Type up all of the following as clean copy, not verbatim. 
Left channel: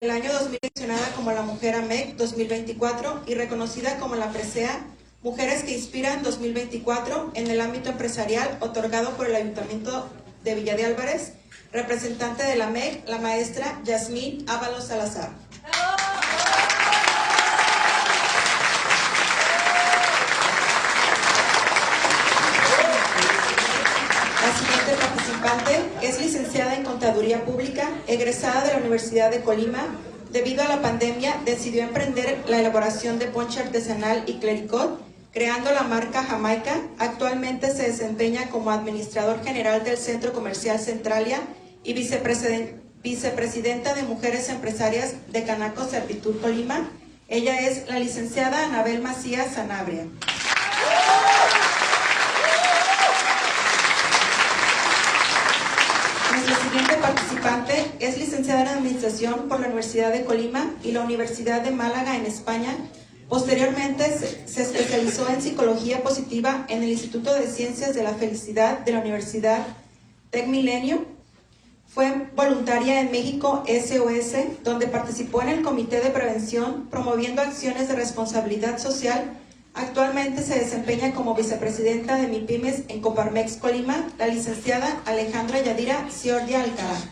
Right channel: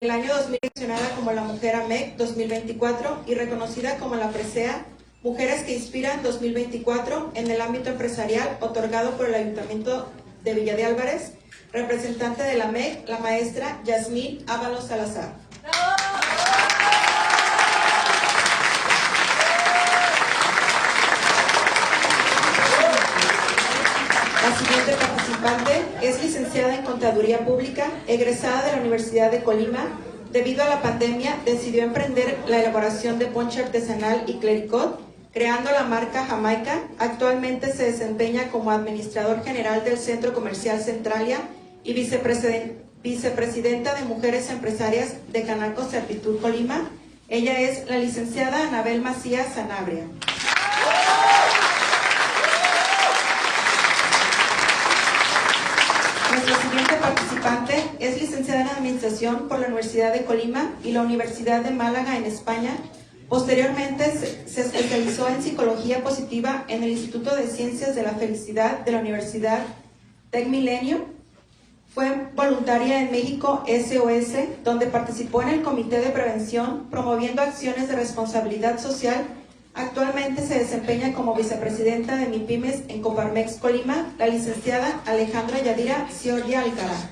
El año 2000 mencionada como la Mujer AMEC 2024 y reconocida como la Presea Mujeres que Inspiran 2024 en el ámbito empresarial, otorgado por el Ayuntamiento de Villa de Álvarez, representante de la AMEC, la maestra Yasmín Ábalos Salazar. La siguiente participante es licenciada en Contaduría Pública, egresada de la Universidad de Colima. Debido a la pandemia, decidió emprender la elaboración de ponche artesanal y clericot, creando la marca Jamaica. Actualmente se desempeña como administrador general del Centro Comercial Centralia y vicepresidenta de Mujeres Empresarias de Canaco Servitud Colima. Ella es la licenciada Anabel Macías Sanabria. Nuestra siguiente participante es licenciada en Administración por la Universidad de Colima y la Universidad de Málaga en España. Posteriormente se especializó en Psicología Positiva en el Instituto de Ciencias de la Felicidad de la Universidad Tec Milenio. Fue voluntaria en México SOS, donde participó en el Comité de Prevención, promoviendo acciones de responsabilidad social. Actualmente se desempeña como vicepresidenta de MIPYMES en Coparmex Colima, la licenciada Alejandra Yadira Ciordia Alcalá.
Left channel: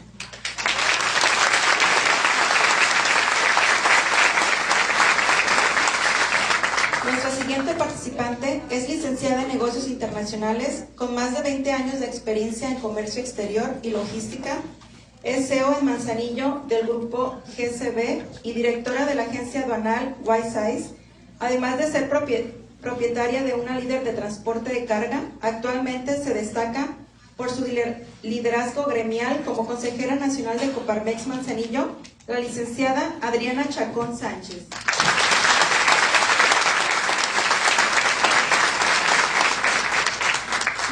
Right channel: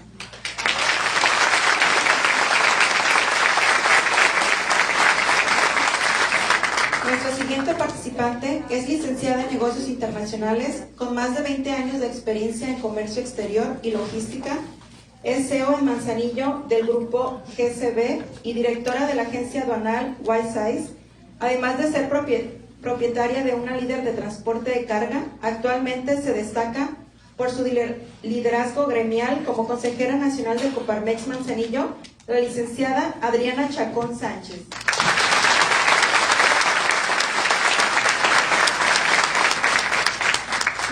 Nuestra siguiente participante es licenciada en Negocios Internacionales, con más de 20 años de experiencia en comercio exterior y logística. Es CEO en Manzanillo del grupo GCB y directora de la agencia aduanal Wise. Además de ser propietaria de una líder de transporte de carga, actualmente se destaca por su liderazgo gremial como consejera nacional de Coparmex Manzanillo, la licenciada Adriana Chacón Sánchez.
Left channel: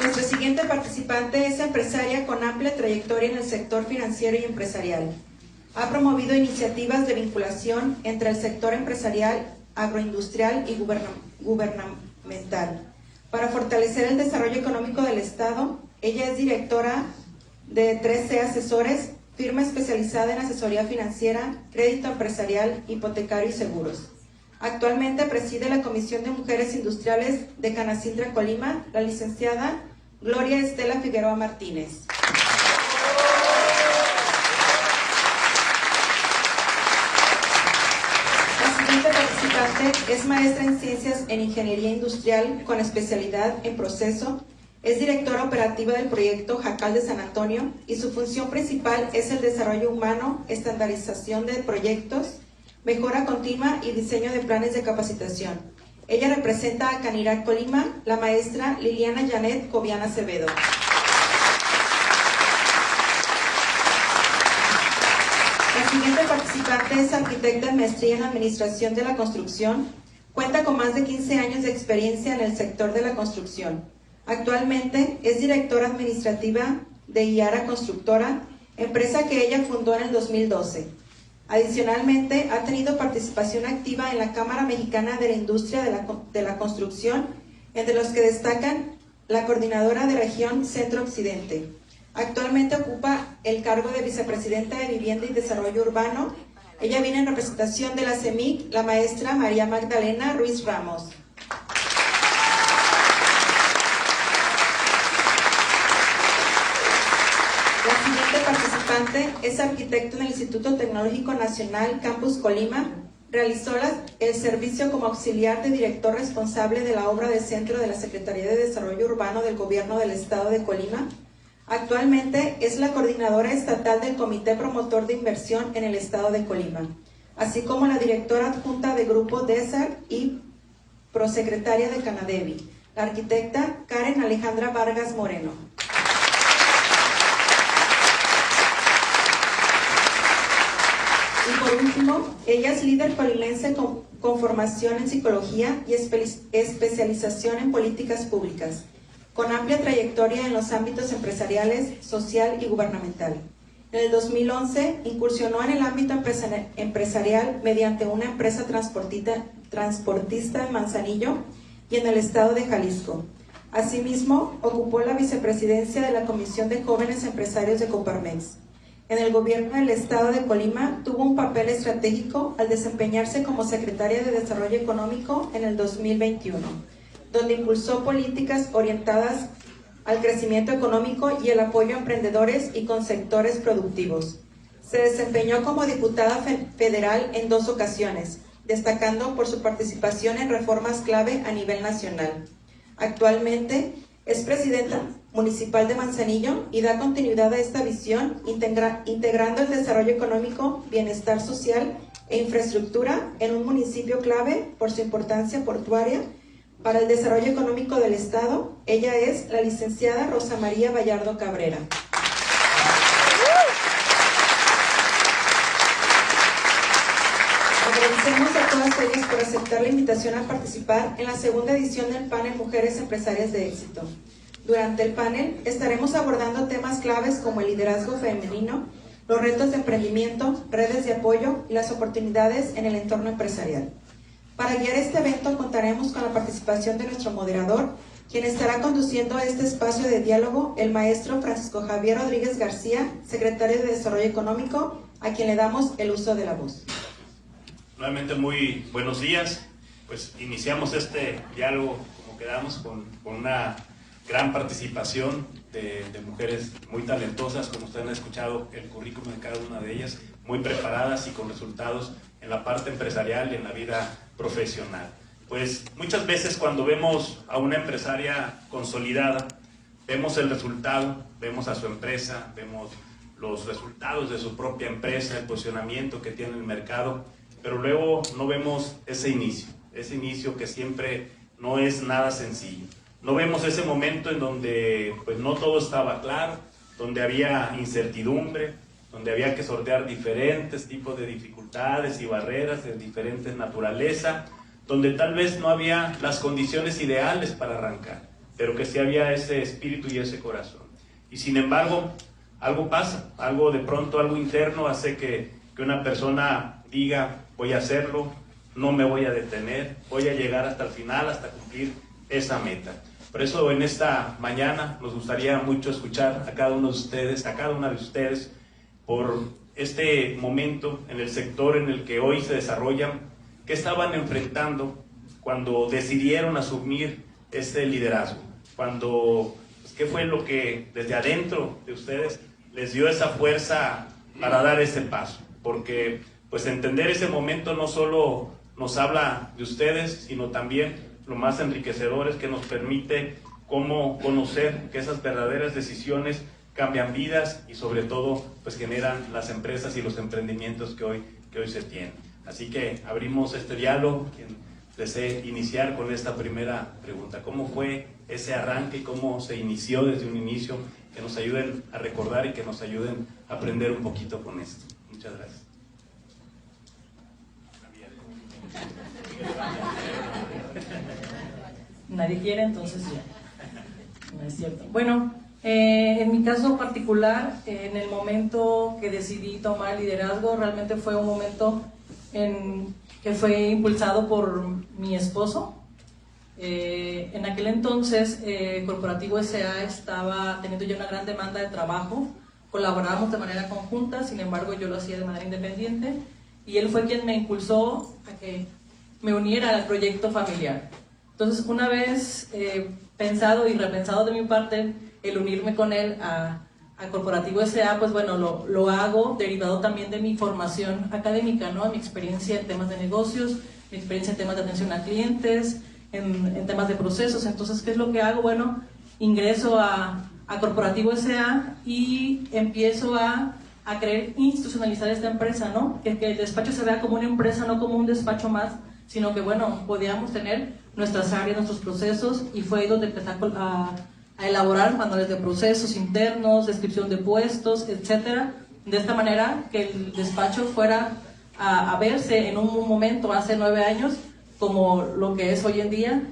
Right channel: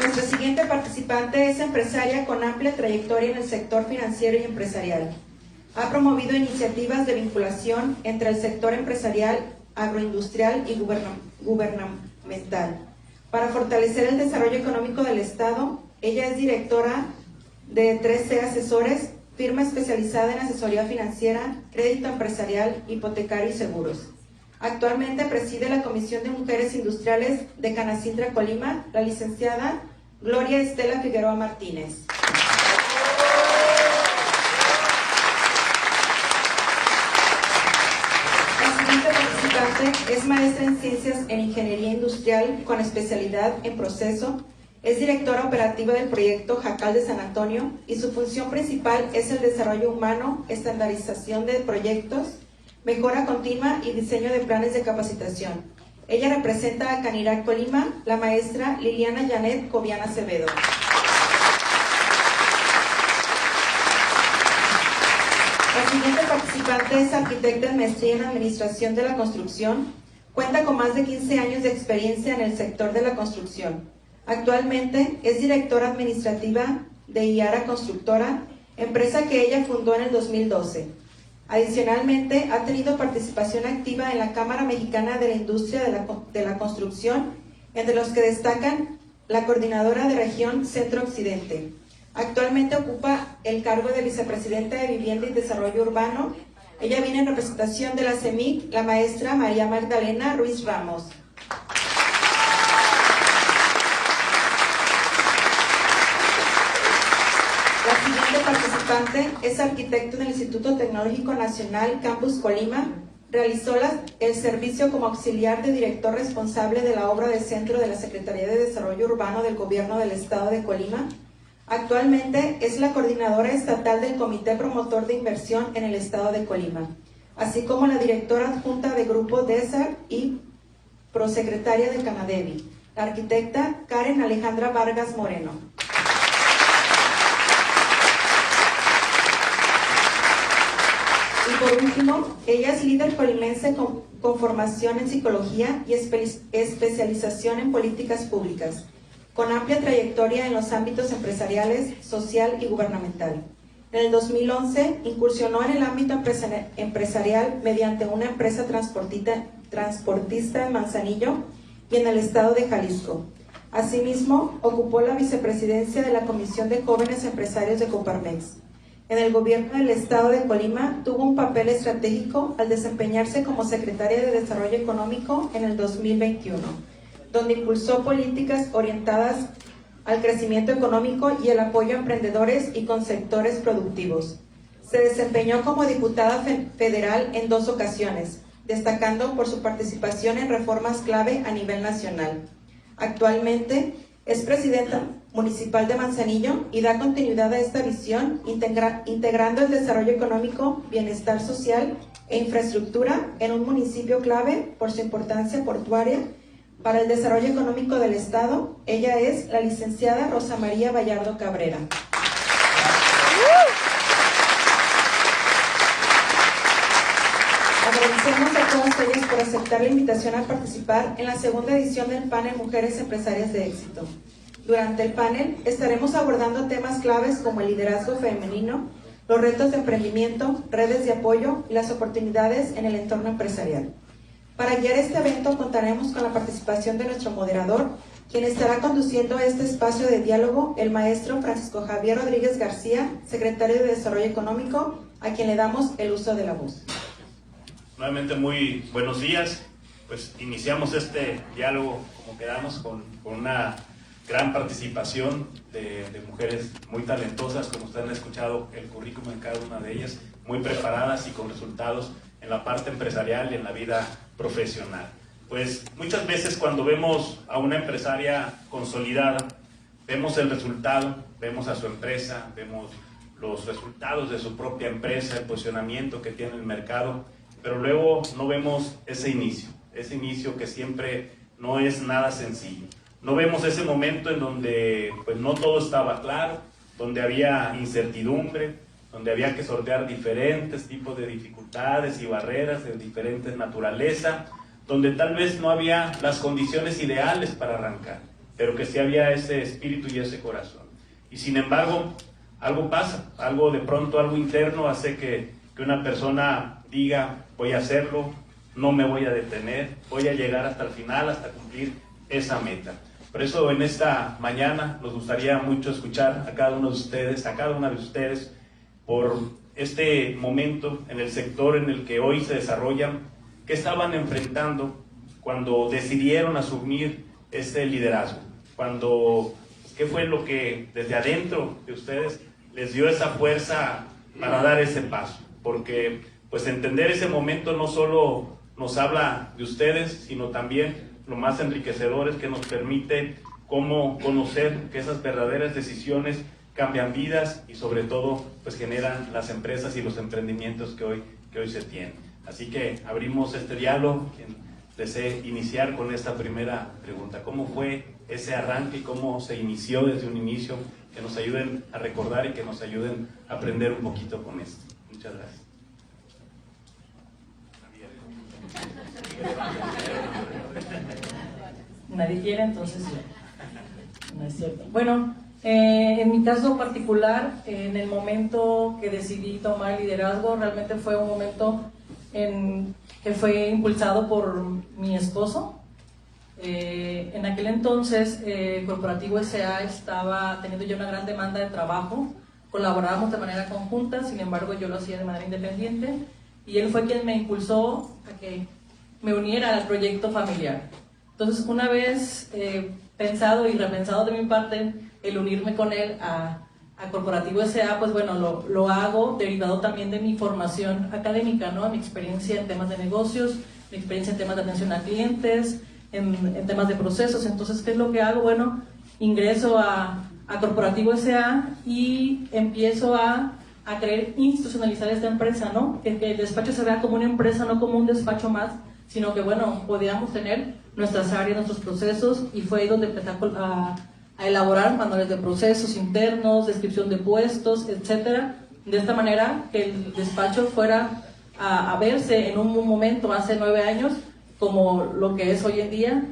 Nuestra siguiente participante es empresaria con amplia trayectoria en el sector financiero y empresarial. Ha promovido iniciativas de vinculación entre el sector empresarial, agroindustrial y gubernamental para fortalecer el desarrollo económico del Estado. Ella es directora de 3C Asesores, firma especializada en asesoría financiera, crédito empresarial, hipotecario y seguros. Actualmente preside la Comisión de Mujeres Industriales de Canacintra Colima, la licenciada Gloria Estela Figueroa Martínez. Es maestra en Ciencias en Ingeniería Industrial con especialidad en proceso. Es directora operativa del proyecto Jacal de San Antonio y su función principal es el desarrollo humano, estandarización de proyectos, mejora continua y diseño de planes de capacitación. Ella representa a Canirac Colima, la maestra Liliana Janet Cobiana Acevedo. La siguiente participante es arquitecta en maestría en Administración de la Construcción. Cuenta con más de 15 años de experiencia en el sector de la construcción. Actualmente es directora administrativa de IARA Constructora, empresa que ella fundó en el 2012. Adicionalmente, ha tenido participación activa en la Cámara Mexicana de la Industria de la Construcción, entre los que destacan la Coordinadora de Región Centro-Occidente. Actualmente ocupa el cargo de vicepresidenta de Vivienda y Desarrollo Urbano. Ella viene en representación de la CEMIC, la maestra María Magdalena Ruiz Ramos. La siguiente participante es arquitecto en el Instituto Tecnológico Nacional Campus Colima. Realizó el servicio como auxiliar de director responsable de la obra del Centro de la Secretaría de Desarrollo Urbano del Gobierno del Estado de Colima. Actualmente es la coordinadora estatal del Comité Promotor de Inversión en el Estado de Colima, así como la directora adjunta de Grupo DESAR y prosecretaria de Canadevi, la arquitecta Karen Alejandra Vargas Moreno. Y por último, ella es líder colimense con formación en psicología y especialización en políticas públicas, con amplia trayectoria en los ámbitos empresariales, social y gubernamental. En el 2011 incursionó en el ámbito empresarial mediante una empresa transportista en Manzanillo y en el estado de Jalisco. Asimismo, ocupó la vicepresidencia de la Comisión de Jóvenes Empresarios de Coparmex. En el gobierno del estado de Colima tuvo un papel estratégico al desempeñarse como secretaria de Desarrollo Económico en el 2021, donde impulsó políticas orientadas al crecimiento económico y el apoyo a emprendedores y con sectores productivos. Se desempeñó como diputada federal en 2 ocasiones, destacando por su participación en reformas clave a nivel nacional. Actualmente es presidenta municipal de Manzanillo y da continuidad a esta visión, integrando el desarrollo económico, bienestar social e infraestructura en un municipio clave por su importancia portuaria para el desarrollo económico del Estado. Ella es la licenciada Rosa María Vallardo Cabrera. Agradecemos a todas ellas por aceptar la invitación a participar en la segunda edición del panel Mujeres Empresarias de Éxito. Durante el panel estaremos abordando temas claves como el liderazgo femenino, los retos de emprendimiento, redes de apoyo y las oportunidades en el entorno empresarial. Para guiar este evento contaremos con la participación de nuestro moderador, quien estará conduciendo este espacio de diálogo, el maestro Francisco Javier Rodríguez García, secretario de Desarrollo Económico, a quien le damos el uso de la voz. Nuevamente muy buenos días. Pues iniciamos este diálogo como quedamos con una gran participación de mujeres muy talentosas, como ustedes han escuchado el currículum de cada una de ellas, muy preparadas y con resultados en la parte empresarial y en la vida profesional. Pues muchas veces cuando vemos a una empresaria consolidada, vemos el resultado, vemos a su empresa, vemos los resultados de su propia empresa, el posicionamiento que tiene en el mercado, pero luego no vemos ese inicio que siempre no es nada sencillo. No vemos ese momento en donde pues no todo estaba claro, donde había incertidumbre, donde había que sortear diferentes tipos de dificultades y barreras de diferentes naturaleza, donde tal vez no había las condiciones ideales para arrancar, pero que sí había ese espíritu y ese corazón. Y sin embargo, algo pasa, algo de pronto, algo interno hace que una persona diga, voy a hacerlo, no me voy a detener, voy a llegar hasta el final, hasta cumplir esa meta. Por eso en esta mañana nos gustaría mucho escuchar a cada uno de ustedes, a cada una de ustedes, por este momento en el sector en el que hoy se desarrollan, qué estaban enfrentando cuando decidieron asumir ese liderazgo, cuando, pues, qué fue lo que desde adentro de ustedes les dio esa fuerza para dar ese paso, porque pues entender ese momento no solo nos habla de ustedes, sino también lo más enriquecedor es que nos permite cómo conocer que esas verdaderas decisiones cambian vidas y sobre todo pues generan las empresas y los emprendimientos que hoy se tienen. Así que abrimos este diálogo. Quien desee iniciar con esta primera pregunta, ¿cómo fue ese arranque y cómo se inició desde un inicio? Que nos ayuden a recordar y que nos ayuden a aprender un poquito con esto. Muchas gracias. Nadie quiere, entonces no es cierto. Bueno, en mi caso particular, en el momento que decidí tomar liderazgo, realmente fue un momento que fue impulsado por mi esposo. En aquel entonces, Corporativo S.A. estaba teniendo ya una gran demanda de trabajo, colaborábamos de manera conjunta, sin embargo yo lo hacía de manera independiente, y él fue quien me impulsó a que me uniera al proyecto familiar. Entonces, una vez pensado y repensado de mi parte el unirme con él a Corporativo S.A., pues bueno, lo hago derivado también de mi formación académica, ¿no? Mi experiencia en temas de negocios, mi experiencia en temas de atención a clientes, en temas de procesos. Entonces, ¿qué es lo que hago? Bueno, ingreso a Corporativo S.A. y empiezo a querer institucionalizar esta empresa, ¿no? Que el despacho se vea como una empresa, no como un despacho más, sino que, bueno, podíamos tener nuestras áreas, nuestros procesos, y fue ahí donde empecé a elaborar manuales de procesos internos, descripción de puestos, etcétera, de esta manera que el despacho fuera a verse en un momento, hace 9 años, como lo que es hoy en día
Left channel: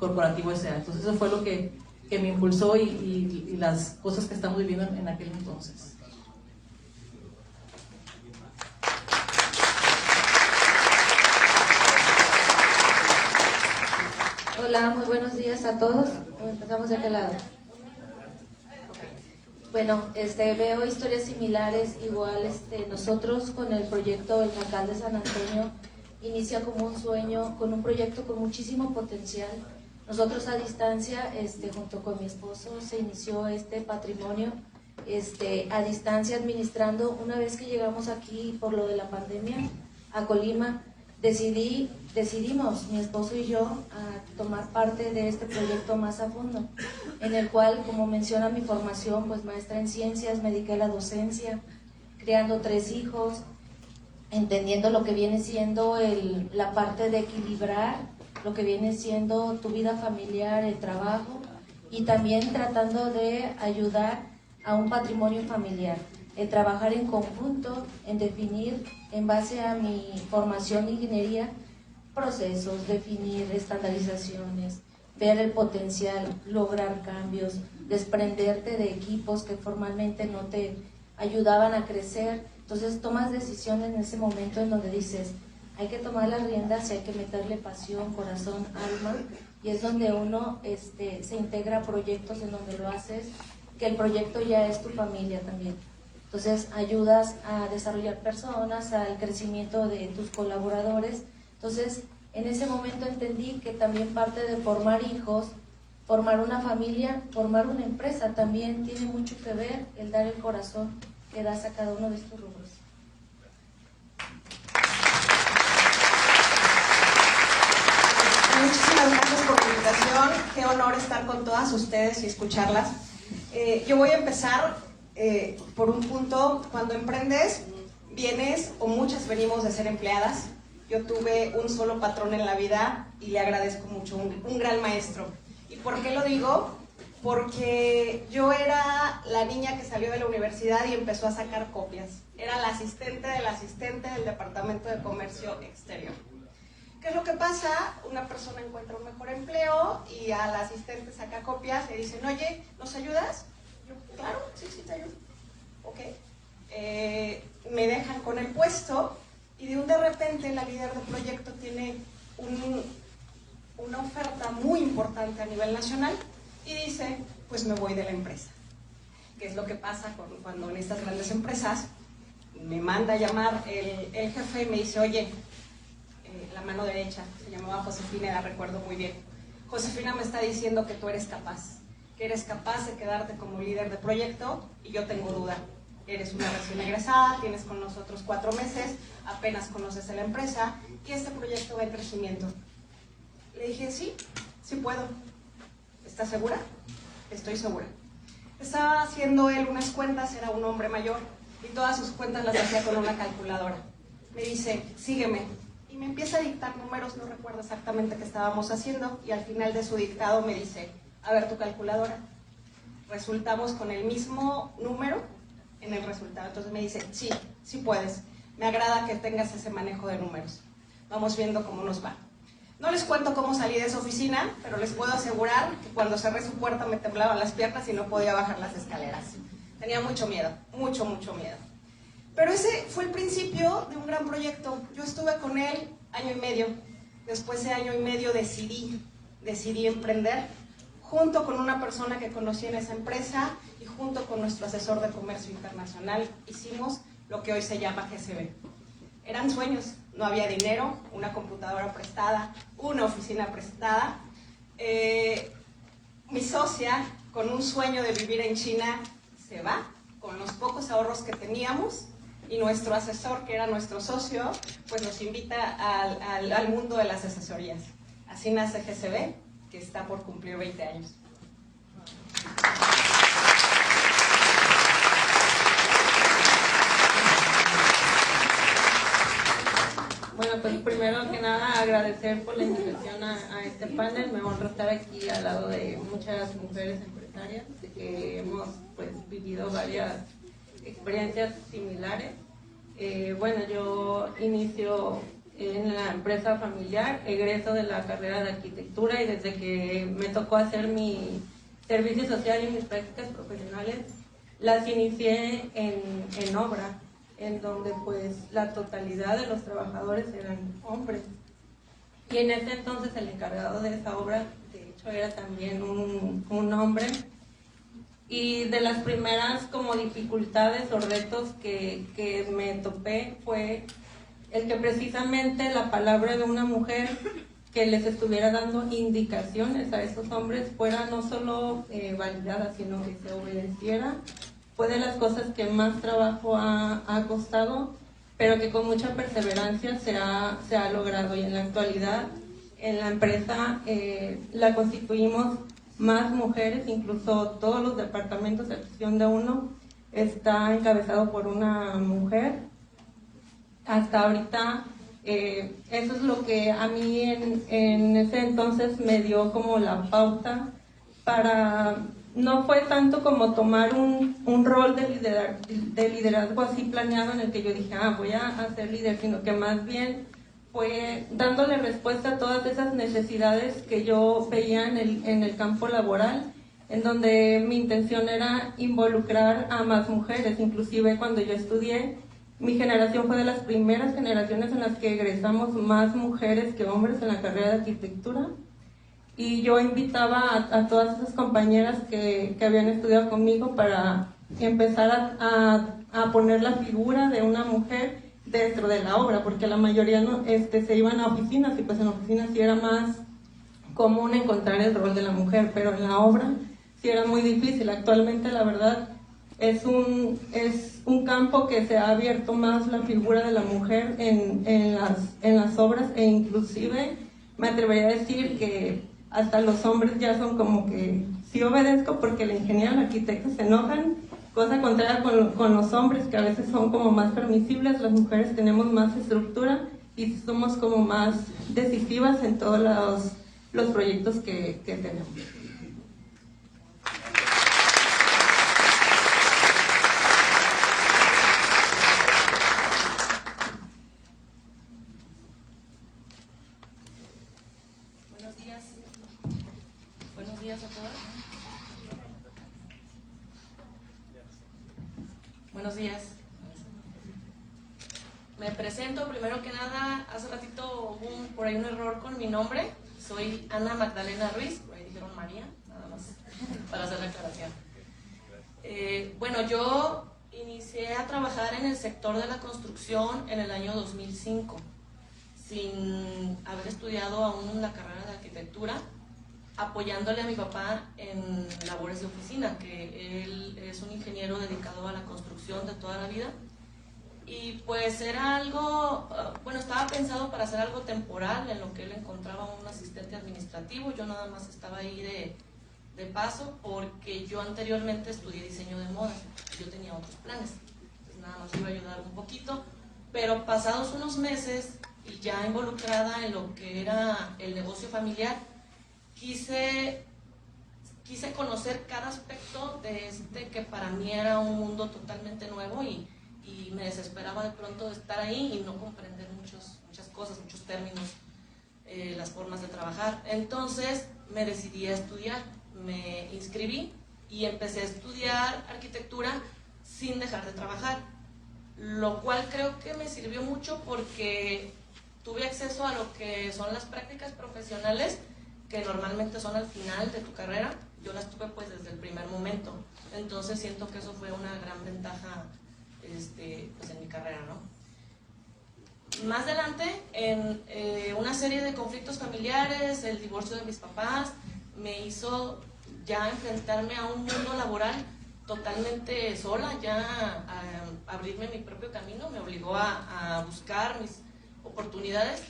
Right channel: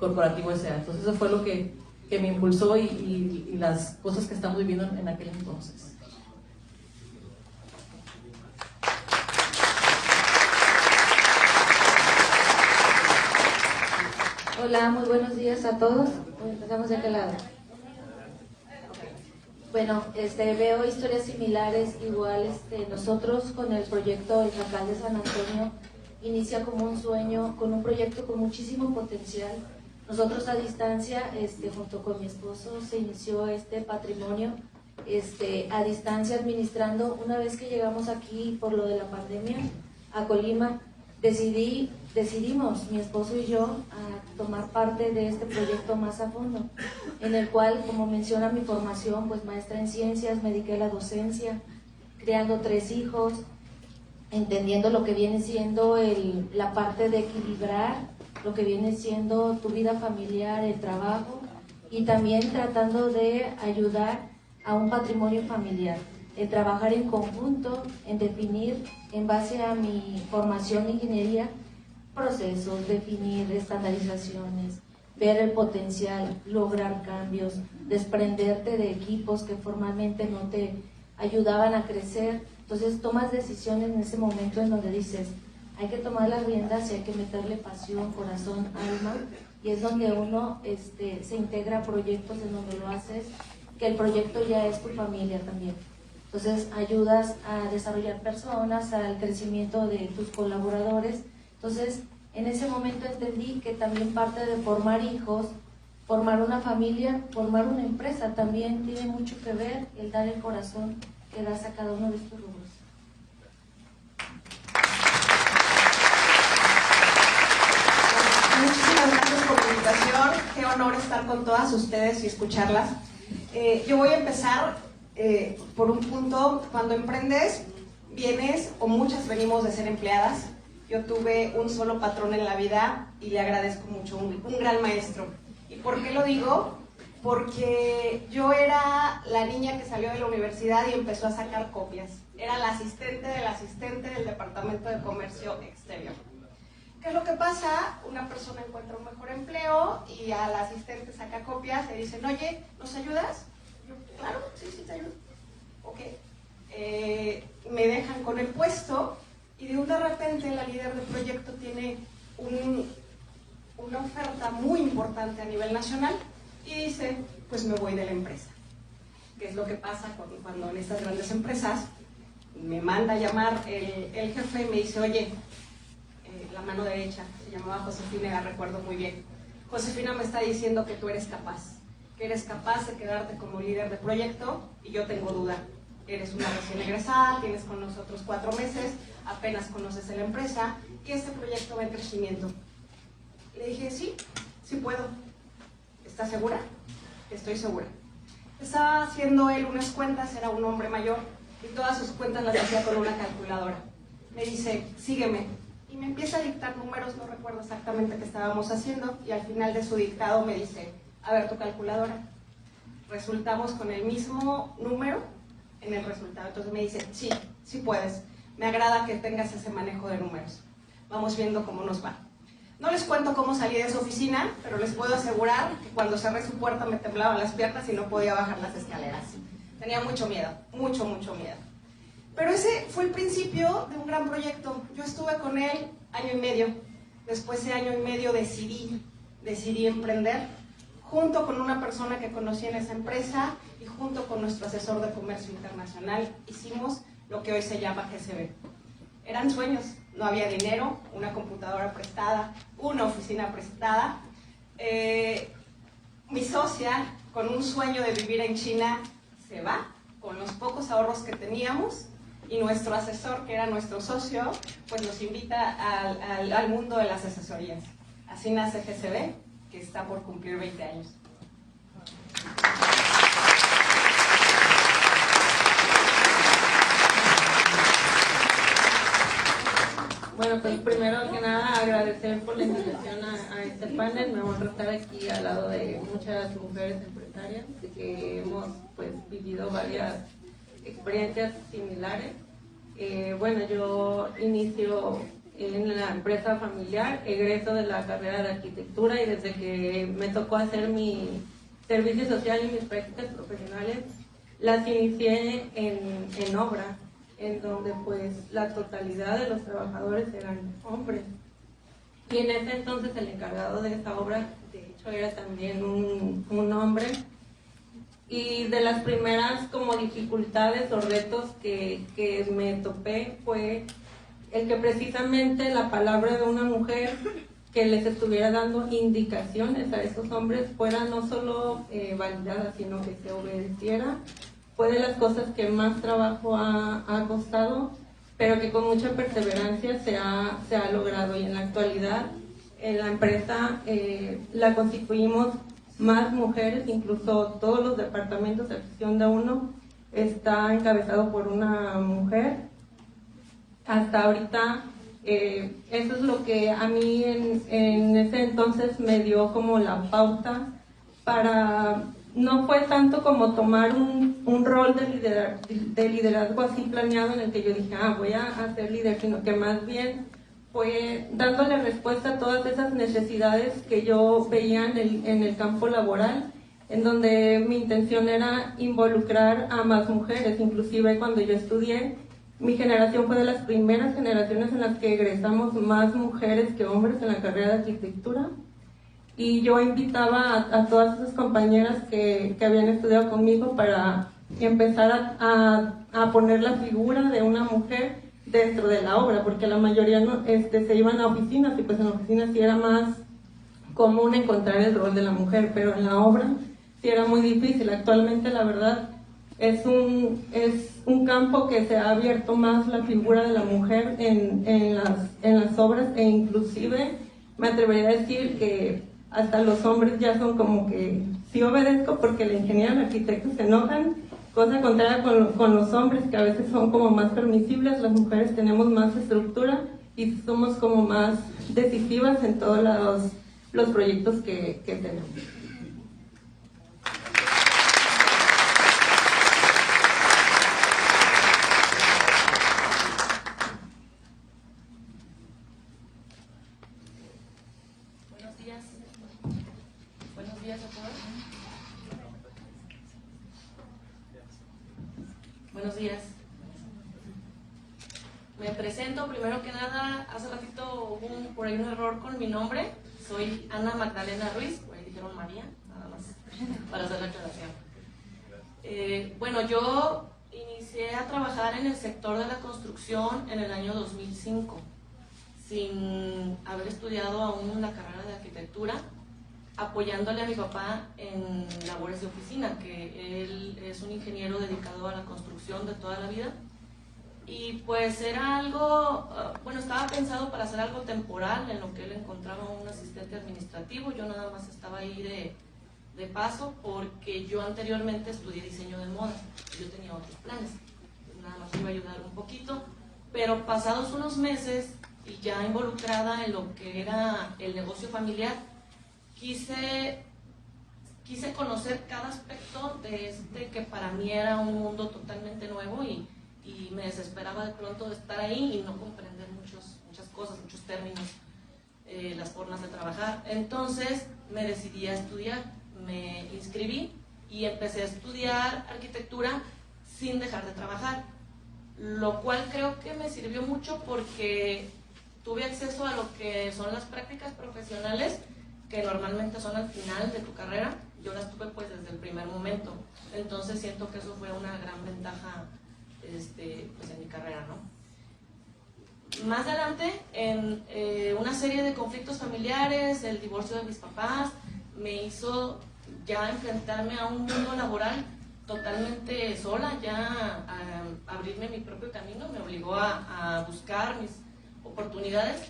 Corporativo S.A. Entonces eso fue lo que me impulsó y las cosas que estamos viviendo en aquel entonces. Hola, muy buenos días a todos. Empezamos de aquel lado. Bueno, veo historias similares. Igual nosotros con el proyecto El Jacal de San Antonio inicia como un sueño, con un proyecto con muchísimo potencial. Nosotros a distancia, junto con mi esposo, se inició este patrimonio a distancia administrando. Una vez que llegamos aquí por lo de la pandemia a Colima, decidimos, mi esposo y yo, a tomar parte de este proyecto más a fondo, en el cual, como menciona mi formación, pues maestra en ciencias, me dediqué a la docencia, criando 3 hijos, entendiendo lo que viene siendo la parte de equilibrar lo que viene siendo tu vida familiar, el trabajo, y también tratando de ayudar a un patrimonio familiar, el trabajar en conjunto, en definir, en base a mi formación en ingeniería, procesos, definir estandarizaciones, ver el potencial, lograr cambios, desprenderte de equipos que formalmente no te ayudaban a crecer. Entonces tomas decisiones en ese momento en donde dices, hay que tomar las riendas y hay que meterle pasión, corazón, alma, y es donde uno se integra a proyectos en donde lo haces, que el proyecto ya es tu familia también. Entonces ayudas a desarrollar personas, al crecimiento de tus colaboradores. Entonces en ese momento entendí que también parte de formar hijos, formar una familia, formar una empresa, también tiene mucho que ver el dar el corazón que das a cada uno de estos rubros. Muchísimas gracias por la invitación. Qué honor estar con todas ustedes y escucharlas. Yo voy a empezar por un punto. Cuando emprendes, vienes, o muchas venimos de ser empleadas. Yo tuve un solo patrón en la vida y le agradezco mucho, un gran maestro. ¿Y por qué lo digo? Porque yo era la niña que salió de la universidad y empezó a sacar copias. Era la asistente del asistente del Departamento de Comercio Exterior. ¿Qué es lo que pasa? Una persona encuentra un mejor empleo y al asistente saca copias, le dicen, oye, ¿nos ayudas? Yo, claro, sí, te ayudo. Ok. Me dejan con el puesto y de repente la líder del proyecto tiene una oferta muy importante a nivel nacional y dice, pues me voy de la empresa. ¿Qué es lo que pasa cuando en estas grandes empresas me manda a llamar el jefe y me dice, oye, la mano derecha, se llamaba Josefina, la recuerdo muy bien. Josefina me está diciendo que tú eres capaz de quedarte como líder de proyecto y yo tengo duda. Eres una recién egresada, tienes con nosotros 4 meses, apenas conoces a la empresa y este proyecto va en crecimiento. Le dije, sí puedo. ¿Estás segura? Estoy segura. Estaba haciendo él unas cuentas, era un hombre mayor y todas sus cuentas las hacía con una calculadora. Me dice, sígueme. Y me empieza a dictar números, no recuerdo exactamente qué estábamos haciendo, y al final de su dictado me dice, a ver tu calculadora. Resultamos con el mismo número en el resultado. Entonces me dice, sí puedes. Me agrada que tengas ese manejo de números. Vamos viendo cómo nos va. No les cuento cómo salí de su oficina, pero les puedo asegurar que cuando cerré su puerta me temblaban las piernas y no podía bajar las escaleras. Tenía mucho miedo, mucho miedo. Pero ese fue el principio de un gran proyecto. Yo estuve con él 1 año y medio. Después de 1 año y medio decidí emprender junto con una persona que conocí en esa empresa y junto con nuestro asesor de comercio internacional hicimos lo que hoy se llama GCB. Eran sueños, no había dinero, una computadora prestada, una oficina prestada. Mi socia, con un sueño de vivir en China, se va con los pocos ahorros que teníamos. Y nuestro asesor, que era nuestro socio, pues nos invita al mundo de las asesorías. Así nace GCB, que está por cumplir 20 años. Bueno, pues primero que nada agradecer por la invitación a este panel. Me honra estar aquí al lado de muchas mujeres empresarias que hemos pues vivido varias experiencias similares. Bueno, yo inicio en la empresa familiar, egreso de la carrera de arquitectura y desde que me tocó hacer mi servicio social y mis prácticas profesionales, las inicié en obra, en donde pues la totalidad de los trabajadores eran hombres. Y en ese entonces el encargado de esa obra, de hecho, era también un hombre. Y de las primeras como dificultades o retos que me topé fue el que precisamente la palabra de una mujer que les estuviera dando indicaciones a esos hombres fuera no solo validada, sino que se obedeciera. Fue de las cosas que más trabajo ha costado, pero que con mucha perseverancia se ha logrado. Y en la actualidad, en la empresa la constituimos más mujeres, incluso todos los departamentos, a excepción de uno, está encabezado por una mujer. Hasta ahorita, eso es lo que a mí en ese entonces me dio como la pauta para, no fue tanto como tomar un rol de liderazgo así planeado en el que yo dije, voy a ser líder, sino que más bien fue dándole respuesta a todas esas necesidades que yo veía en el campo laboral, en donde mi intención era involucrar a más mujeres. Inclusive cuando yo estudié, mi generación fue de las primeras generaciones en las que egresamos más mujeres que hombres en la carrera de arquitectura. Y yo invitaba a todas esas compañeras que habían estudiado conmigo para empezar a poner la figura de una mujer dentro de la obra, porque la mayoría se iban a oficinas, y pues en oficinas sí era más común encontrar el rol de la mujer, pero en la obra sí era muy difícil. Actualmente, la verdad, es un campo que se ha abierto más la figura de la mujer en las obras, e inclusive me atrevería a decir que hasta los hombres ya son como que sí obedezco porque la ingeniera y el arquitecto se enojan, cosa contraria con los hombres, que a veces son como más permisibles. Las mujeres tenemos más estructura y somos como más decisivas en todos los proyectos que tenemos. Buenos días a todas. Buenos días. Me presento, primero que nada, hace ratito hubo por ahí un error con mi nombre. Soy Ana Magdalena Ruiz, por ahí dijeron María, nada más para hacer la aclaración. Bueno, yo inicié a trabajar en el sector de la construcción en el año 2005, sin haber estudiado aún la carrera de arquitectura, apoyándole a mi papá en labores de oficina, que él es un ingeniero dedicado a la construcción de toda la vida. Y pues era algo, bueno, estaba pensado para hacer algo temporal, en lo que él encontraba un asistente administrativo. Yo nada más estaba ahí de paso, porque yo anteriormente estudié diseño de moda y yo tenía otros planes. Entonces nada más iba a ayudar un poquito, pero pasados unos meses y ya involucrada en lo que era el negocio familiar, quise conocer cada aspecto de que para mí era un mundo totalmente nuevo, y me desesperaba de pronto de estar ahí y no comprender muchas cosas, muchos términos, las formas de trabajar. Entonces me decidí a estudiar, me inscribí y empecé a estudiar arquitectura sin dejar de trabajar, lo cual creo que me sirvió mucho porque tuve acceso a lo que son las prácticas profesionales, que normalmente son al final de tu carrera. Yo las tuve pues desde el primer momento, entonces siento que eso fue una gran ventaja pues en mi carrera, ¿no? Más adelante, en una serie de conflictos familiares, el divorcio de mis papás me hizo ya enfrentarme a un mundo laboral totalmente sola, ya a abrirme mi propio camino, me obligó a buscar mis oportunidades.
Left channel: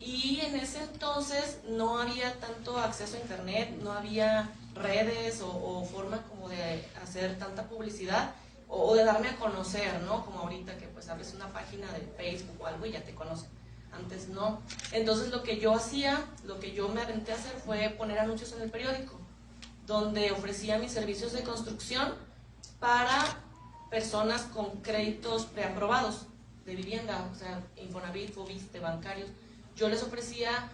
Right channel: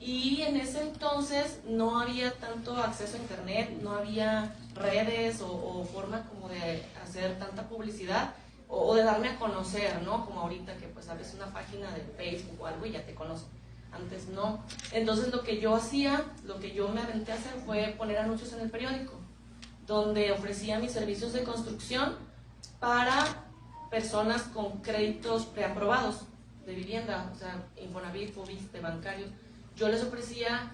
Y en ese entonces no había tanto acceso a internet, no había redes o forma como de hacer tanta publicidad o de darme a conocer, ¿no? Como ahorita que pues abres una página de Facebook o algo y ya te conocen. Antes no. Entonces lo que yo hacía, lo que yo me aventé a hacer fue poner anuncios en el periódico, donde ofrecía mis servicios de construcción para personas con créditos preaprobados de vivienda, o sea, Infonavit, Fobiste, bancarios. Yo les ofrecía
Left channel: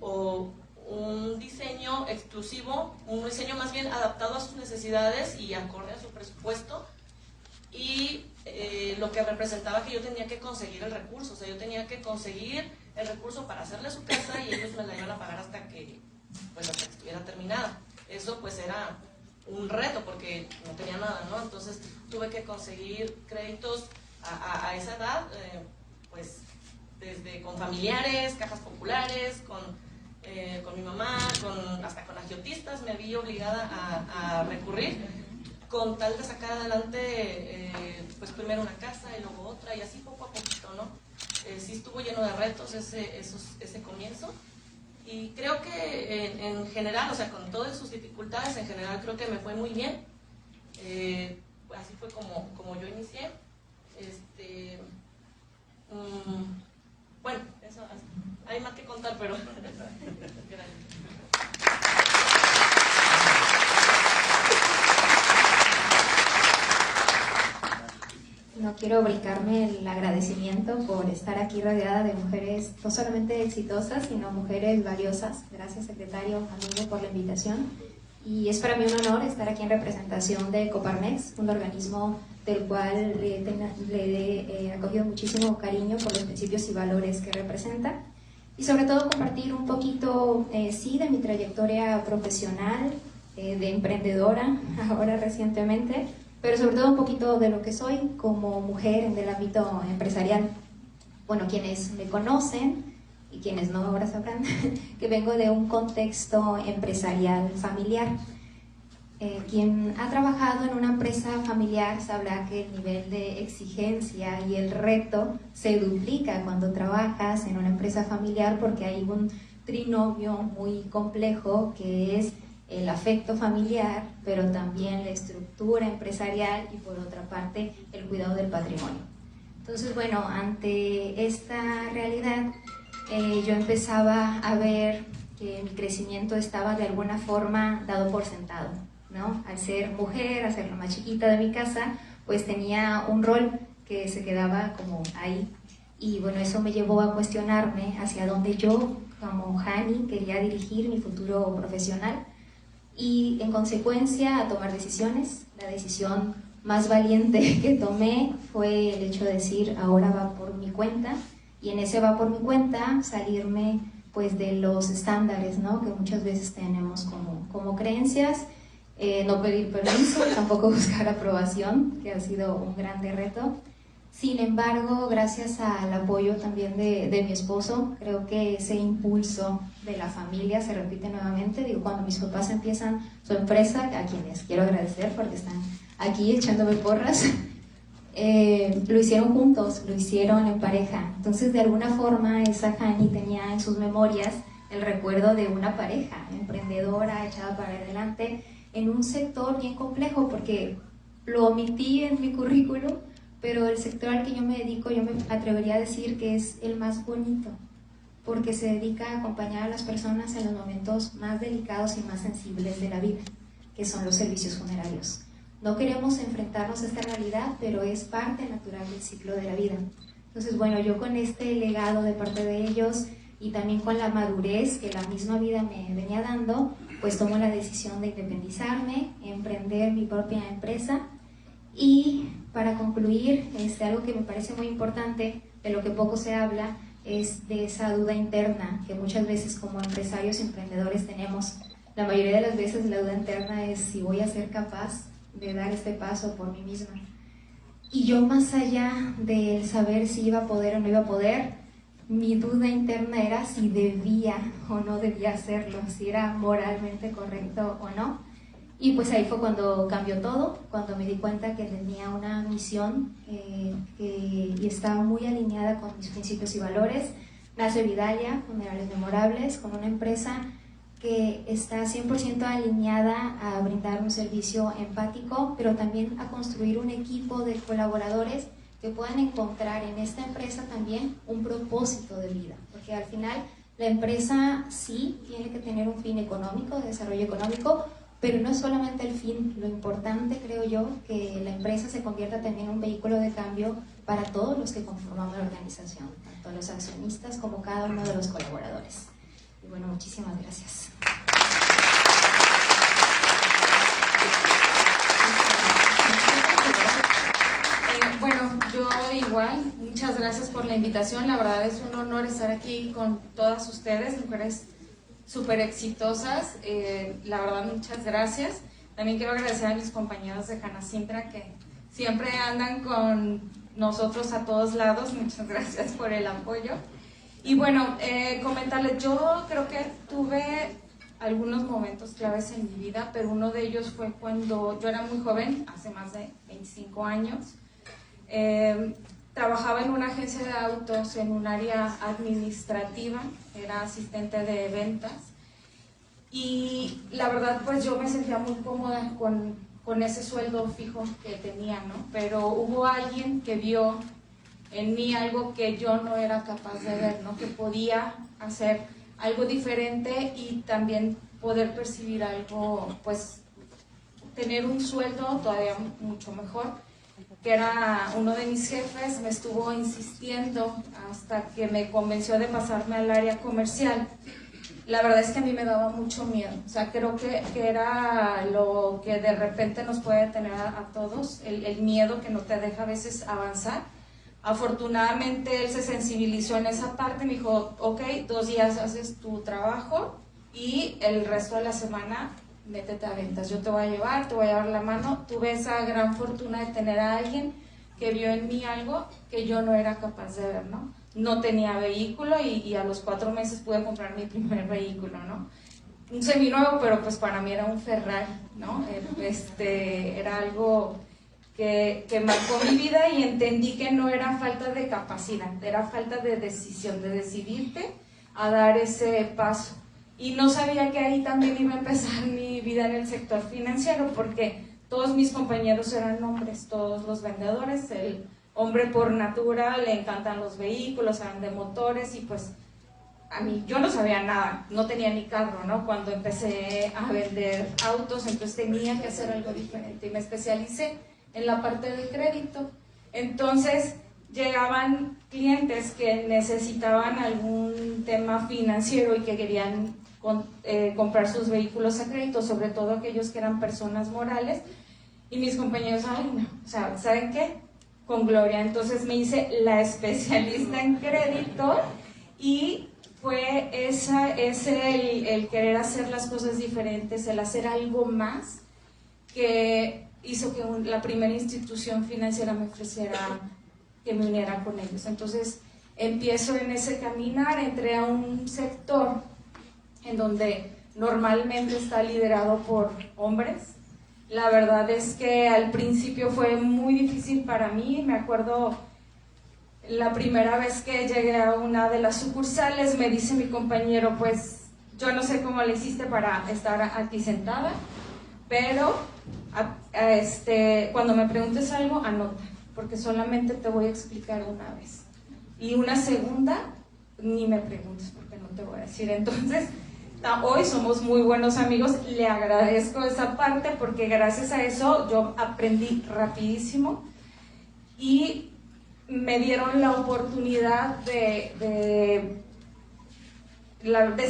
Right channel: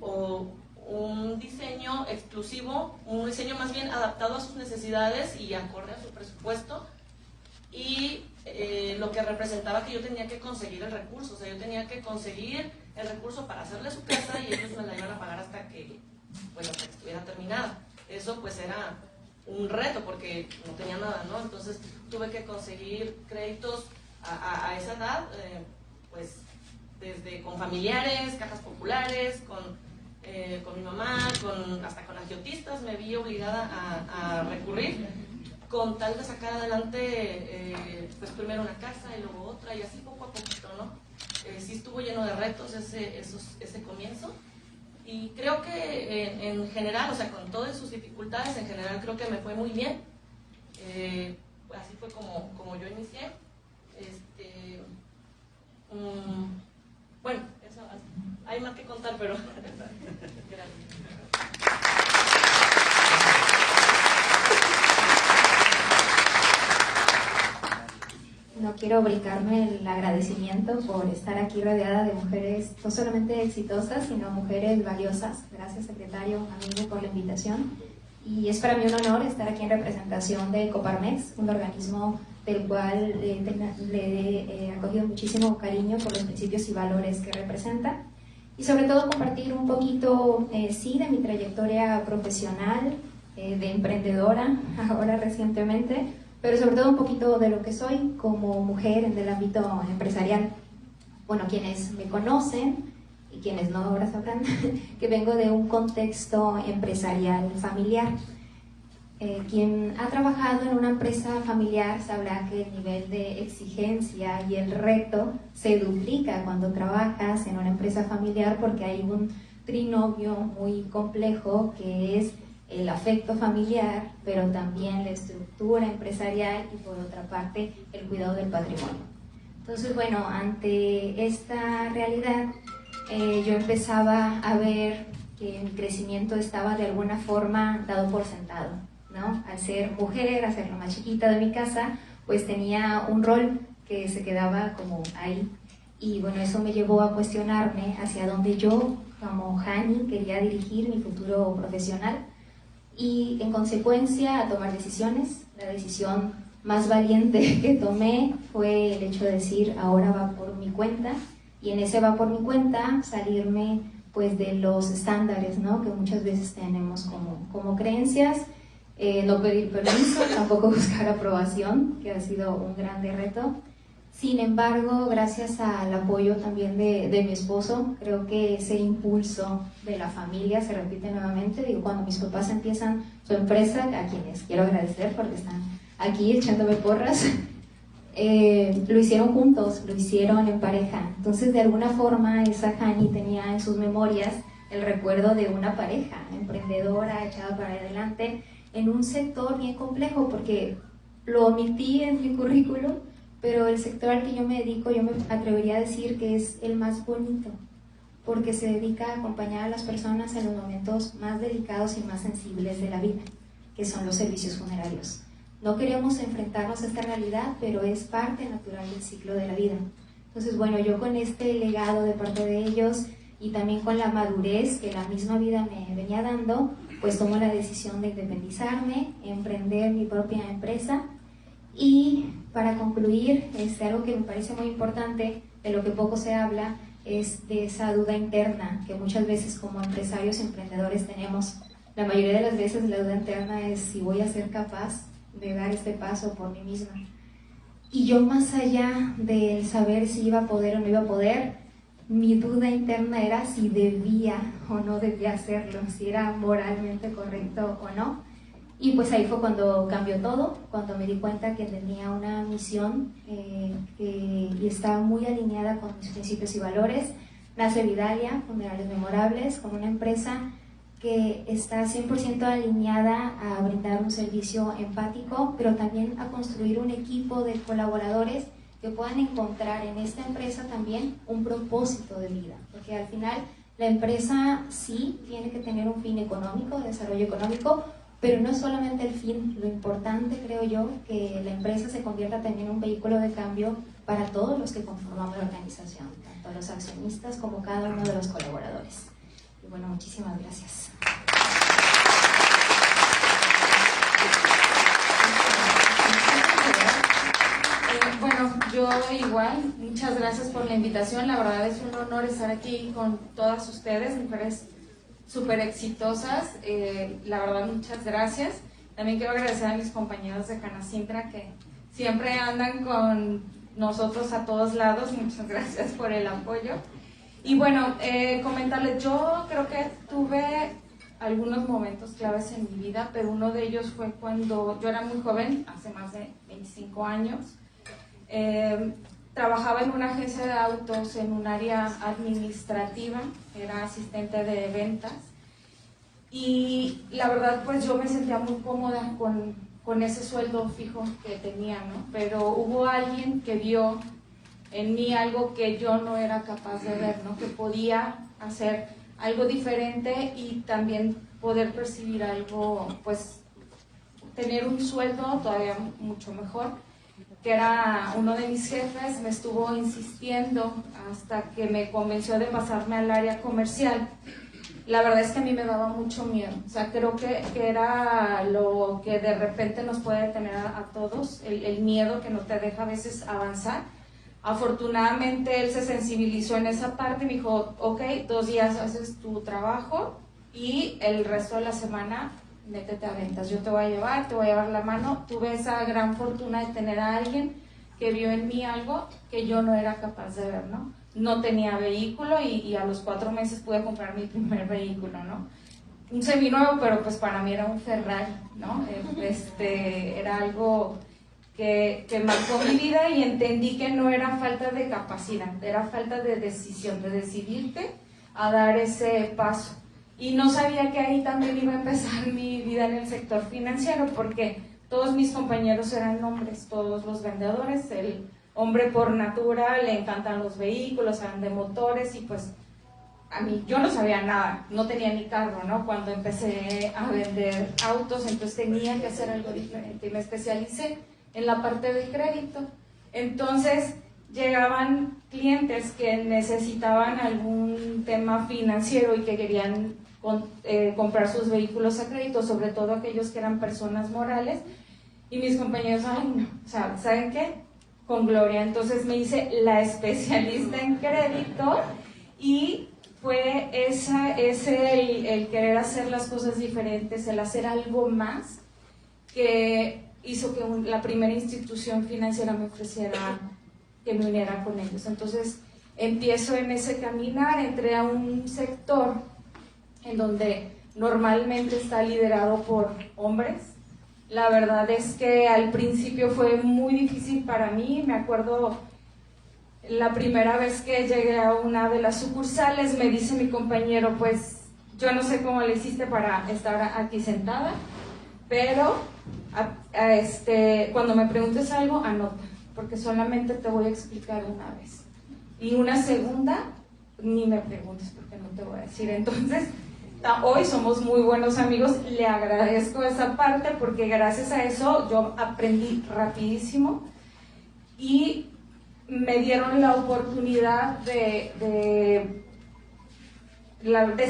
un diseño exclusivo, un diseño más bien adaptado a sus necesidades y acorde a su presupuesto, y lo que representaba que yo tenía que conseguir el recurso, o sea, yo tenía que conseguir el recurso para hacerle su casa y ellos me la iban a pagar hasta que, bueno, que estuviera terminada. Eso pues era un reto porque no tenía nada, ¿no? Entonces tuve que conseguir créditos a esa edad, pues desde con familiares, cajas populares, con mi mamá, hasta con agiotistas me vi obligada a recurrir con tal de sacar adelante pues primero una casa y luego otra y así poco a poquito, ¿no? Sí estuvo lleno de retos ese comienzo y creo que en general, o sea, con todas sus dificultades, en general creo que me fue muy bien. Así fue como yo inicié. Bueno, eso, hay más que contar, pero gracias. No quiero brincarme el agradecimiento por estar aquí rodeada de mujeres no solamente exitosas, sino mujeres valiosas. Gracias, secretario, amigo, por la invitación. Y es para mí un honor estar aquí en representación de Coparmex, un organismo del cual le he acogido muchísimo cariño por los principios y valores que representa. Y sobre todo compartir un poquito, sí, de mi trayectoria profesional, de emprendedora, ahora recientemente, pero sobre todo un poquito de lo que soy como mujer en el ámbito empresarial. Bueno, quienes me conocen y quienes no ahora sabrán que vengo de un contexto empresarial familiar. Quien ha trabajado en una empresa familiar sabrá que el nivel de exigencia y el reto se duplica cuando trabajas en una empresa familiar porque hay un trinomio muy complejo que es el afecto familiar, pero también la estructura empresarial y por otra parte el cuidado del patrimonio. Entonces, bueno, ante esta realidad yo empezaba a ver que mi crecimiento estaba de alguna forma dado por sentado, ¿no? Al ser mujer, al ser la más chiquita de mi casa, pues tenía un rol que se quedaba como ahí. Y bueno, eso me llevó a cuestionarme hacia dónde yo, como Jani, quería dirigir mi futuro profesional. Y en consecuencia a tomar decisiones. La decisión más valiente que tomé fue el hecho de decir ahora va por mi cuenta y en ese va por mi cuenta salirme pues de los estándares, ¿no? Que muchas veces tenemos como creencias, no pedir permiso, tampoco buscar aprobación, que ha sido un grande reto. Sin embargo, gracias al apoyo también de mi esposo, creo que ese impulso de la familia se repite nuevamente. Digo, cuando mis papás empiezan su empresa, a quienes quiero agradecer porque están aquí echándome porras, lo hicieron juntos, lo hicieron en pareja. Entonces, de alguna forma, esa Jani tenía en sus memorias el recuerdo de una pareja emprendedora, echada para adelante, en un sector bien complejo, porque lo omití en mi currículum, pero el sector al que yo me dedico, yo me atrevería a decir que es el más bonito, porque se dedica a acompañar a las personas en los momentos más delicados y más sensibles de la vida, que son los servicios funerarios. No queremos enfrentarnos a esta realidad, pero es parte natural del ciclo de la vida. Entonces, bueno, yo con este legado de parte de ellos y también con la madurez que la misma vida me venía dando, pues tomo la decisión de independizarme, emprender mi propia empresa. Y para concluir, algo que me parece muy importante, de lo que poco se habla, es de esa duda interna que muchas veces como empresarios y emprendedores tenemos. La mayoría de las veces la duda interna es si voy a ser capaz de dar este paso por mí misma. Y yo, más allá de saber si iba a poder o no iba a poder, mi duda interna era si debía o no debía hacerlo, si era moralmente correcto o no. Y pues ahí fue cuando cambió todo, cuando me di cuenta que tenía una misión y estaba muy alineada con mis principios y valores. Nace Vidalia, Funerales Memorables, como una empresa que está 100% alineada a brindar un servicio empático, pero también a construir un equipo de colaboradores que puedan encontrar en esta empresa también un propósito de vida, porque al final la empresa sí tiene que tener un fin económico, de desarrollo económico, pero no es solamente el fin. Lo importante, creo yo, que la empresa se convierta también en un vehículo de cambio para todos los que conformamos la organización, tanto los accionistas como cada uno de los colaboradores. Y bueno, muchísimas gracias. Bueno, yo igual, muchas gracias por la invitación. La verdad es un honor estar aquí con todas ustedes, mujeres súper exitosas. La verdad, muchas gracias. También quiero agradecer a mis compañeros de Canacintra que siempre andan con nosotros a todos lados. Muchas gracias por el apoyo. Y bueno, comentarles, yo creo que tuve algunos momentos claves en mi vida, pero uno de ellos fue cuando yo era muy joven, hace más de 25 años. Trabajaba en una agencia de autos en un área administrativa, era asistente de ventas. Y la verdad, pues yo me sentía muy cómoda con ese sueldo fijo que tenía, ¿no? Pero hubo alguien que vio en mí algo que yo no era capaz de ver, ¿no? Que podía hacer algo diferente y también poder percibir algo, pues tener un sueldo todavía mucho mejor, que era uno de mis jefes. Me estuvo insistiendo hasta que me convenció de pasarme al área comercial. La verdad es que a mí me daba mucho miedo, o sea, creo que era lo que de repente nos puede tener a todos, el miedo que no te deja a veces avanzar. Afortunadamente él se sensibilizó en esa parte, me dijo, ok, 2 días haces tu trabajo y el resto de la semana métete a ventas, yo te voy a llevar la mano. Tuve esa gran fortuna de tener a alguien que vio en mí algo que yo no era capaz de ver, ¿no? No tenía vehículo y a los 4 meses pude comprar mi primer vehículo, ¿no? Un seminuevo, pero pues para mí era un Ferrari, ¿no? Era algo que marcó mi vida y entendí que no era falta de capacidad, era falta de decisión, de decidirte a dar ese paso. Y no sabía que ahí también iba a empezar mi vida en el sector financiero, porque todos mis compañeros eran hombres, todos los vendedores. El hombre por natura le encantan los vehículos, saben de motores, y pues a mí, yo no sabía nada, no tenía ni carro, ¿no? Cuando empecé a vender autos, entonces tenía que hacer algo diferente y me especialicé en la parte de crédito. Entonces llegaban clientes que necesitaban algún tema financiero y que querían comprar sus vehículos a crédito, sobre todo aquellos que eran personas morales, y mis compañeros, ay no, o sea, ¿saben qué? Con Gloria. Entonces me hice la especialista en crédito y fue el querer hacer las cosas diferentes, el hacer algo más, que hizo que la primera institución financiera me ofreciera que me uniera con ellos. Entonces empiezo en ese caminar, entré a un sector en donde normalmente está liderado por hombres. La verdad es que al principio fue muy difícil para mí. Me acuerdo la primera vez que llegué a una de las sucursales, me dice mi compañero, pues yo no sé cómo le hiciste para estar aquí sentada, pero cuando me preguntes algo, anota, porque solamente te voy a explicar una vez. Y una segunda, ni me preguntes porque no te voy a decir. Entonces, hoy somos muy buenos amigos, le agradezco esa parte porque gracias a eso yo aprendí rapidísimo y me dieron la oportunidad de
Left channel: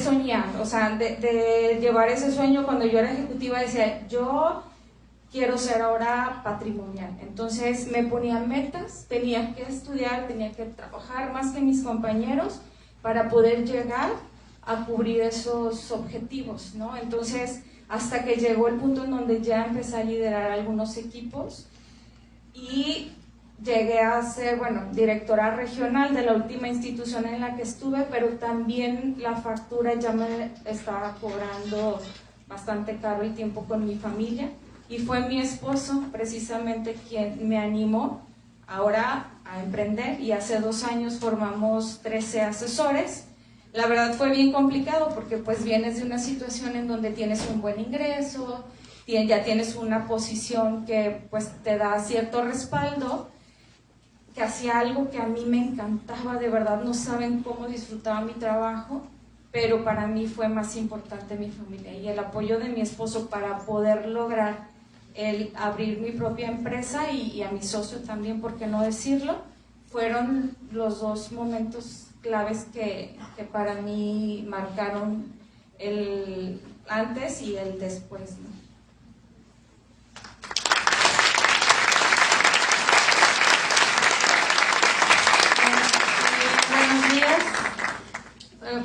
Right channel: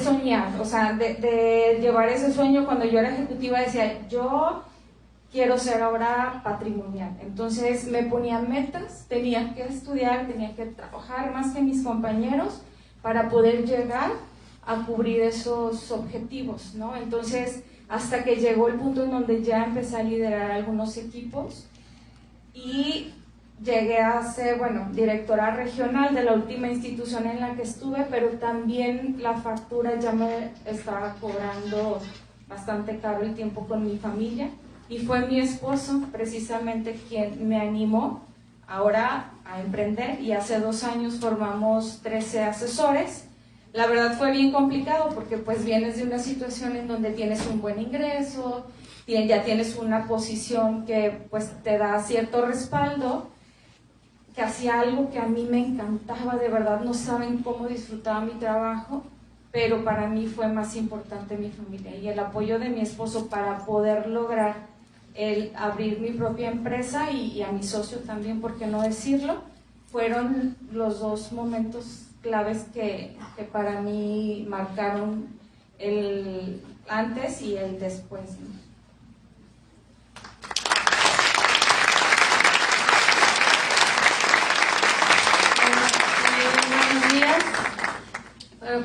soñar, o sea, de llevar ese sueño. Cuando yo era ejecutiva decía, yo quiero ser ahora patrimonial. Entonces me ponía metas, tenía que estudiar, tenía que trabajar más que mis compañeros para poder llegar a cubrir esos objetivos, ¿no? Entonces, hasta que llegó el punto en donde ya empecé a liderar algunos equipos y llegué a ser, directora regional de la última institución en la que estuve, pero también la factura ya me estaba cobrando bastante caro el tiempo con mi familia, y fue mi esposo precisamente quien me animó ahora a emprender, y hace 2 años formamos 13 asesores. La verdad fue bien complicado porque pues vienes de una situación en donde tienes un buen ingreso, ya tienes una posición que pues te da cierto respaldo, que hacía algo que a mí me encantaba, de verdad no saben cómo disfrutaba mi trabajo, pero para mí fue más importante mi familia y el apoyo de mi esposo para poder lograr el abrir mi propia empresa, y a mi socio también, por qué no decirlo, fueron los 2 momentos claves que para mí marcaron el antes y el después, ¿no? Buenos días. Bueno,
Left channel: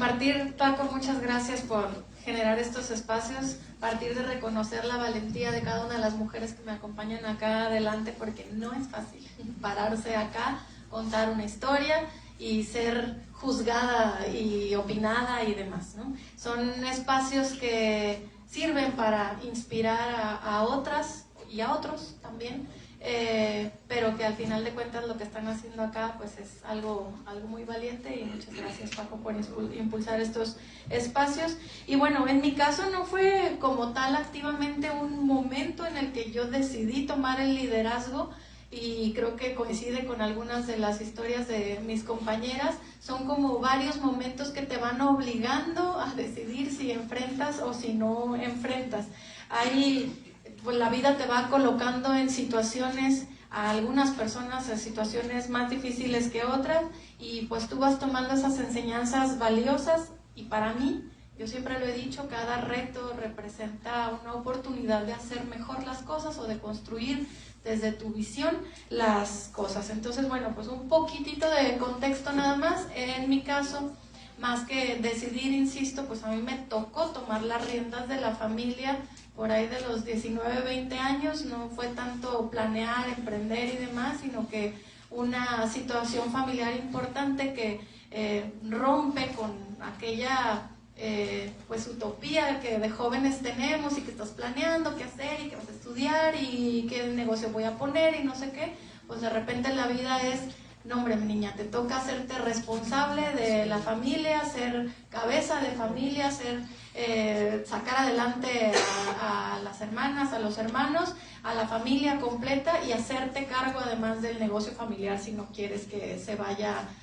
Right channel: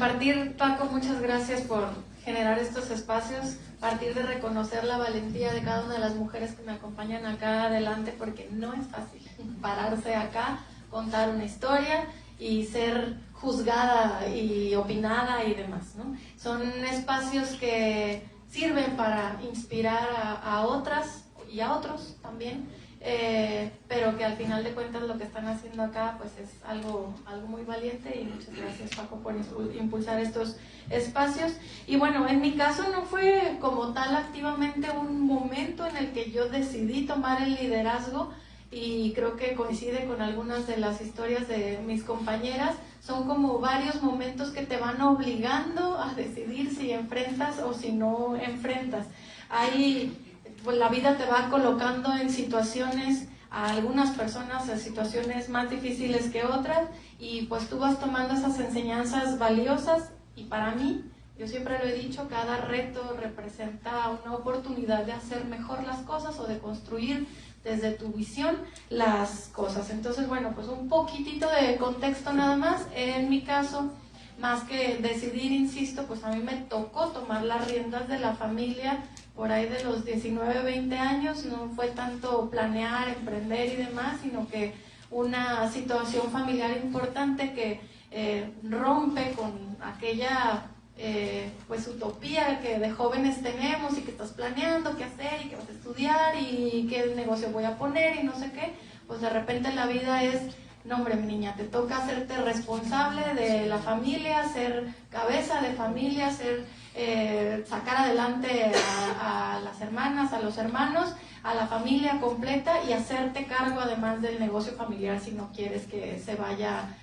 Paco, muchas gracias por generar estos espacios, partir de reconocer la valentía de cada una de las mujeres que me acompañan acá adelante, porque no es fácil pararse acá, contar una historia y ser juzgada y opinada y demás, ¿no? Son espacios que sirven para inspirar a otras y a otros también, pero que al final de cuentas lo que están haciendo acá pues es algo muy valiente, y muchas gracias, Paco, por impulsar estos espacios. Y bueno, en mi caso no fue como tal activamente un momento en el que yo decidí tomar el liderazgo, y creo que coincide con algunas de las historias de mis compañeras. Son como varios momentos que te van obligando a decidir si enfrentas o si no enfrentas. Pues la vida te va colocando en situaciones, a algunas personas en situaciones más difíciles que otras, y pues tú vas tomando esas enseñanzas valiosas. Y para mí, yo siempre lo he dicho, cada reto representa una oportunidad de hacer mejor las cosas o de construir desde tu visión las cosas. Entonces, bueno, pues un poquitito de contexto nada más. En mi caso, más que decidir, insisto, pues a mí me tocó tomar las riendas de la familia por ahí de los 19, 20 años. No fue tanto planear, emprender y demás, sino que una situación familiar importante que rompe con aquella pues utopía que de jóvenes tenemos, y que estás planeando qué hacer y qué vas a estudiar y qué negocio voy a poner y no sé qué. Pues de repente la vida es: no, hombre, mi niña, te toca hacerte responsable de la familia, ser cabeza de familia, sacar adelante a las hermanas, a los hermanos, a la familia completa, y hacerte cargo además del negocio familiar si no quieres que se vaya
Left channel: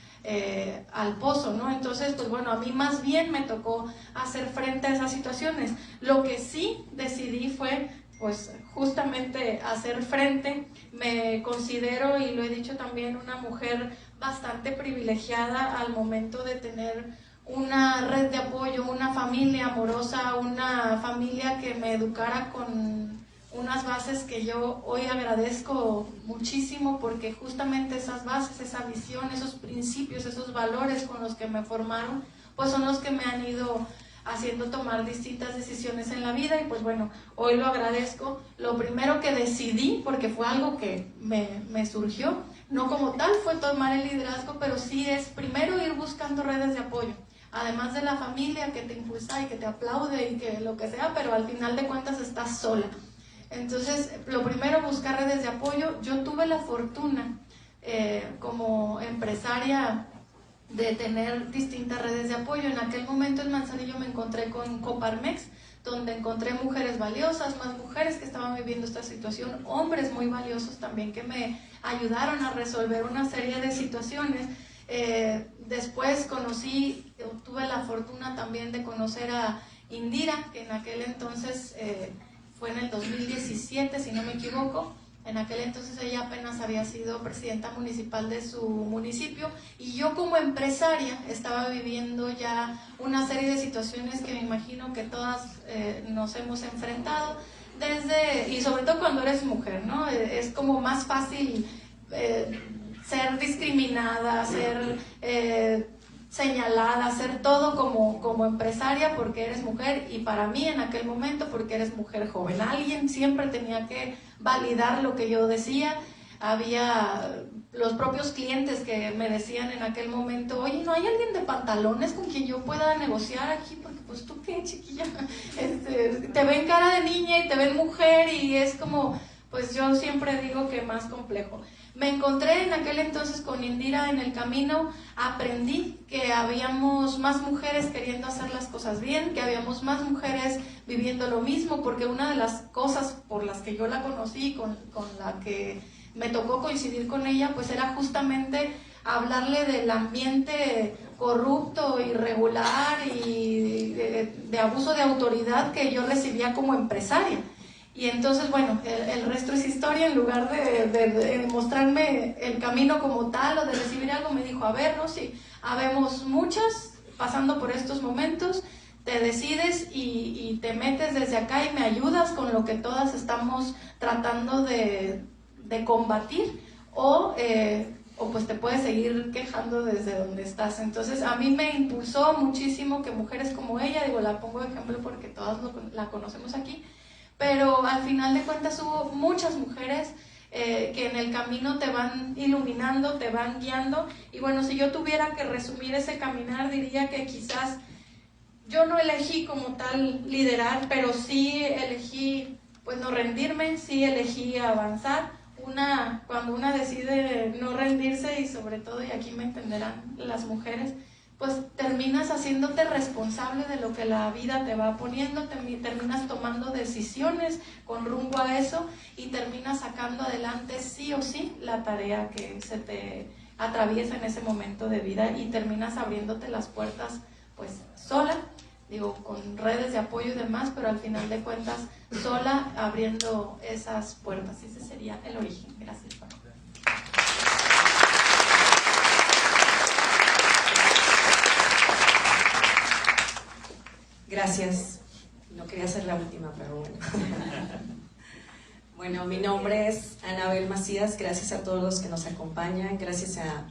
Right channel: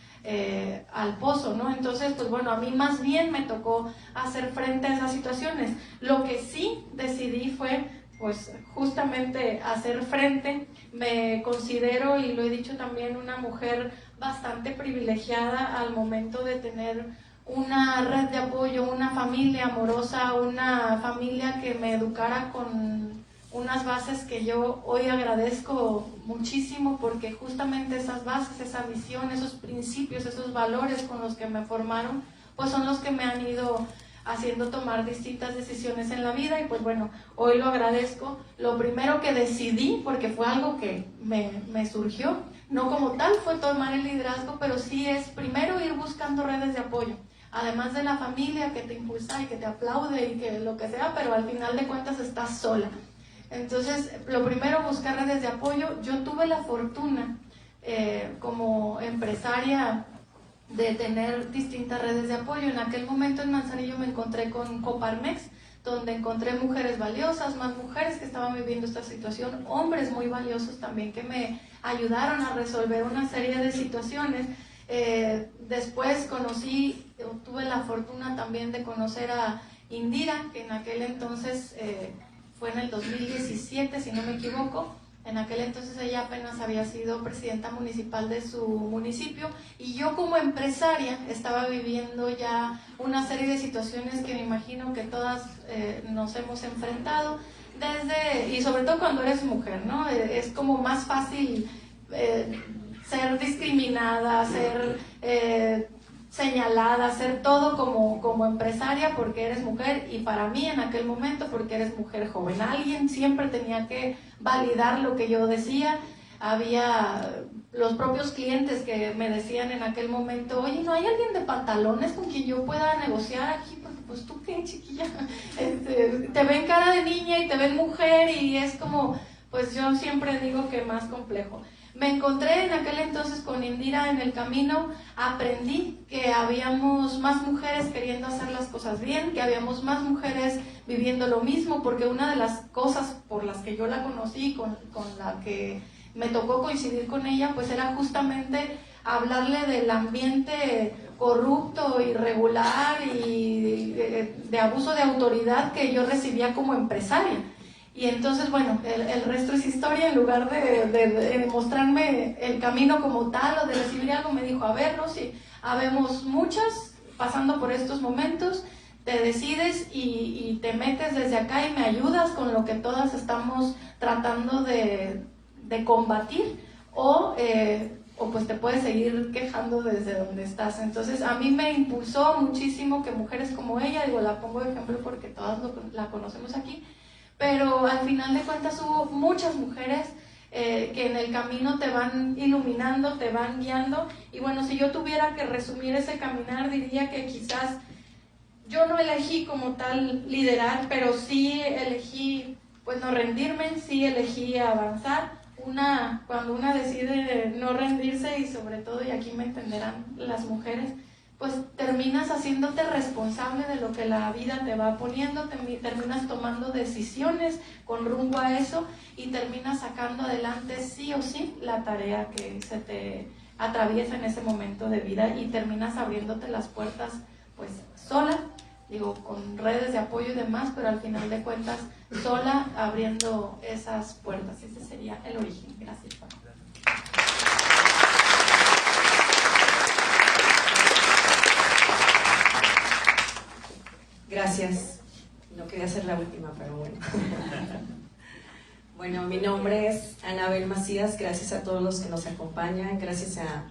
al pozo, ¿no? Entonces, pues bueno, a mí más bien me tocó hacer frente a esas situaciones. Lo que sí decidí fue, pues, justamente hacer frente. Me considero, y lo he dicho también, una mujer bastante privilegiada al momento de tener una red de apoyo, una familia amorosa, una familia que me educara con unas bases que yo hoy agradezco muchísimo, porque justamente esas bases, esa visión, esos principios, esos valores con los que me formaron, pues son los que me han ido haciendo tomar distintas decisiones en la vida. Y pues bueno, hoy lo agradezco. Lo primero que decidí, porque fue algo que me surgió, no como tal fue tomar el liderazgo, pero sí es primero ir buscando redes de apoyo, además de la familia que te impulsa y que te aplaude y que lo que sea, pero al final de cuentas estás sola. Entonces, lo primero, buscar redes de apoyo. Yo tuve la fortuna como empresaria de tener distintas redes de apoyo. En aquel momento en Manzanillo me encontré con Coparmex, donde encontré mujeres valiosas, más mujeres que estaban viviendo esta situación, hombres muy valiosos también que me ayudaron a resolver una serie de situaciones. Después tuve la fortuna también de conocer a Indira, que en aquel entonces fue en el 2017, si no me equivoco. En aquel entonces ella apenas había sido presidenta municipal de su municipio, y yo como empresaria estaba viviendo ya una serie de situaciones que me imagino que todas nos hemos enfrentado, y sobre todo cuando eres mujer, ¿no? Es como más fácil ser discriminada, ser señalada, hacer todo como empresaria porque eres mujer, y para mí en aquel momento porque eres mujer joven. Alguien siempre tenía que validar lo que yo decía. Había los propios clientes que me decían en aquel momento: oye, ¿no hay alguien de pantalones con quien yo pueda negociar aquí? Porque pues tú qué, chiquilla, te ven cara de niña y te ven mujer, y es como, pues yo siempre digo que más complejo. Me encontré en aquel entonces con Indira en el camino, aprendí que habíamos más mujeres queriendo hacer las cosas bien, que habíamos más mujeres viviendo lo mismo, porque una de las cosas por las que yo la conocí, con la que me tocó coincidir con ella, pues era justamente hablarle del ambiente corrupto, irregular y de abuso de autoridad que yo recibía como empresaria. Y entonces, bueno, el resto es historia. En lugar de mostrarme el camino como tal o de recibir algo, me dijo: a ver, Rosy, habemos muchas pasando por estos momentos, te decides y te metes desde acá y me ayudas con lo que todas estamos tratando de combatir, o o pues te puedes seguir quejando desde donde estás. Entonces a mí me impulsó muchísimo que mujeres como ella, digo, la pongo de ejemplo porque todas la conocemos aquí, pero al final de cuentas hubo muchas mujeres que en el camino te van iluminando, te van guiando. Y bueno, si yo tuviera que resumir ese caminar, diría que quizás yo no elegí como tal liderar, pero sí elegí pues no rendirme, sí elegí avanzar. Cuando una decide no rendirse, y sobre todo, y aquí me entenderán las mujeres, pues terminas haciéndote responsable de lo que la vida te va poniendo, terminas tomando decisiones con rumbo a eso y terminas sacando adelante sí o sí la tarea que se te atraviesa en ese momento de vida, y terminas abriéndote las puertas pues sola, digo, con redes de apoyo y demás, pero al final de cuentas sola abriendo esas puertas. Ese sería el origen. Gracias. Gracias. No quería ser la última, pero bueno. Bueno, mi nombre es Anabel Macías. Gracias a todos los que nos acompañan. Gracias a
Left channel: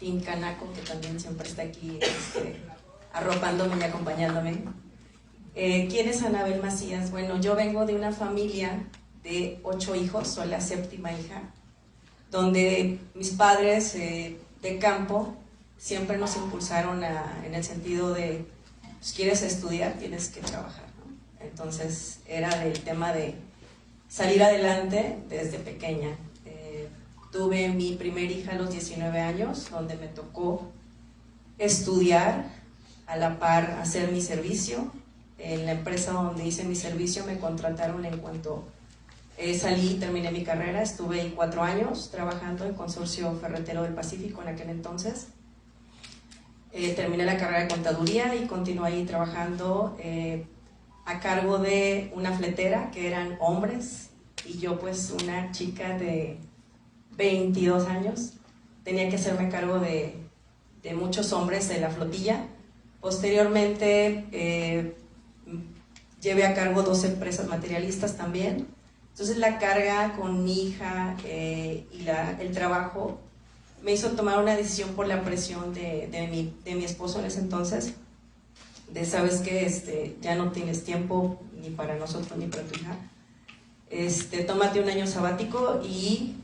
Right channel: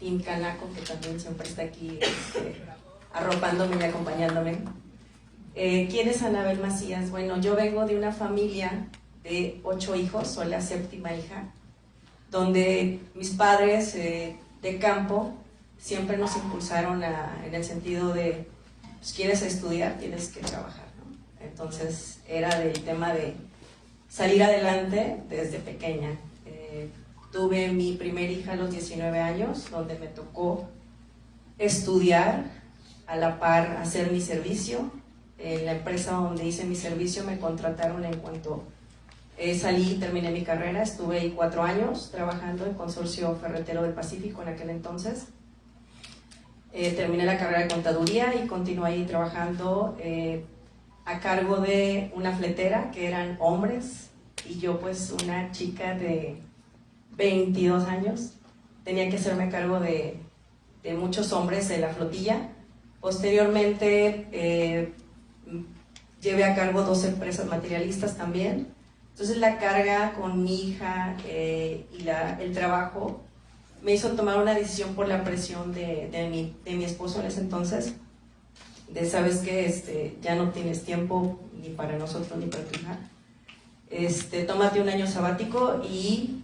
Team Canaco, que también siempre está aquí arropándome y acompañándome. ¿Quién es Anabel Macías? Bueno, yo vengo de una familia de 8 hijos, soy la 7ª hija, donde mis padres de campo siempre nos impulsaron en el sentido de, pues, quieres estudiar, tienes que trabajar, ¿no? Entonces era del tema de salir adelante desde pequeña. Tuve mi primer hija a los 19 años, donde me tocó estudiar, a la par hacer mi servicio. En la empresa donde hice mi servicio me contrataron en cuanto salí y terminé mi carrera. Estuve ahí 4 años trabajando en Consorcio Ferretero del Pacífico en aquel entonces. Terminé la carrera de contaduría y continué ahí trabajando a cargo de una fletera que eran hombres, y yo pues una chica de 22 años tenía que hacerme cargo de muchos hombres de la flotilla. Posteriormente llevé a cargo 2 empresas materialistas también. Entonces la carga con mi hija y el trabajo me hizo tomar una decisión por la presión de mi esposo en ese entonces, de sabes que ya no tienes tiempo ni para nosotros ni para tu hija, tómate un año sabático y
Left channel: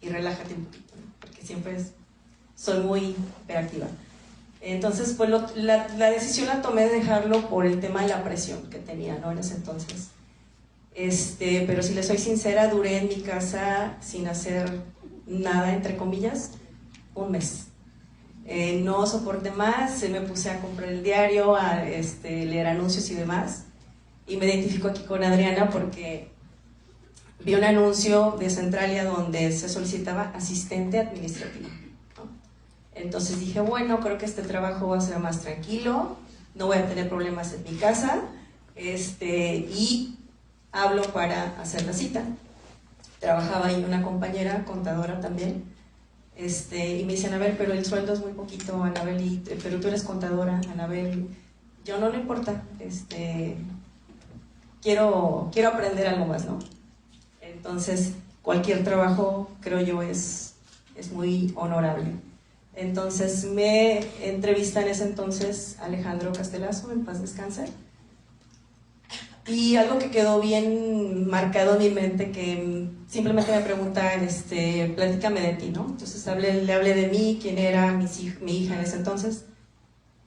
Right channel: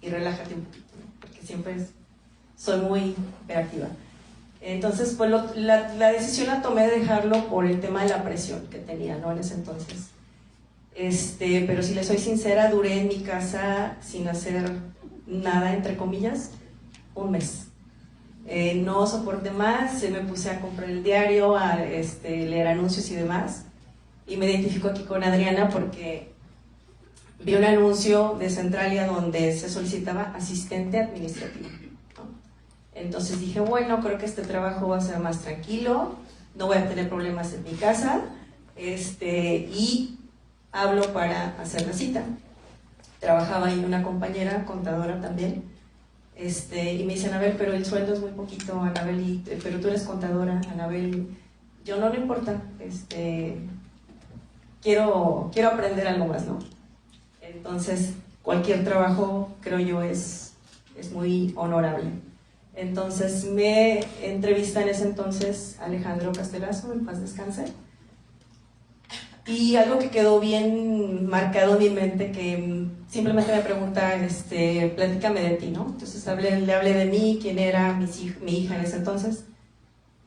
relájate un poquito, ¿no? Porque siempre soy muy hiperactiva. Entonces, pues la decisión la tomé de dejarlo por el tema de la presión que tenía, ¿no? En ese entonces. Pero si les soy sincera, duré en mi casa sin hacer nada, entre comillas, 1 mes. No soporté más, me puse a comprar el diario, a leer anuncios y demás. Y me identifico aquí con Adriana porque vi un anuncio de Centralia donde se solicitaba asistente administrativo. Entonces dije, bueno, creo que este trabajo va a ser más tranquilo, no voy a tener problemas en mi casa, y hablo para hacer la cita. Trabajaba ahí una compañera, contadora también, y me dice, Anabel, pero el sueldo es muy poquito, Anabel, pero tú eres contadora, Anabel, yo no le importa, quiero aprender algo más, ¿no? Entonces, cualquier trabajo, creo yo, es muy honorable. Entonces me entrevista en ese entonces Alejandro Castelazo, en paz descanse, y algo que quedó bien marcado en mi mente, que simplemente me pregunta, platícame de ti, ¿no? Entonces le hablé de mí, quién era mi hija en ese entonces,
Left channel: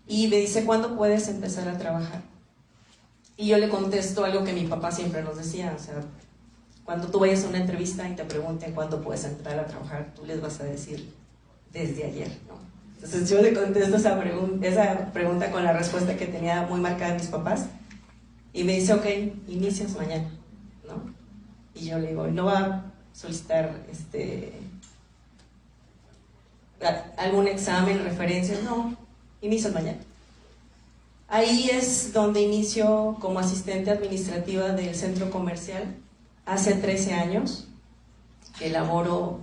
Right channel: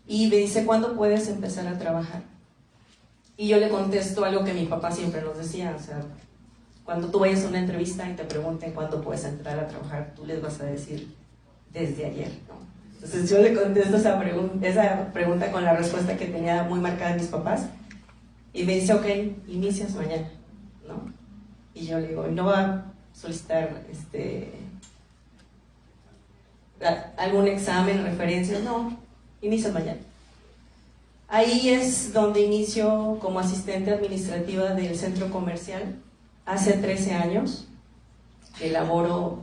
y me dice, ¿cuándo puedes empezar a trabajar? Y yo le contesto algo que mi papá siempre nos decía, o sea, cuando tú vayas a una entrevista y te pregunten cuándo puedes entrar a trabajar, tú les vas a decir, desde ayer, ¿no? Entonces yo le contesto esa pregunta con la respuesta que tenía muy marcada mis papás, y me dice, ok, inicias mañana, ¿no? Y yo le digo, ¿no va a solicitar algún examen, referencias? No, inicias mañana. Ahí es donde inicio como asistente administrativa del centro comercial. Hace 13 años que laboro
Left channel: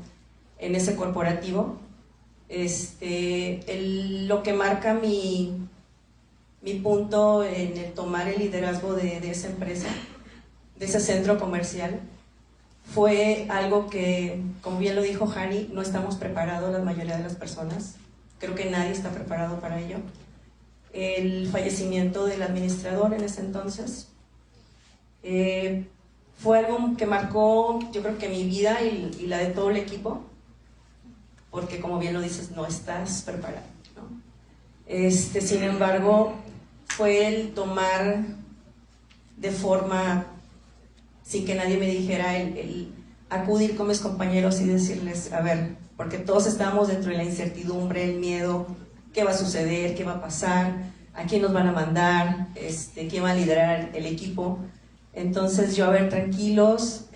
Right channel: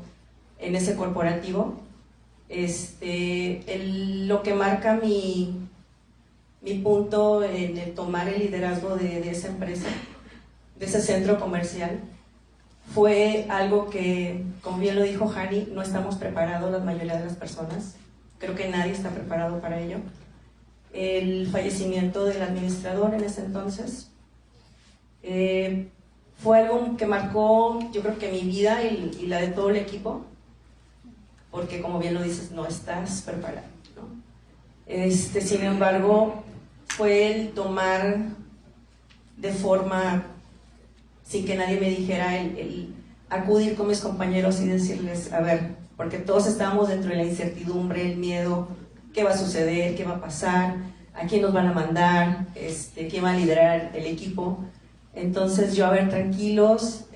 en ese corporativo. Lo que marca mi punto en el tomar el liderazgo de esa empresa, de ese centro comercial, fue algo que, como bien lo dijo Hani, no estamos preparados la mayoría de las personas. Creo que nadie está preparado para ello. El fallecimiento del administrador en ese entonces fue algo que marcó, yo creo que mi vida y la de todo el equipo, porque como bien lo dices, no estás preparado, ¿no? Sin embargo, fue el tomar de forma, sin que nadie me dijera, el acudir con mis compañeros y decirles, a ver, porque todos estábamos dentro de la incertidumbre, el miedo, qué va a suceder, qué va a pasar, a quién nos van a mandar, quién va a liderar el equipo. Entonces yo, a ver, tranquilos,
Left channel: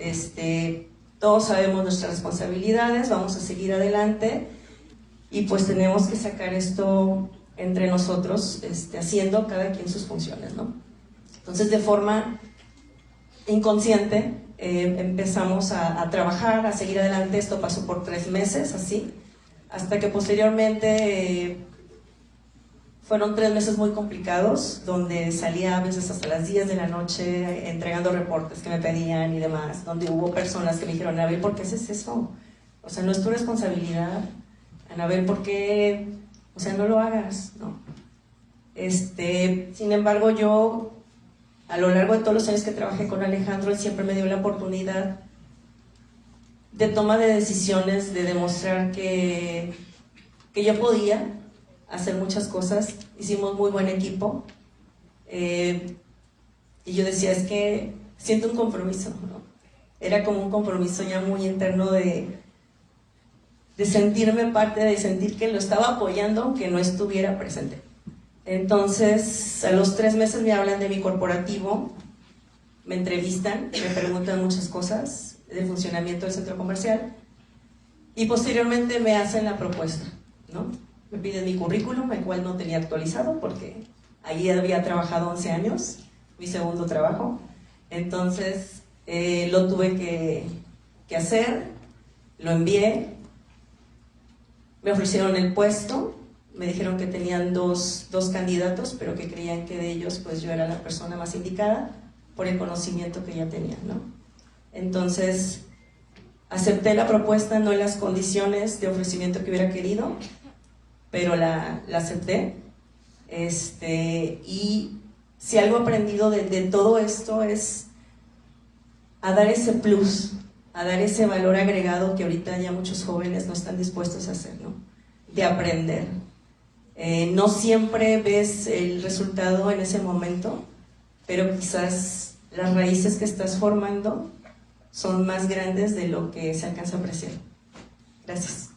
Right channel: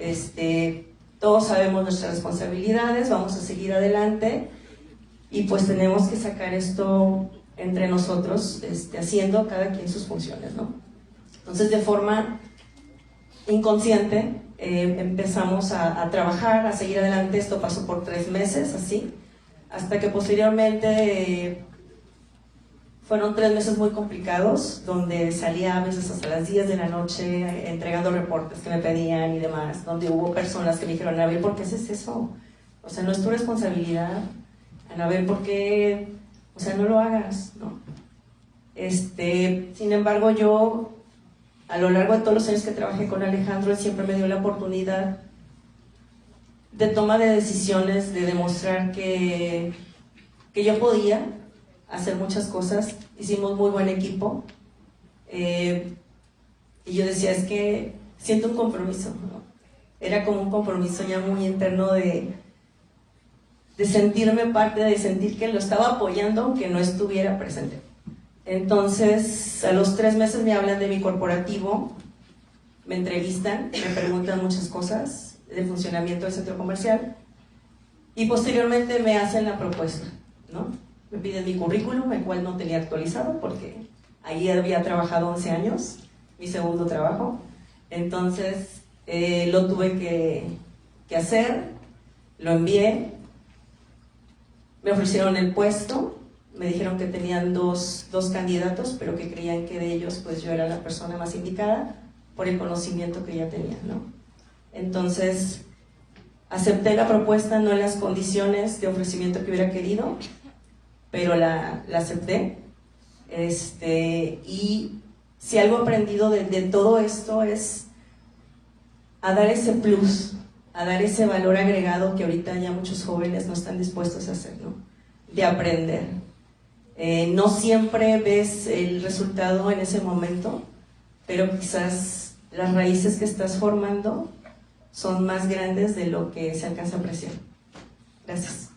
todos sabemos nuestras responsabilidades, vamos a seguir adelante y pues tenemos que sacar esto entre nosotros, haciendo cada quien sus funciones, ¿no? Entonces, de forma inconsciente, empezamos a trabajar, a seguir adelante. Esto pasó por 3 meses, así, hasta que posteriormente fueron 3 meses muy complicados, donde salía a veces hasta las 10 de la noche entregando reportes que me pedían y demás, donde hubo personas que me dijeron, Anabel, ¿por qué haces eso? O sea, no es tu responsabilidad. Anabel, ¿por qué? O sea, no lo hagas, ¿no? Sin embargo, yo, a lo largo de todos los años que trabajé con Alejandro, él siempre me dio la oportunidad de toma de decisiones, de demostrar que yo podía hacer muchas cosas. Hicimos muy buen equipo, y yo decía, es que siento un compromiso, ¿no? Era como un compromiso ya muy interno de sentirme parte, de sentir que lo estaba apoyando aunque no estuviera presente. Entonces, a los 3 meses me hablan de mi corporativo, me entrevistan, me preguntan muchas cosas de funcionamiento del centro comercial y posteriormente me hacen la propuesta, ¿no? Me piden mi currículum, el cual no tenía actualizado porque ahí había trabajado 11 años, mi segundo trabajo. Entonces, lo tuve que hacer, lo envié, me ofrecieron el puesto. Me dijeron que tenían dos candidatos, pero que creían que de ellos pues yo era la persona más indicada por el conocimiento que ya tenía, ¿no? Entonces, acepté la propuesta, no en las condiciones de ofrecimiento que hubiera querido, pero la acepté. Y si algo he aprendido de todo esto es a dar ese plus, a dar ese valor agregado que ahorita ya muchos jóvenes no están dispuestos a hacer, ¿no? De aprender. No siempre ves el resultado en ese momento, pero quizás las raíces que estás formando son más grandes de lo que se alcanza a apreciar. Gracias.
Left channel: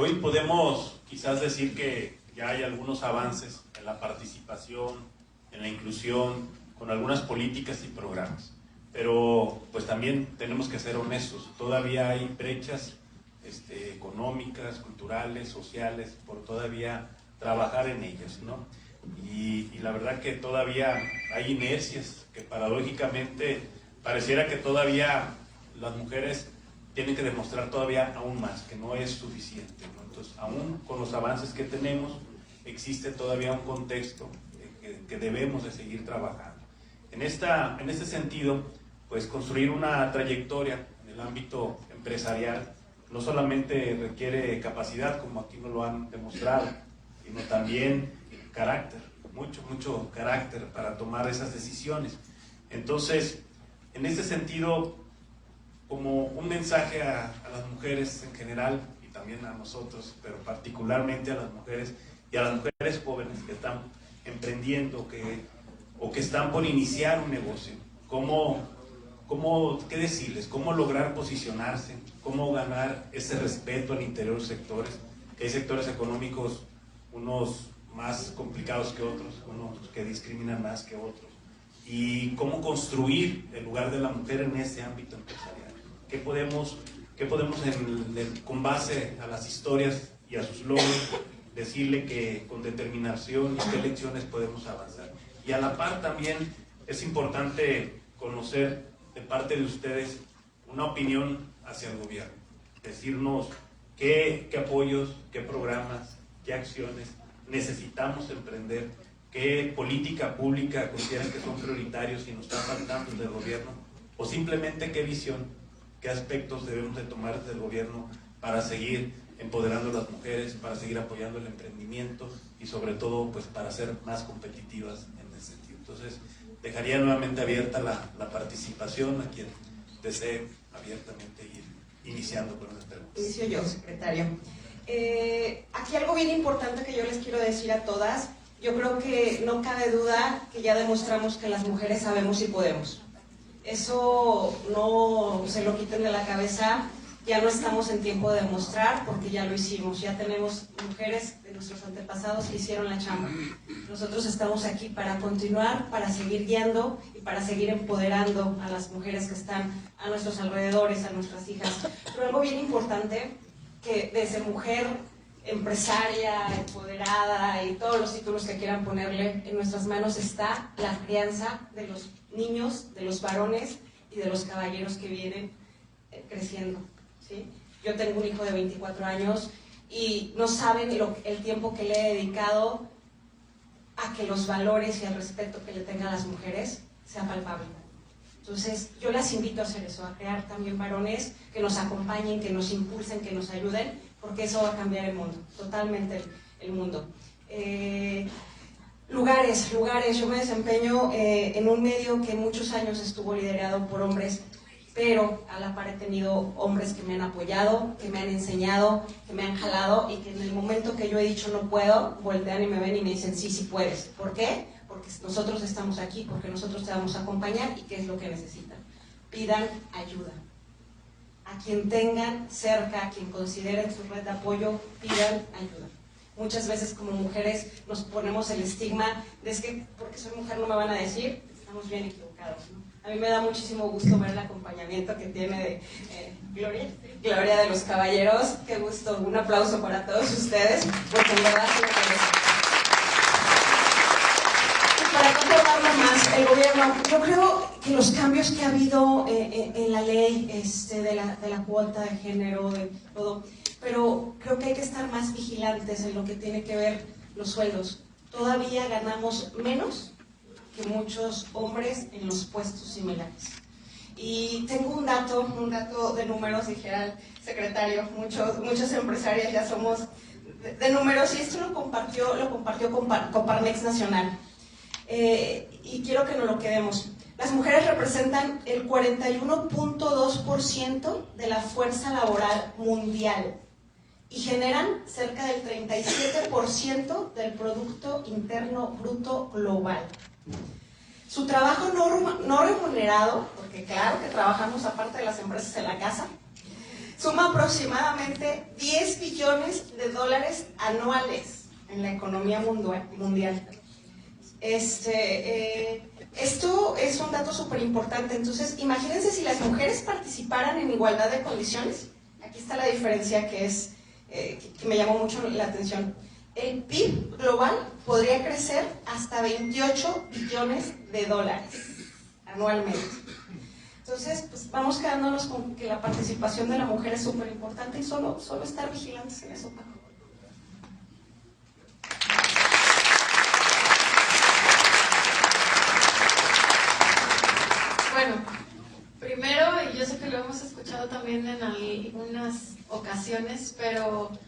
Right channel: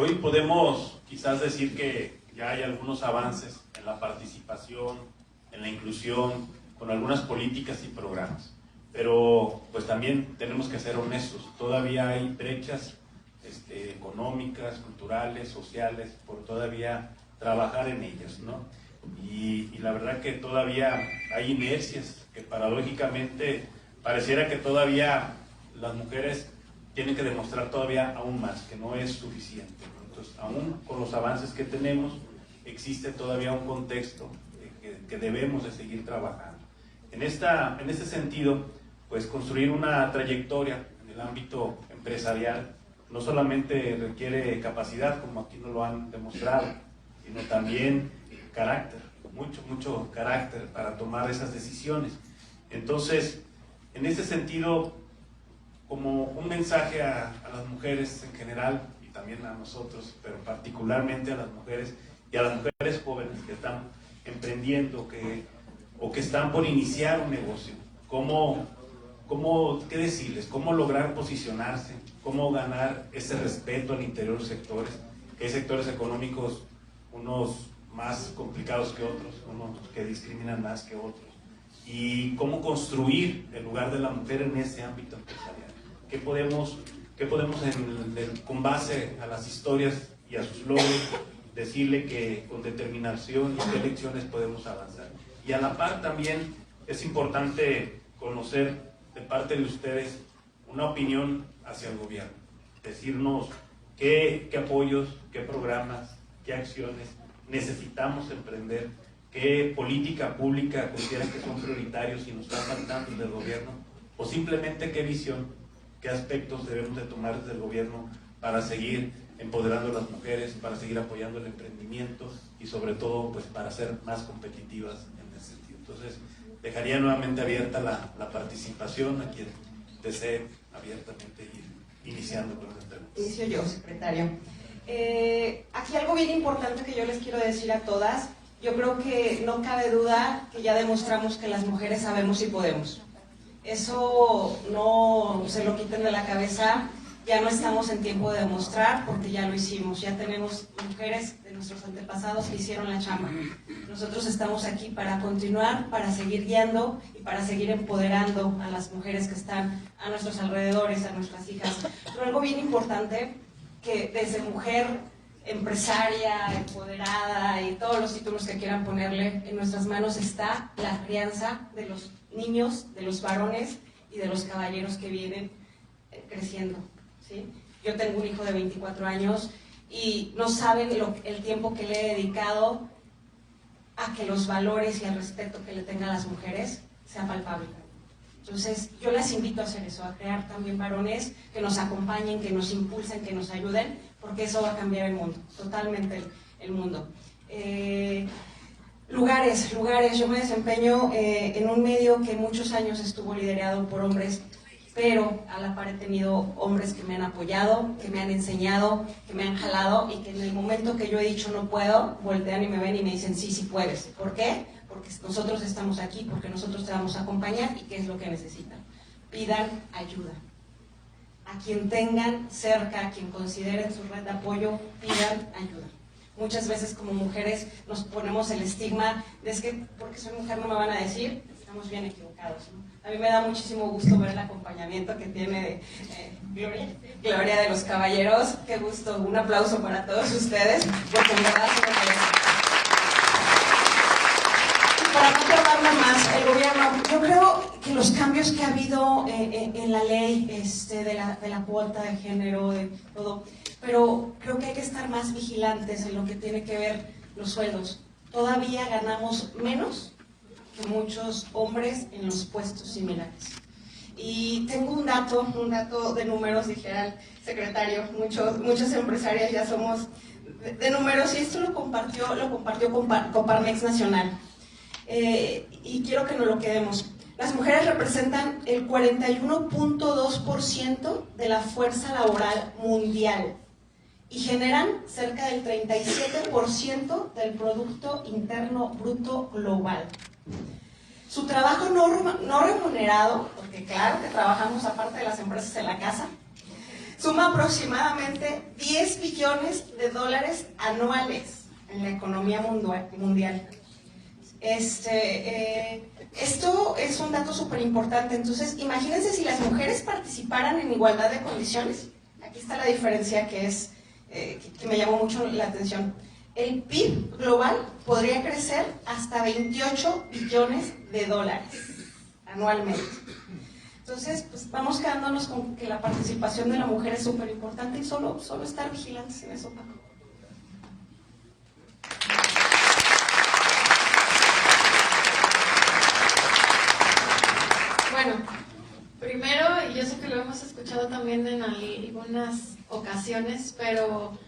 Hoy podemos quizás decir que ya hay algunos avances en la participación, en la inclusión, con algunas políticas y programas. Pero pues también tenemos que ser honestos, todavía hay brechas económicas, culturales, sociales, por todavía trabajar en ellas, ¿no? Y la verdad que todavía hay inercias que paradójicamente pareciera que todavía las mujeres tienen que demostrar todavía aún más, que no es suficiente, ¿no? Entonces, aún con los avances que tenemos, existe todavía un contexto que debemos de seguir trabajando. En este sentido, pues construir una trayectoria en el ámbito empresarial no solamente requiere capacidad, como aquí nos lo han demostrado, sino también carácter, mucho carácter para tomar esas decisiones. Entonces, en ese sentido, como un mensaje a las mujeres en general y también a nosotros, pero particularmente a las mujeres y a las mujeres jóvenes que están emprendiendo o que están por iniciar un negocio, ¿qué decirles? ¿Cómo lograr posicionarse? ¿Cómo ganar ese respeto al interior de los sectores? Que hay sectores económicos, unos más complicados que otros, unos que discriminan más que otros. Y cómo construir el lugar de la mujer en ese ámbito empresarial. ¿Qué podemos con base a las historias y a sus logros, decirle que con determinación y qué lecciones podemos avanzar? Y a la par también es importante conocer de parte de ustedes una opinión hacia el gobierno, decirnos qué apoyos, qué programas, qué acciones necesitamos emprender, qué política pública consideran que son prioritarios y nos está faltando desde el gobierno, o simplemente qué visión, qué aspectos debemos de tomar desde el gobierno para seguir empoderando a las mujeres, para seguir apoyando el emprendimiento y sobre todo pues para ser más competitivas en ese sentido. Entonces dejaría nuevamente abierta la participación a quien desee abiertamente ir iniciando con este tema. Inicio yo, secretario. Aquí algo bien importante que yo les quiero decir a todas. Yo creo que no cabe duda que ya demostramos que las mujeres sabemos y podemos. Eso no se lo quiten de la cabeza. Ya no estamos en tiempo de demostrar porque ya lo hicimos. Ya tenemos mujeres de nuestros antepasados que hicieron la chamba. Nosotros estamos aquí para continuar, para seguir guiando y para seguir empoderando a las mujeres que están a nuestros alrededores, a nuestras hijas. Pero algo bien importante, que desde mujer empresaria, empoderada y todos los títulos que quieran ponerle, en nuestras manos está la crianza de los niños, de los varones y de los caballeros que vienen creciendo, ¿sí? Yo tengo un hijo de 24 años y no saben el tiempo que le he dedicado a que los valores y el respeto que le tengan las mujeres sea palpable. Entonces, yo las invito a hacer eso, a crear también varones que nos acompañen, que nos impulsen, que nos ayuden, porque eso va a cambiar el mundo, totalmente el mundo. Lugares, yo me desempeño en un medio que muchos años estuvo liderado por hombres, pero a la par he tenido hombres que me han apoyado, que me han enseñado, que me han jalado y que en el momento que yo he dicho no puedo, voltean y me ven y me dicen sí, sí puedes. ¿Por qué? Porque nosotros estamos aquí, porque nosotros te vamos a acompañar y qué es lo que necesitan. Pidan ayuda. A quien tengan cerca, a quien consideren su red de apoyo, pidan ayuda. Muchas veces como mujeres nos ponemos el estigma de es que porque soy mujer no me van a decir, estamos bien equivocados, ¿no? A mí me da muchísimo gusto ver el acompañamiento que tiene Gloria de los Caballeros. Qué gusto, un aplauso para todos ustedes. Lo que de verdad sí me parece. Para contarnos más, el gobierno, yo creo que los cambios que ha habido en la ley de la cuota de género, de todo, pero creo que hay que estar más vigilantes en lo que tiene que ver los sueldos. Todavía ganamos menos que muchos hombres en los puestos similares. Y tengo un dato de números, dije al secretario, muchos empresarios ya somos de números, y esto lo compartió Coparmex Nacional. Y quiero que nos lo quedemos. Las mujeres representan el 41.2% de la fuerza laboral mundial y generan cerca del 37% del Producto Interno Bruto global. Su trabajo no remunerado, porque claro que trabajamos aparte de las empresas en la casa, suma aproximadamente 10 billones de dólares anuales en la economía mundial. Esto es un dato súper importante. Entonces, imagínense si las mujeres participaran en igualdad de condiciones. Aquí está la diferencia que me llamó mucho la atención. El PIB global podría crecer hasta 28 billones de dólares anualmente. Entonces, pues vamos quedándonos con que la participación de la mujer es súper importante y solo estar vigilantes en eso. Bueno, primero, y yo sé que lo hemos escuchado también en algunas ocasiones, pero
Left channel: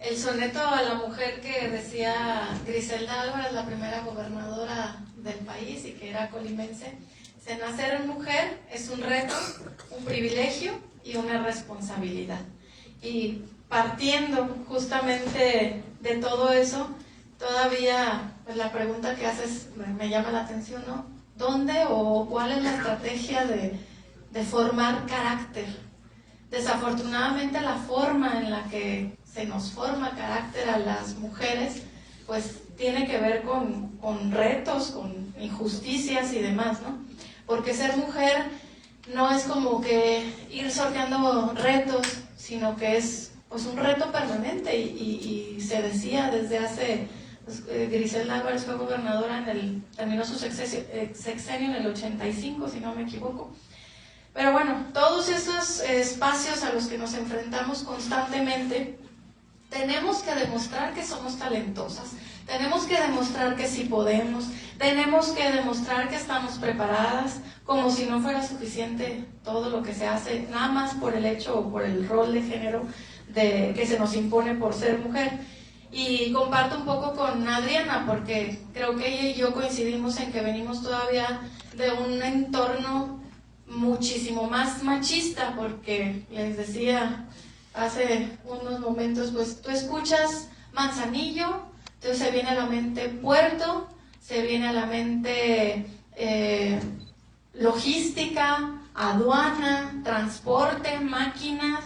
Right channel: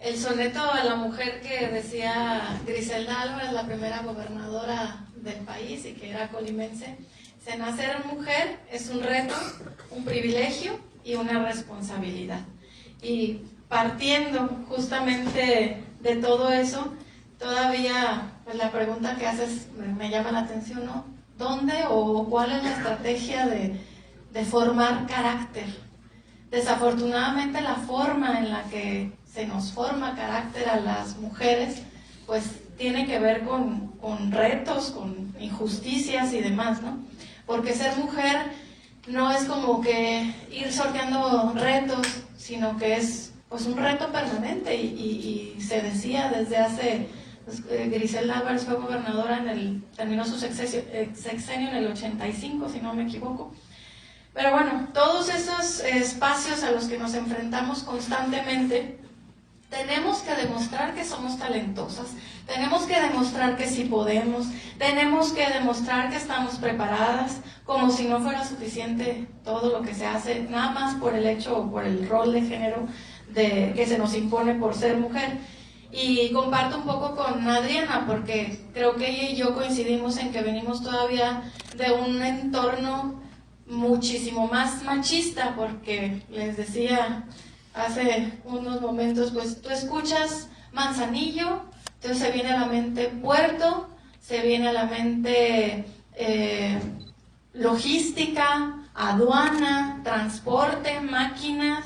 el soneto a la mujer que decía Griselda Álvarez, la primera gobernadora del país y que era colimense, se nacer mujer es un reto, un privilegio y una responsabilidad. Y partiendo justamente de todo eso, todavía pues la pregunta que haces me llama la atención, ¿no? ¿Dónde o cuál es la estrategia de formar carácter? Desafortunadamente la forma en la que se nos forma carácter a las mujeres, pues tiene que ver con retos, con injusticias y demás, ¿no? Porque ser mujer no es como que ir sorteando retos, sino que es pues un reto permanente y se decía desde hace, pues, Griselda Álvarez fue gobernadora terminó su sexenio en el 85, si no me equivoco. Pero bueno, todos esos espacios a los que nos enfrentamos constantemente Tenemos que demostrar que somos talentosas, tenemos que demostrar que sí podemos, tenemos que demostrar que estamos preparadas, como si no fuera suficiente todo lo que se hace, nada más por el hecho o por el rol de género que se nos impone por ser mujer. Y comparto un poco con Adriana, porque creo que ella y yo coincidimos en que venimos todavía de un entorno muchísimo más machista, porque les decía hace unos momentos, pues tú escuchas Manzanillo, entonces se viene a la mente puerto, se viene a la mente logística, aduana, transporte, máquinas,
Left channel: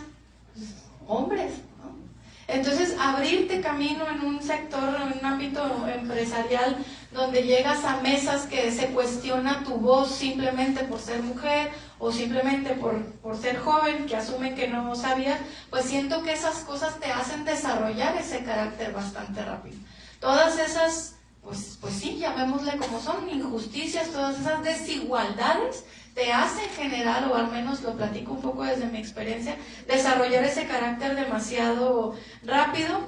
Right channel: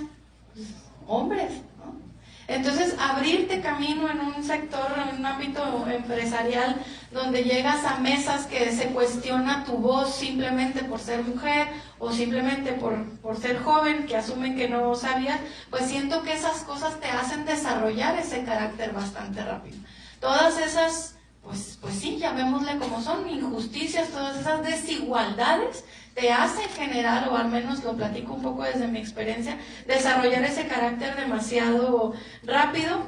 pues, hombres, ¿no? Entonces abrirte camino en un sector, en un ámbito empresarial, donde llegas a mesas que se cuestiona tu voz simplemente por ser mujer o simplemente por ser joven, que asumen que no sabías, pues siento que esas cosas te hacen desarrollar ese carácter bastante rápido. Todas esas, pues sí, llamémosle como son, injusticias, todas esas desigualdades te hacen generar, o al menos lo platico un poco desde mi experiencia, desarrollar ese carácter demasiado rápido.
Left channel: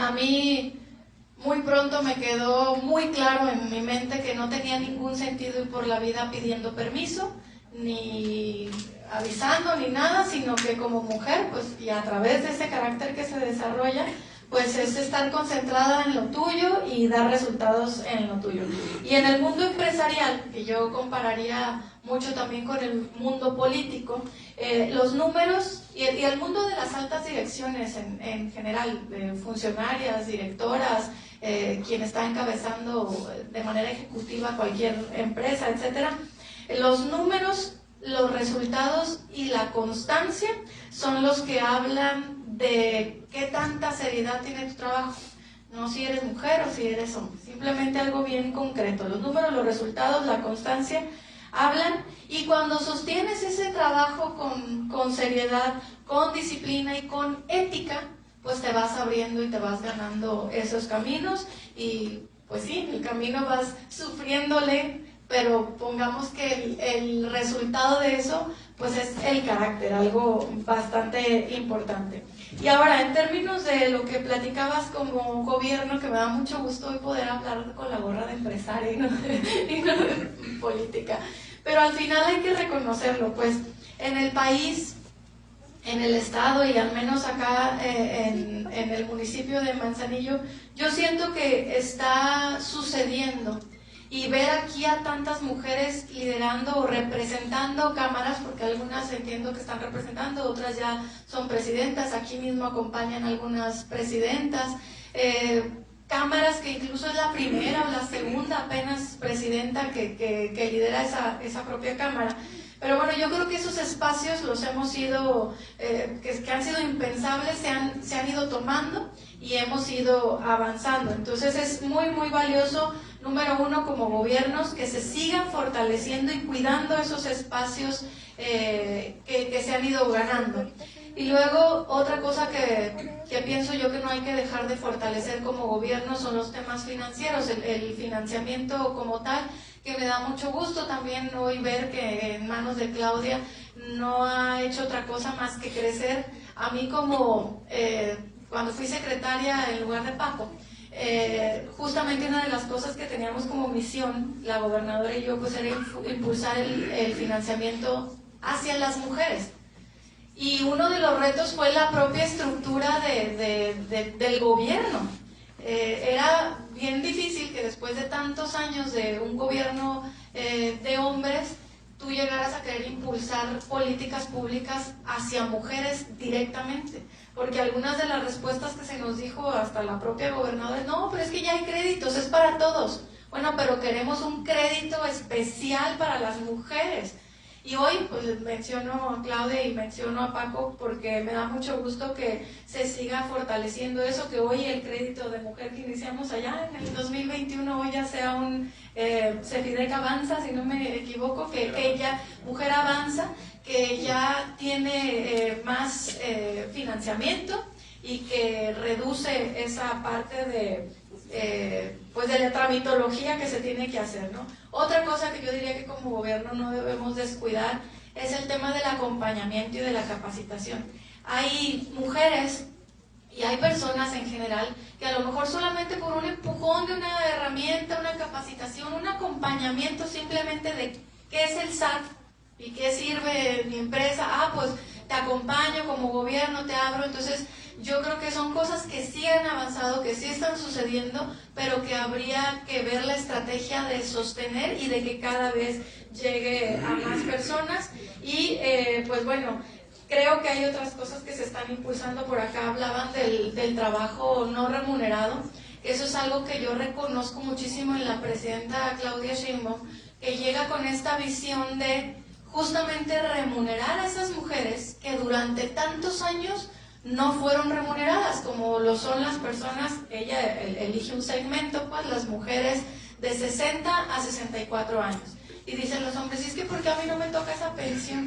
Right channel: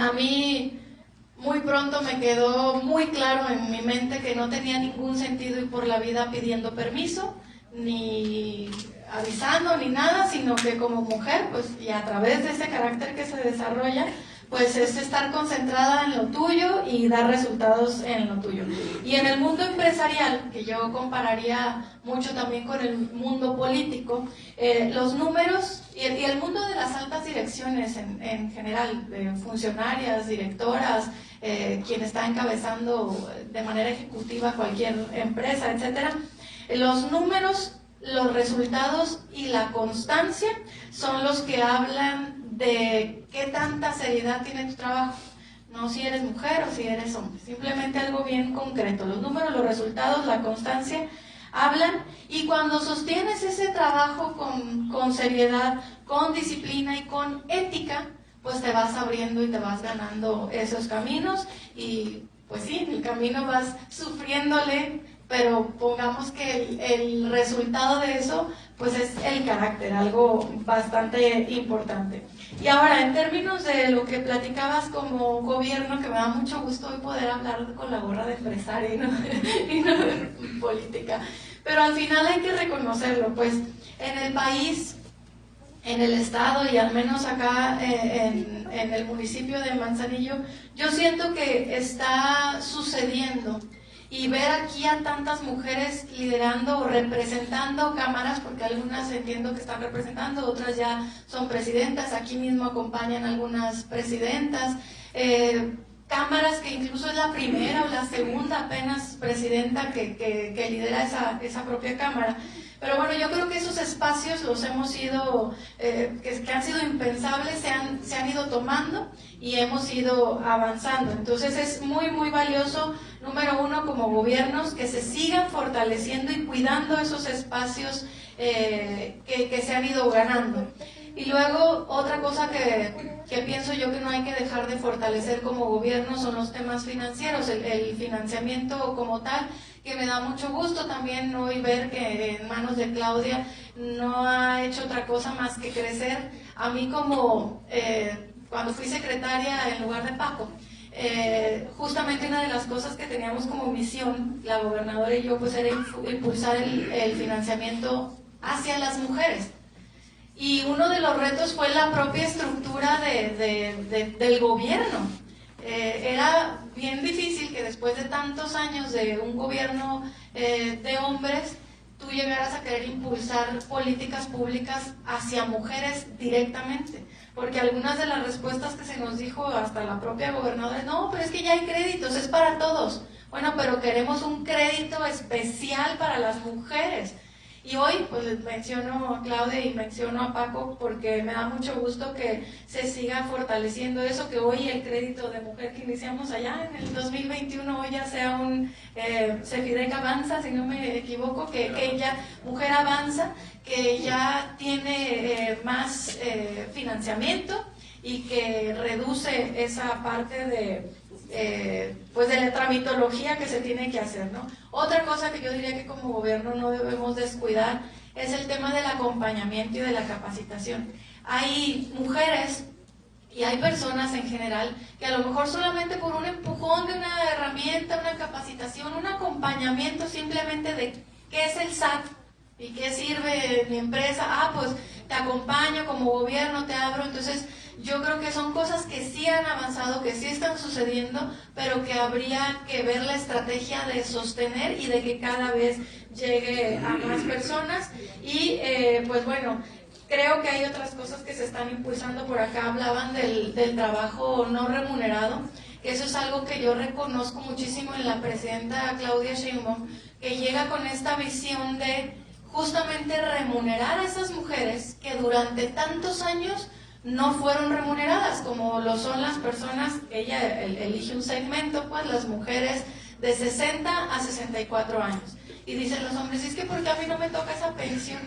A mí muy pronto me quedó muy claro en mi mente que no tenía ningún sentido ir por la vida pidiendo permiso, ni avisando, ni nada, sino que como mujer, pues, y a través de ese carácter que se desarrolla, pues es estar concentrada en lo tuyo y dar resultados en lo tuyo. Y en el mundo empresarial, que yo compararía mucho también con el mundo político, los números y el mundo de las altas direcciones en general, funcionarias, directoras, quien está encabezando de manera ejecutiva cualquier empresa, etcétera, los números, los resultados y la constancia son los que hablan de qué tanta seriedad tiene tu trabajo, no si eres mujer o si eres hombre, simplemente algo bien concreto. Los números, los resultados, la constancia hablan, y cuando sostienes ese trabajo con seriedad, con disciplina y con ética, pues te vas abriendo y te vas ganando esos caminos, y pues sí, en el camino vas sufriéndole, pero pongamos que el resultado de eso pues es el carácter, algo bastante importante. Y ahora, en términos de lo que platicabas como un gobierno, que me da mucho gusto hoy poder hablar con la gorra de empresaria y no de política, pero al final hay que reconocerlo, pues en el país, en el estado y al menos acá en el municipio de Manzanillo, yo siento que está sucediendo. Y ver aquí a tantas mujeres liderando o representando cámaras, porque algunas entiendo que están representando, otras ya son presidentas, aquí mismo acompañan algunas presidentas, cámaras que incluso es la primera o la segunda apenas presidenta que lidera esa propia cámara. Pero bueno, yo creo que esos espacios los hemos ido, que han sido impensables, se han ido tomando y hemos ido avanzando. Entonces es muy, muy valioso, número uno, como gobiernos, que se sigan fortaleciendo y cuidando esos espacios que se han ido ganando. Y luego, otra cosa que pienso yo que no hay que dejar de fortalecer como gobierno son los temas financieros, el financiamiento como tal, que me da mucho gusto también hoy ver que en manos de Claudia no ha hecho otra cosa más que crecer. A mí como cuando fui secretaria en lugar de Paco, justamente una de las cosas que teníamos como misión, la gobernadora y yo, pues era impulsar el financiamiento hacia las mujeres. Y uno de los retos fue la propia estructura del gobierno. Era bien difícil que después de tantos años de un gobierno de hombres, tú llegaras a querer impulsar políticas públicas hacia mujeres directamente. Porque algunas de las respuestas que se nos dijo hasta la propia gobernadora, no, pero es que ya hay créditos, es para todos. Bueno, pero queremos un crédito especial para las mujeres. Y hoy pues menciono a Claudia y menciono a Paco porque me da mucho gusto que se siga fortaleciendo eso, que hoy el crédito de mujer que iniciamos allá en el 2021 hoy ya sea un Cefidec Avanza, si no me equivoco, que ella, Mujer Avanza, que ya tiene más financiamiento y que reduce esa parte de la tramitología que se tiene que hacer, ¿no? Otra cosa que yo diría que como gobierno no debemos descuidar es el tema del acompañamiento y de la capacitación. Hay mujeres Y hay personas en general que a lo mejor solamente por un empujón de una herramienta, una capacitación, un acompañamiento simplemente de qué es el SAT y qué sirve mi empresa, pues te acompaño como gobierno, te abro. Entonces yo creo que son cosas que sí han avanzado, que sí están sucediendo, pero que habría que ver la estrategia de sostener y de que cada vez llegue a más personas. Y pues bueno, creo que hay otras cosas que se están impulsando por acá. Hablaban del trabajo no remunerado, que eso es algo que yo reconozco muchísimo en la presidenta Claudia Sheinbaum, que llega con esta visión de justamente remunerar a esas mujeres que durante tantos años no fueron remuneradas, como lo son las personas. Ella elige un segmento, pues las mujeres de 60 a 64 años. Y dicen los hombres, es que ¿por qué a mí no me toca esa pensión?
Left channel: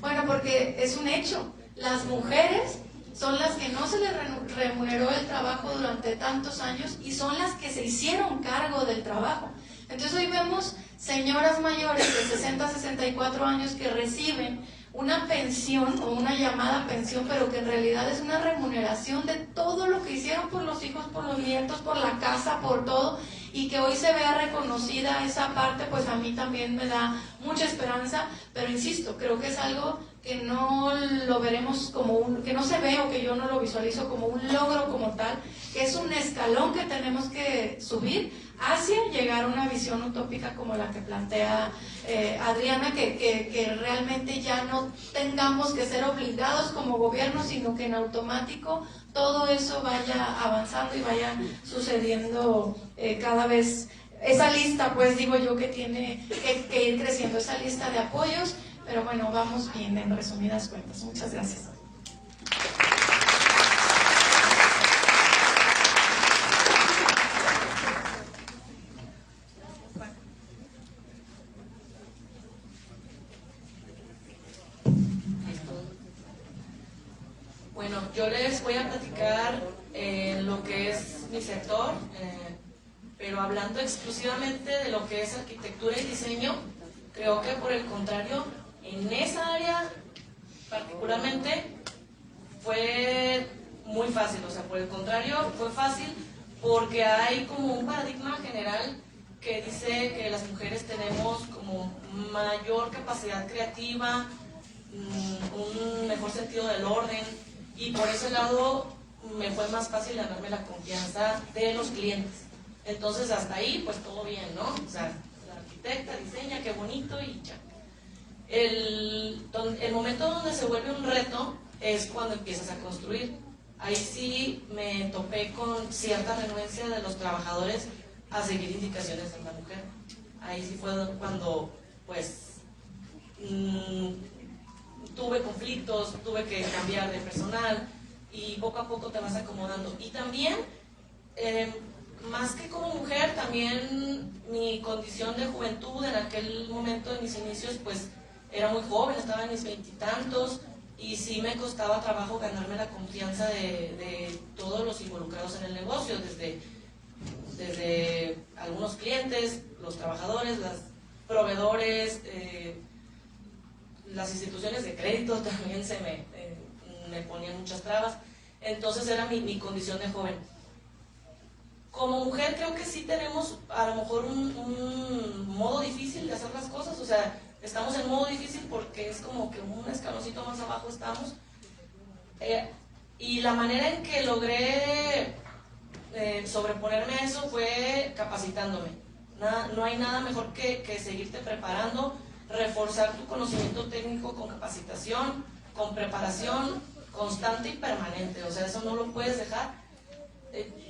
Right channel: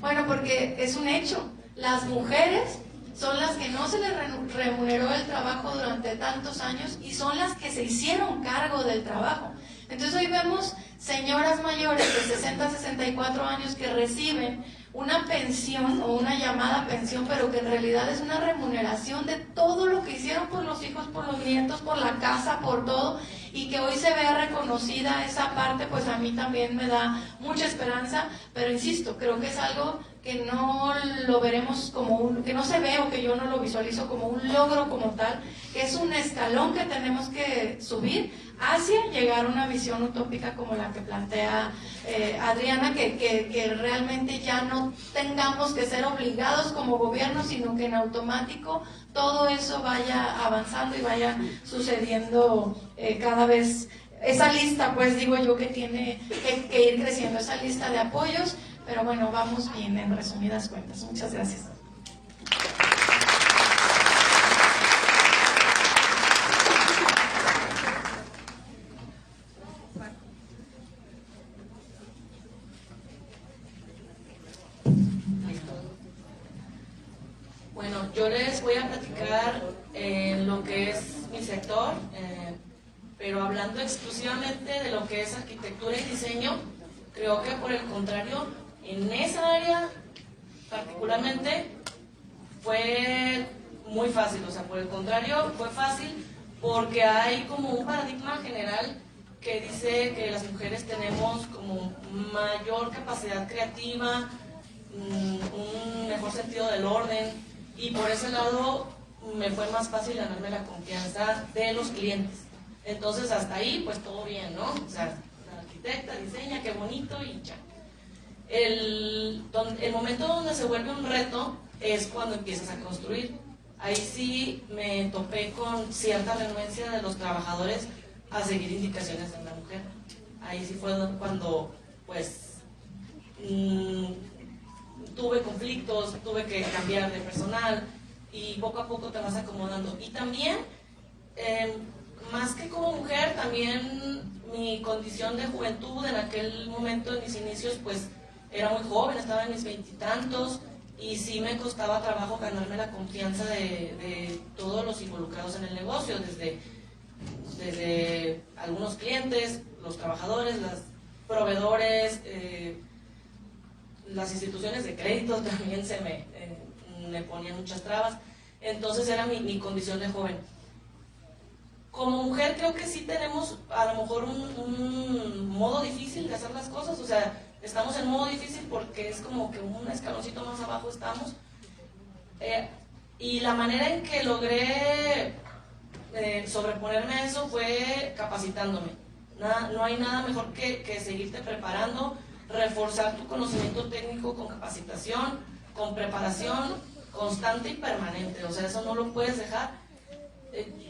Bueno, porque es un hecho. Las mujeres son las que no se les remuneró el trabajo durante tantos años y son las que se hicieron cargo del trabajo. Entonces hoy vemos señoras mayores de 60 a 64 años que reciben una pensión o una llamada pensión, pero que en realidad es una remuneración de todo lo que hicieron por los hijos, por los nietos, por la casa, por todo, y que hoy se vea reconocida esa parte, pues a mí también me da mucha esperanza. Pero insisto, creo que es algo que no lo veremos como que no se ve, o que yo no lo visualizo como un logro como tal, que es un escalón que tenemos que subir hacia llegar a una visión utópica como la que plantea Adriana, que realmente ya no tengamos que ser obligados como gobierno, sino que en automático todo eso vaya avanzando y vaya sucediendo cada vez. Esa lista, pues digo yo, que tiene que ir creciendo, esa lista de apoyos. Pero bueno, vamos bien en resumidas cuentas. Muchas gracias. Bueno, yo les voy a platicar lo que es mi sector, pero hablando exclusivamente de lo que es arquitectura y diseño. Creo que por el contrario, en esa área particularmente fue muy fácil. O sea, por el contrario, fue fácil porque hay como un paradigma general que dice que las mujeres tenemos como mayor capacidad creativa, un mejor sentido del orden, y por ese lado me fue más fácil ganarme la confianza de los clientes. Entonces hasta ahí pues todo bien, ¿no? O sea, la arquitecta diseña, qué bonito y ya. El momento donde se vuelve un reto es cuando empiezas a construir. Ahí sí me topé con cierta renuencia de los trabajadores a seguir indicaciones de una mujer. Ahí sí fue cuando pues tuve conflictos, tuve que cambiar de personal, y poco a poco te vas acomodando. Y también, más que como mujer, también mi condición de juventud en aquel momento, en mis inicios, pues era muy joven, estaba en mis veintitantos, y sí me costaba trabajo ganarme la confianza de todos los involucrados en el negocio, desde algunos clientes, los trabajadores, los proveedores, las instituciones de crédito también me ponían muchas trabas. Entonces era mi condición de joven. Como mujer creo que sí tenemos a lo mejor un modo difícil de hacer las cosas. O sea, estamos en modo difícil porque es como que un escaloncito más abajo estamos. Y la manera en que logré sobreponerme a eso fue capacitándome. No hay nada mejor que seguirte preparando, reforzar tu conocimiento técnico con capacitación, con preparación constante y permanente. O sea, eso no lo puedes dejar.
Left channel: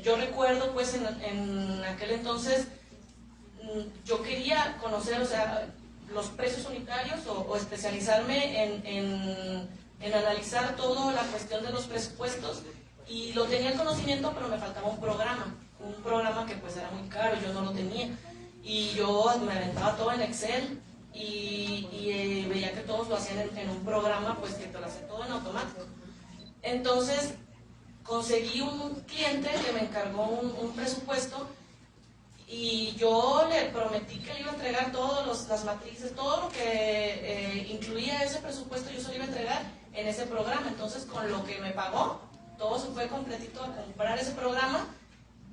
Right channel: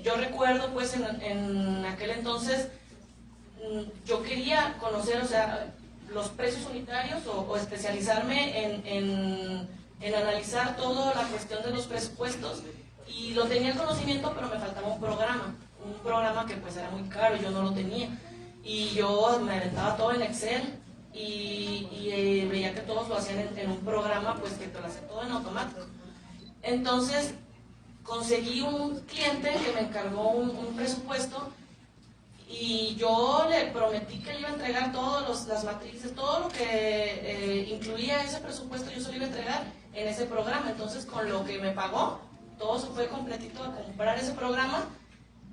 Yo recuerdo pues en aquel entonces yo quería conocer, o sea, los precios unitarios o especializarme en analizar toda la cuestión de los presupuestos, y lo tenía el conocimiento, pero me faltaba un programa que pues era muy caro y yo no lo tenía, y yo me aventaba todo en Excel y veía que todos lo hacían en un programa pues que te lo hace todo en automático. Entonces conseguí un cliente que me encargó un presupuesto, y yo le prometí que le iba a entregar todas las matrices, todo lo que incluía ese presupuesto, yo se lo iba a entregar en ese programa. Entonces con lo que me pagó, todo se fue completito a comprar ese programa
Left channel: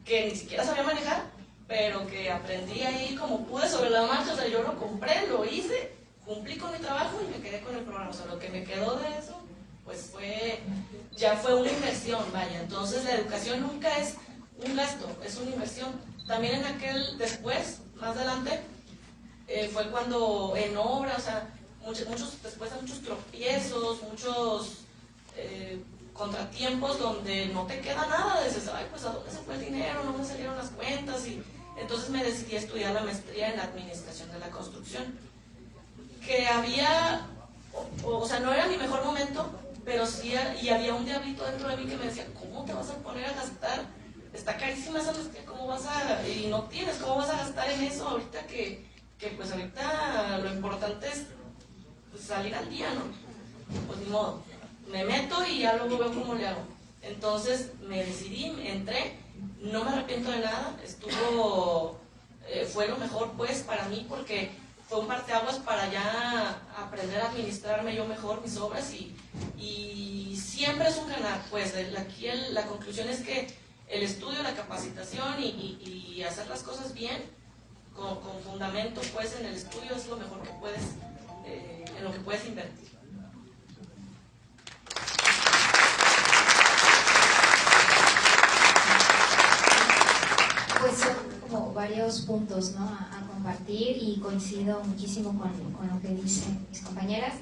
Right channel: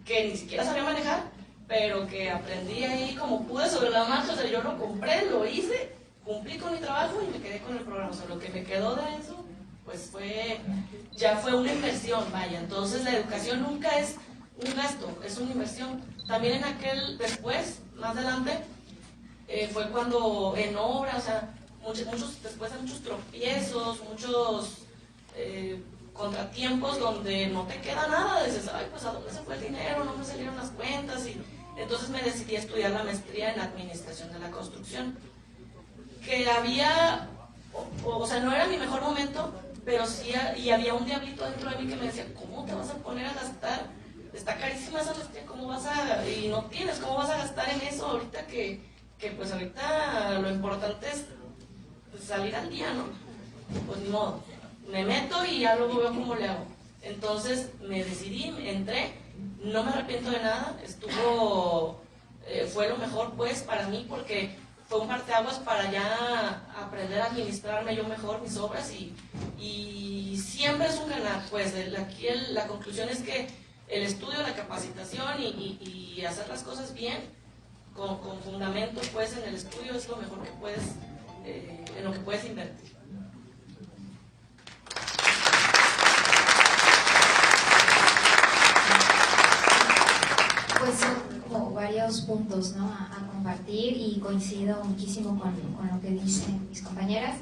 que ni siquiera sabía manejar, pero que aprendí ahí como pude sobre la marcha. O sea, yo lo compré, lo hice, cumplí con mi trabajo y me quedé con el programa. O sea, lo que me quedó de eso, pues ya fue una inversión, vaya. Entonces la educación nunca es un gasto, es una inversión. También en aquel después, más adelante, fue cuando en obra, o sea, después de muchos tropiezos, muchos contratiempos donde no te queda nada, dices, ay, pues a dónde se fue el dinero, no me salieron las cuentas, y entonces me decidí a estudiar la maestría en administración de la construcción, que había, o sea, no era mi mejor momento, pero sí, y había un diablito dentro de mí que me decía, ¿cómo te vas a poner a gastar? Está carísima esa maestría, ¿cómo vas a, y no tienes, cómo vas a gastar en eso ahorita que pues ahorita lo importante es pues, salir al día, ¿no? Pues ni modo, me meto y ya luego veo cómo le hago. Entonces me decidí, entré, no me arrepiento de nada, fue lo mejor pues para mí porque fue un parteaguas para ya aprender a administrarme yo mejor mis obras y siempre es un ganar, pues aquí la conclusión es que el estudio, la capacitación y hacer las cosas bien, con fundamento pues en el estudio es lo mejor que puedes, en lo que puedes invertir. Pues son como varios puntos, ¿no? a compartir y coincido muchísimo con lo que dicen mis compañeras.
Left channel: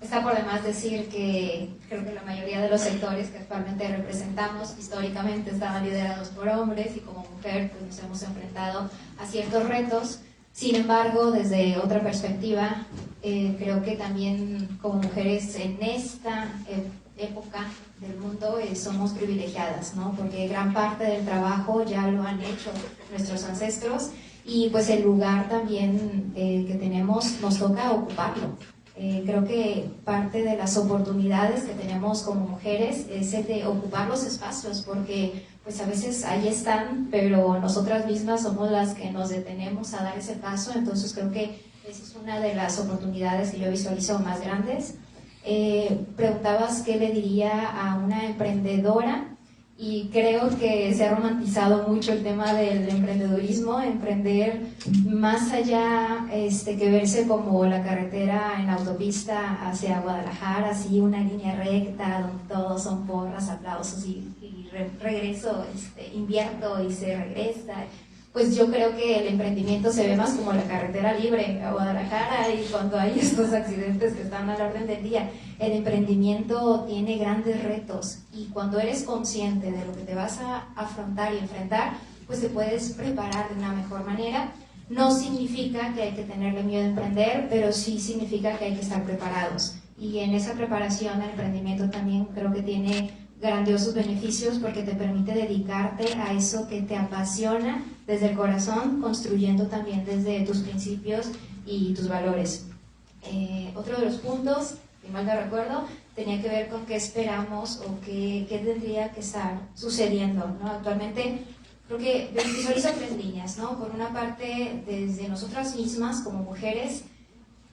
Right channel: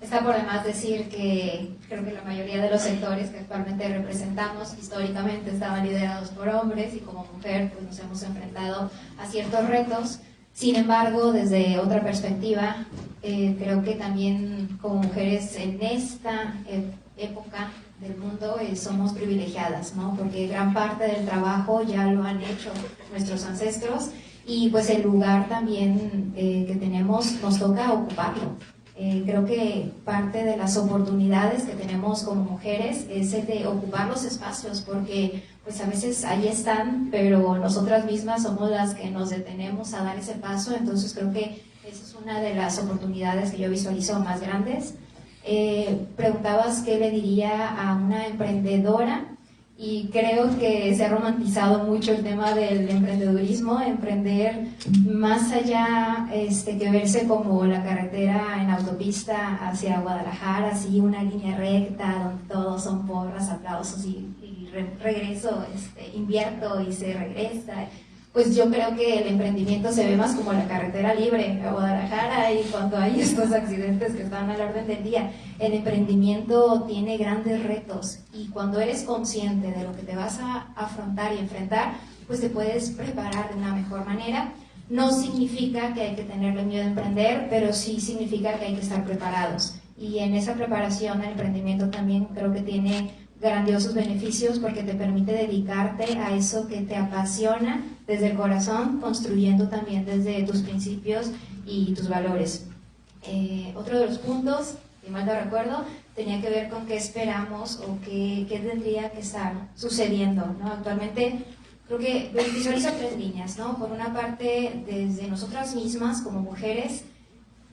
Está por demás decir que creo que la mayoría de los sectores que actualmente representamos históricamente estaban liderados por hombres y como mujer pues, nos hemos enfrentado a ciertos retos. Sin embargo, desde otra perspectiva, creo que también como mujeres en esta época del mundo somos privilegiadas, ¿no? Porque gran parte del trabajo ya lo han hecho nuestros ancestros y pues el lugar también que tenemos nos toca ocuparlo. Creo que parte de las oportunidades que tenemos como mujeres es el de ocupar los espacios, porque pues a veces ahí están, pero nosotras mismas somos las que nos detenemos a dar ese paso. Entonces creo que esa es una de las oportunidades que yo visualizo más grandes. Preguntabas qué le diría a una emprendedora y creo que se ha romantizado mucho el tema del emprendedurismo, emprender más allá que verse como la carretera en autopista hacia Guadalajara, así una línea recta donde todos son porras, aplausos y regreso, invierto y se regresa. Pues yo creo que el emprendimiento se ve más como la carretera libre a Guadalajara y cuando hay estos accidentes que están a la orden del día, el emprendimiento tiene grandes retos y cuando eres consciente de lo que te vas a afrontar y enfrentar, pues te puedes preparar de una mejor manera. No significa que hay que tenerle miedo a emprender, pero sí significa que hay que estar preparados y en esa preparación el emprendimiento también creo que tiene grandiosos beneficios porque te permite dedicarte a eso que te apasiona desde el corazón, construyendo también desde tus principios y tus valores. Otro de los puntos, si mal no recuerdo, tenía que ver con qué esperamos o qué tendría que estar sucediendo, ¿no? Actualmente creo que visualizo tres líneas, ¿no? Por una parte, desde nosotras mismas como mujeres,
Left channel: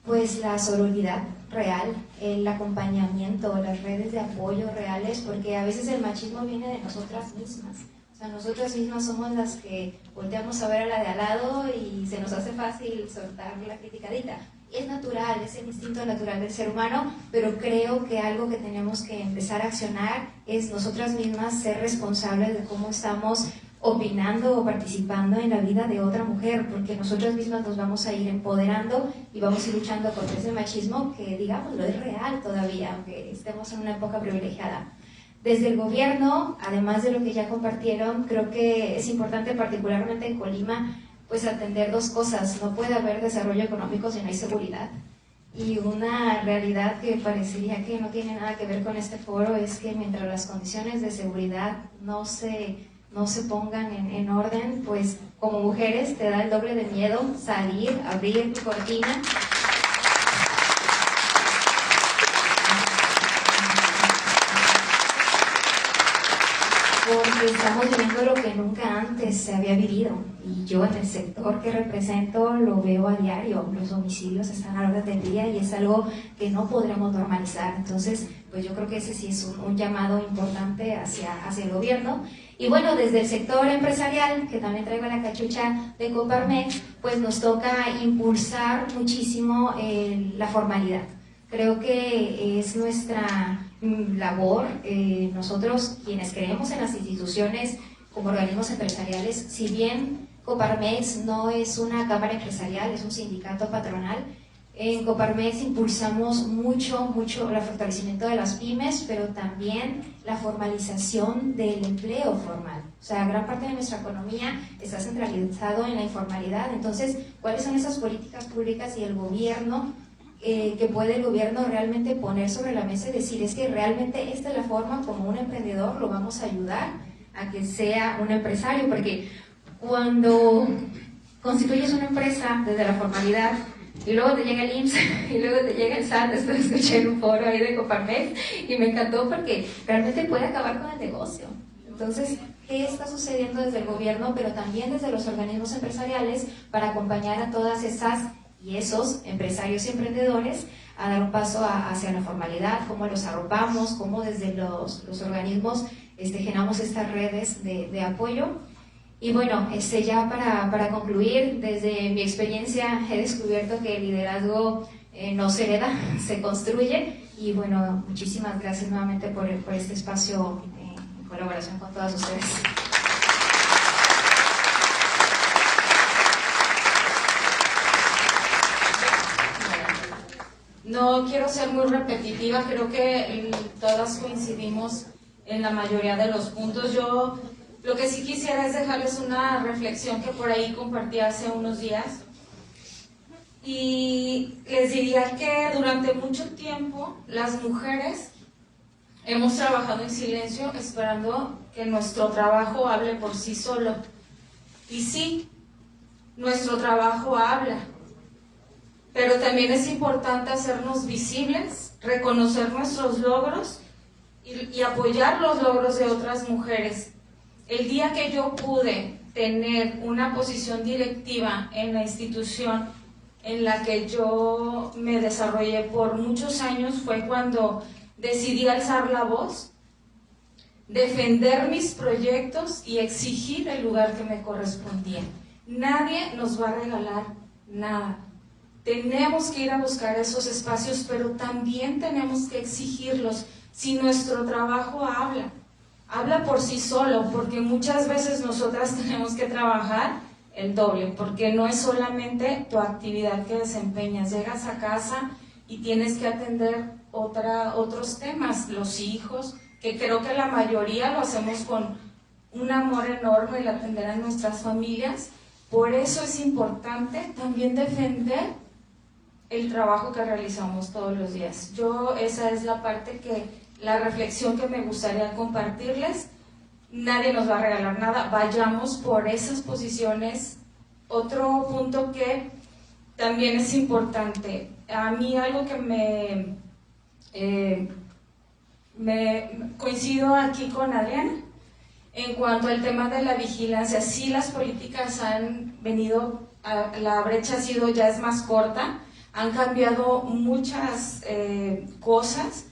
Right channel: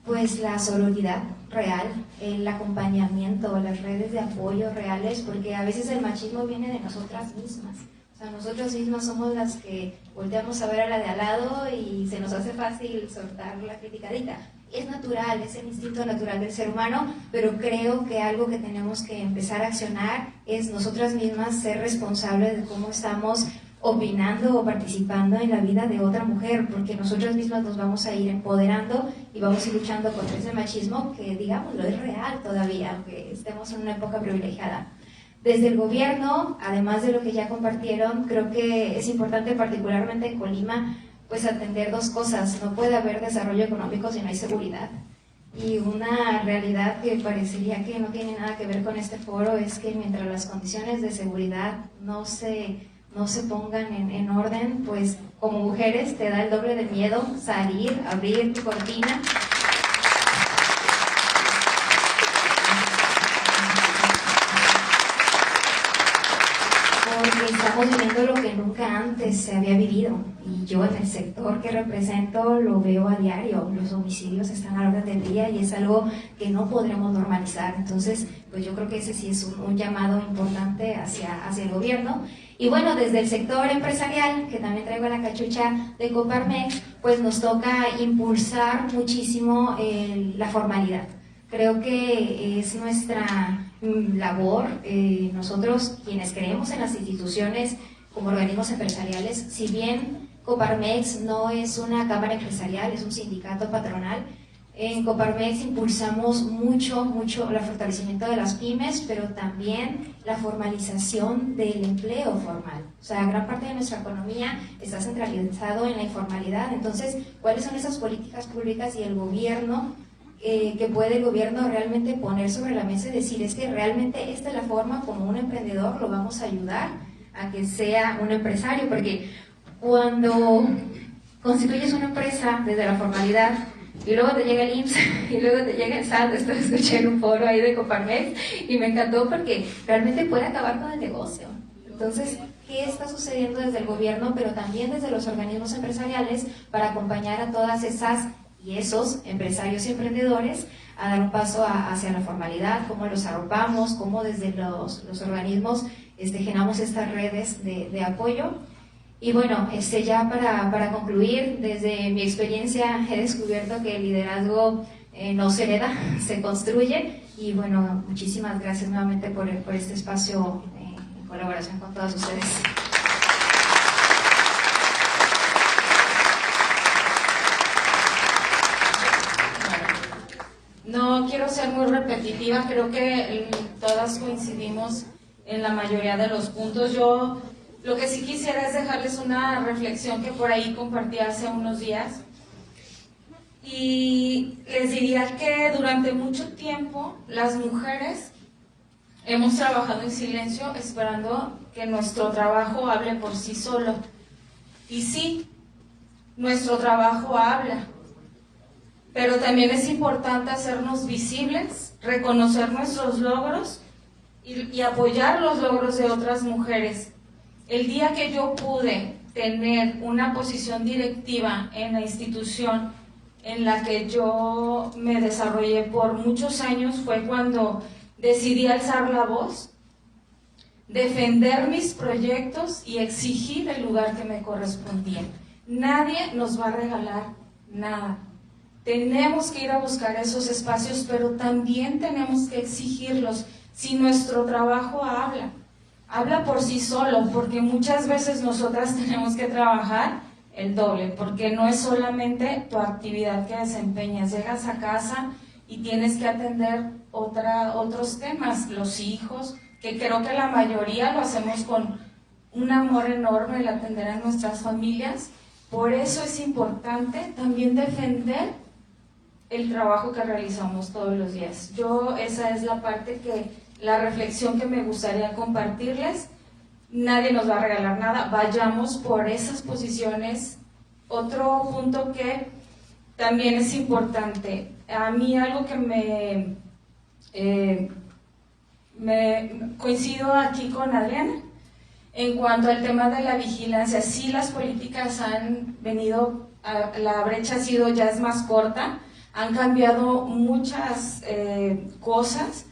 pues la sororidad real, el acompañamiento, las redes de apoyo reales, porque a veces el machismo viene de nosotras mismas. O sea, nosotras mismas somos las que volteamos a ver a la de al lado y se nos hace fácil soltar la criticadita. Es natural, es el instinto natural del ser humano, pero creo que algo que tenemos que empezar a accionar es nosotras mismas ser responsables de cómo estamos opinando o participando en la vida de otra mujer, porque nosotras mismas nos vamos a ir empoderando y vamos a ir luchando contra ese machismo que, digámoslo, es real todavía, aunque estemos en una época privilegiada. Desde el gobierno, además de lo que ya compartieron, creo que es importante, particularmente en Colima, pues atender dos cosas. No puede haber desarrollo económico si no hay seguridad. Y una realidad que parecería que no tiene nada que ver con este foro es que mientras las condiciones de seguridad no se pongan en orden, pues como mujeres te da el doble de miedo salir, abrir tu cortina. Porque porque estamos viviendo lo que nunca antes se había vivido. Y yo en el sector que represento lo veo a diario. Los homicidios están a la orden del día y es algo que no podremos normalizar. Entonces, pues yo creo que ese sí es un llamado importante hacia el gobierno. Y bueno, desde el sector empresarial, que también traigo la cachucha de Coparmex, pues nos toca impulsar muchísimo la formalidad. Creo que es nuestra labor, nosotros quienes creemos en las instituciones como organismos empresariales, si bien Coparmex no es una cámara empresarial, es un sindicato patronal, en Coparmex impulsamos mucho el fortalecimiento de las pymes, pero también la formalización del empleo formal. O sea, gran parte de nuestra economía está centralizado en la informalidad. Entonces, ¿cuáles son esas políticas públicas y el gobierno que puede el gobierno realmente poner sobre la mesa y decir, es que realmente esta es la forma como un emprendedor lo vamos a ayudar a que sea un empresario? Porque cuando constituyes una empresa desde la formalidad y luego te llega el IMSS y luego te llega el SAT, esto escuché en un foro ahí de Coparmex y me encantó porque realmente puede acabar con el negocio. Entonces, ¿qué está sucediendo desde el gobierno, pero también desde los organismos empresariales para acompañar a todas esas y esos empresarios y emprendedores a dar un paso hacia la formalidad? ¿Cómo los arropamos? ¿Cómo desde los organismos generamos estas redes de apoyo? Y bueno, ya para concluir, desde mi experiencia he descubierto que el liderazgo no se hereda, se construye. Y bueno, muchísimas gracias nuevamente por este espacio en colaboración con todos ustedes. No quiero ser muy repetitiva, creo que todas coincidimos en la mayoría de los puntos. Yo lo que sí quisiera es dejarles una reflexión que por ahí compartí hace unos días. Y les diría que durante mucho tiempo las mujeres hemos trabajado en silencio esperando que nuestro trabajo hable por sí solo. Y sí, nuestro trabajo habla. Pero también es importante hacernos visibles, reconocer nuestros logros y apoyar los logros de otras mujeres. El día que yo pude tener una posición directiva en la institución en la que yo me desarrollé por muchos años fue cuando decidí alzar la voz, defender mis proyectos y exigir el lugar que me correspondía. Nadie nos va a regalar nada. Tenemos que ir a buscar esos espacios, pero también tenemos que exigirlos. Si nuestro trabajo habla por sí solo, porque muchas veces nosotras tenemos que trabajar el doble, porque no es solamente tu actividad que desempeñas. Llegas a casa y tienes que atender otros temas, los hijos, que creo que la mayoría lo hacemos con un amor enorme, el atender a nuestras familias. Por eso es importante también defender el trabajo que realizamos todos los días. Esa es la reflexión que me gustaría compartirles. Nadie nos va a regalar nada, vayamos por esas posiciones. Otro punto que también es importante, a mí algo que me coincido aquí con Adriana, en cuanto al tema de la vigilancia. Sí, las políticas han venido, la brecha ya es más corta, han cambiado muchas cosas.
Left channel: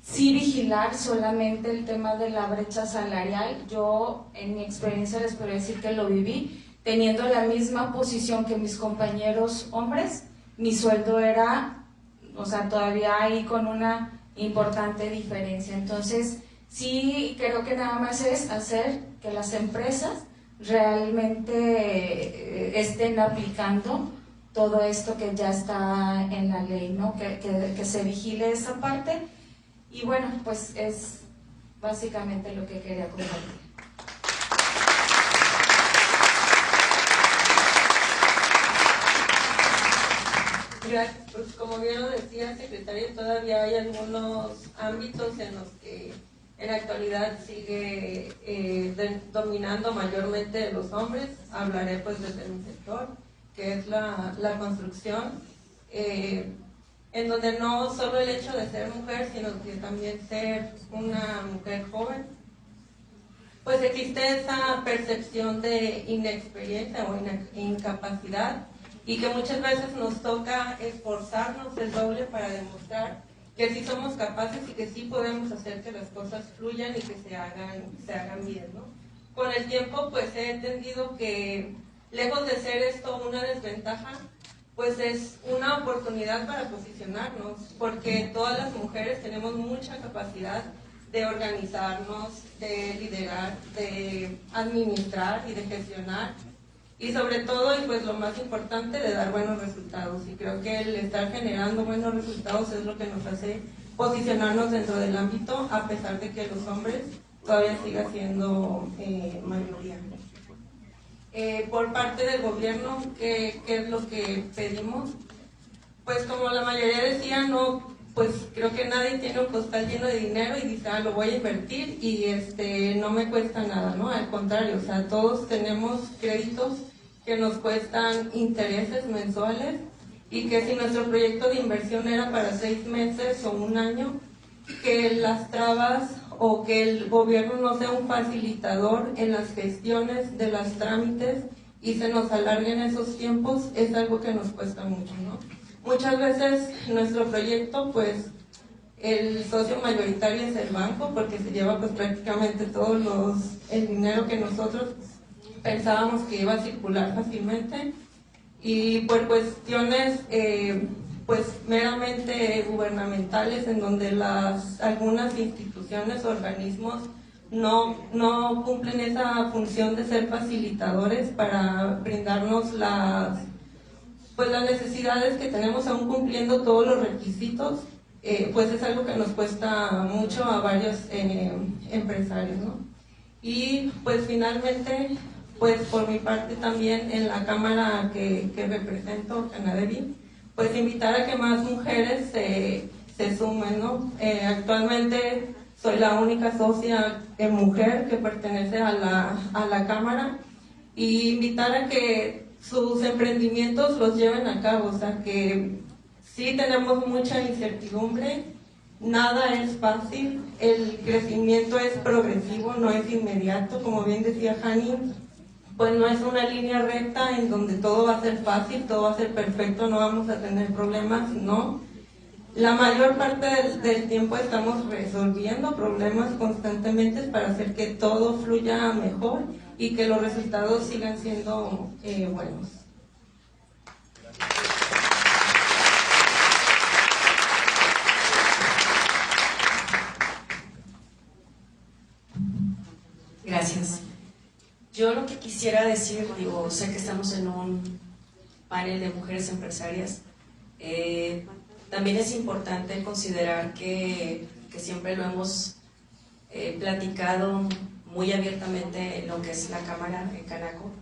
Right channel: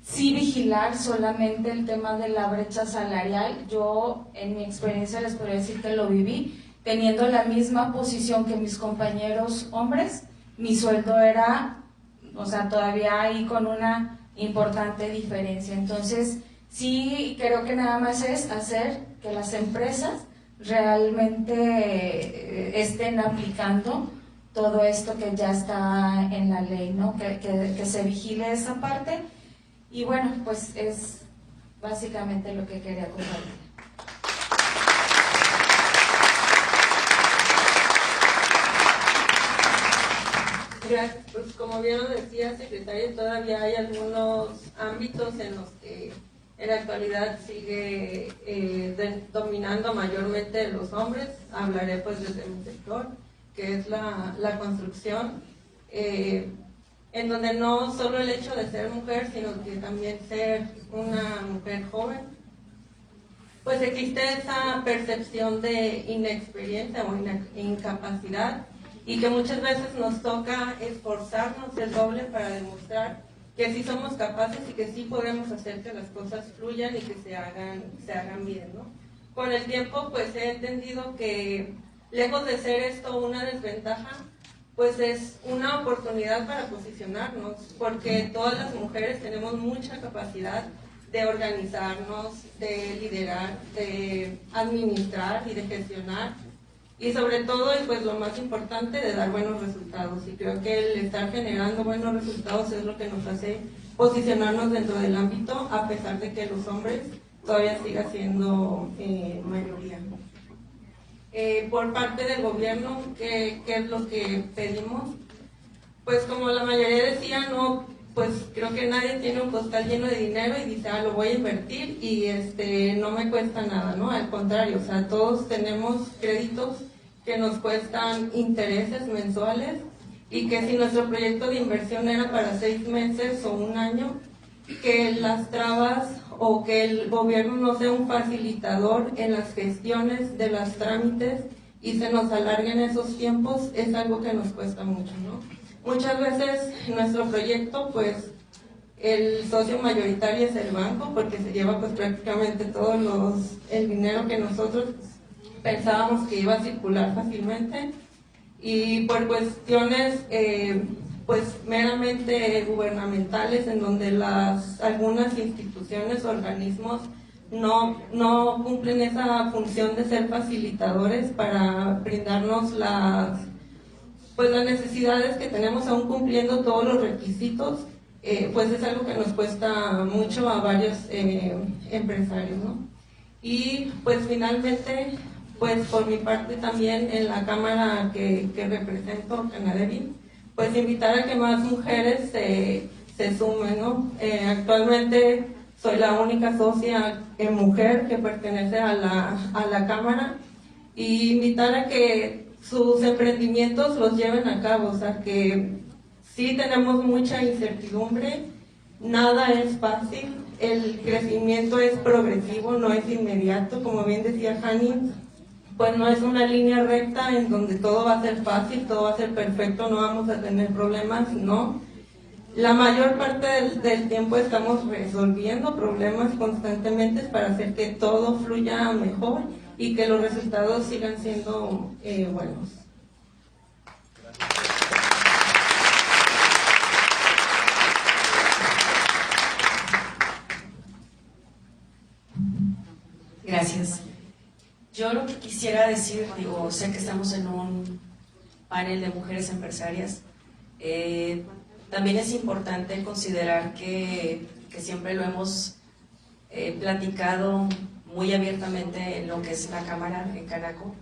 Sí, vigilar solamente el tema de la brecha salarial. Yo, en mi experiencia, les podría decir que lo viví, teniendo la misma posición que mis compañeros hombres, mi sueldo era, todavía ahí con una importante diferencia. Entonces, sí, creo que nada más es hacer que las empresas realmente estén aplicando todo esto que ya está en la ley, ¿no? Que se vigile esa parte. Y bueno, pues es básicamente lo que quería compartir. Pues como bien lo decía, secretaria, todavía hay algunos ámbitos en los que en la actualidad sigue dominando mayormente los hombres. Hablaré pues desde mi sector, que es la construcción, en donde no solo el hecho de ser mujer, sino que también ser una mujer joven, pues existe esa percepción de inexperiencia o incapacidad, y que muchas veces nos toca esforzarnos el doble para demostrar que sí somos capaces y que sí podemos hacer que las cosas fluyan y que se hagan bien, ¿no? Con el tiempo pues he entendido que lejos de ser esto una desventaja, pues es una oportunidad para posicionarnos, porque todas las mujeres tenemos mucha capacidad de organizarnos, de liderar, de administrar y de gestionar, y sobre todo, y pues lo más importante, de dar buenos resultados. Y creo que el estar generando buenos resultados es lo que nos hace posicionarnos dentro del ámbito, a pesar de que los hombres todavía sigan siendo mayoría. Por parte del gobierno, ¿qué es lo que pedimos? Pues como la mayoría decía, no, pues creo que nadie tiene un costal lleno de dinero y dice, lo voy a invertir y no me cuesta nada, ¿no? Al contrario, o sea, todos tenemos créditos que nos cuestan intereses mensuales, y que si nuestro proyecto de inversión era para 6 meses o un año, que las trabas o que el gobierno no sea un facilitador en las gestiones de los trámites y se nos alarguen esos tiempos, es algo que nos cuesta mucho, ¿no? Muchas veces en nuestro proyecto, pues, el socio mayoritario es el banco, porque se lleva pues prácticamente el dinero que nosotros pensábamos que iba a circular fácilmente, y por cuestiones pues meramente gubernamentales, en donde algunas instituciones, organismos no cumplen esa función de ser facilitadores para brindarnos las necesidades que tenemos, aún cumpliendo todos los requisitos, pues es algo que nos cuesta mucho a varios empresarios, ¿no? Y pues finalmente, pues por mi parte también en la cámara que represento, Canadevi, pues invitar a que más mujeres se sumen, ¿no? Actualmente soy la única socia mujer que pertenece a la cámara, y invitar a que sus emprendimientos los lleven a cabo, o sea que sí tenemos mucha incertidumbre, nada es fácil, el crecimiento es progresivo, no es inmediato, como bien decía Hani, pues no es una línea recta en donde todo va a ser fácil, todo va a ser perfecto, no vamos a tener problemas, no. La mayor parte del tiempo estamos resolviendo problemas constantemente para hacer que todo fluya mejor y que los resultados sigan siendo buenos. Gracias. Yo lo que quisiera decir, sé que estamos en un panel de mujeres empresarias, también es importante considerar que siempre lo hemos platicado muy abiertamente en lo que es la Cámara, en Canaco.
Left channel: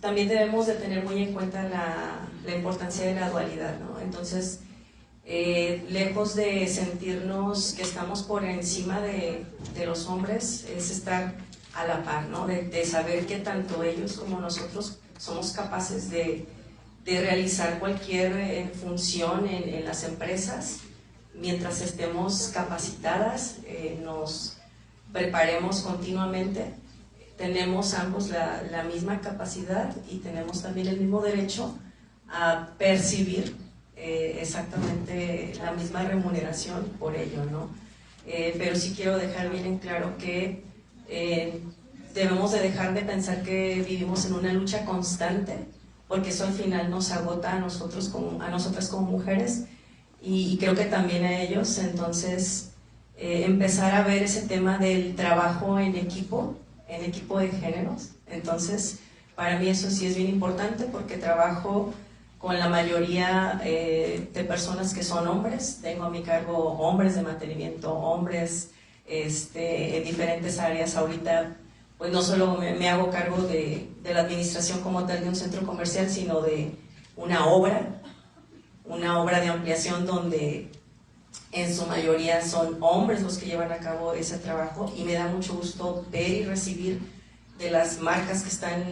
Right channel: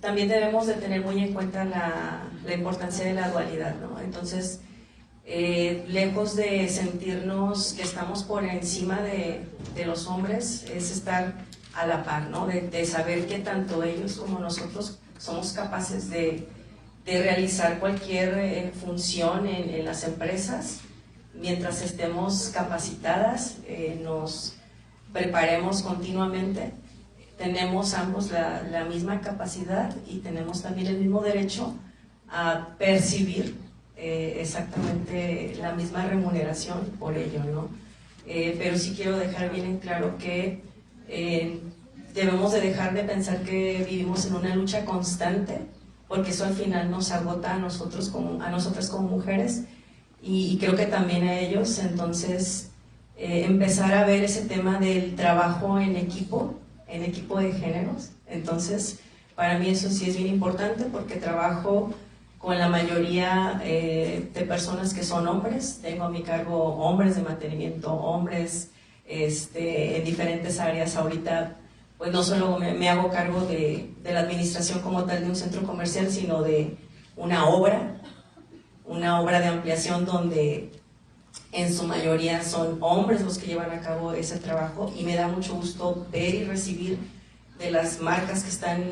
También debemos de tener muy en cuenta la importancia de la dualidad, ¿no? Entonces, lejos de sentirnos que estamos por encima de los hombres, es estar a la par, ¿no? De saber que tanto ellos como nosotros somos capaces de realizar cualquier función en las empresas, mientras estemos capacitadas, nos preparemos continuamente, tenemos ambos la misma capacidad y tenemos también el mismo derecho a percibir exactamente la misma remuneración por ello, ¿no? Pero sí quiero dejar bien en claro que debemos de dejar de pensar que vivimos en una lucha constante, porque eso al final nos agota a nosotras como mujeres, y creo que también a ellos. Entonces, empezar a ver ese tema del trabajo en equipo de géneros. Entonces, para mí eso sí es bien importante, porque trabajo con la mayoría de personas que son hombres. Tengo a mi cargo hombres de mantenimiento, hombres en diferentes áreas. Ahorita, pues no solo me hago cargo de la administración como tal de un centro comercial, sino de una obra de ampliación donde en su mayoría son hombres los que llevan a cabo ese trabajo, y me da mucho gusto ver y recibir de las marcas que están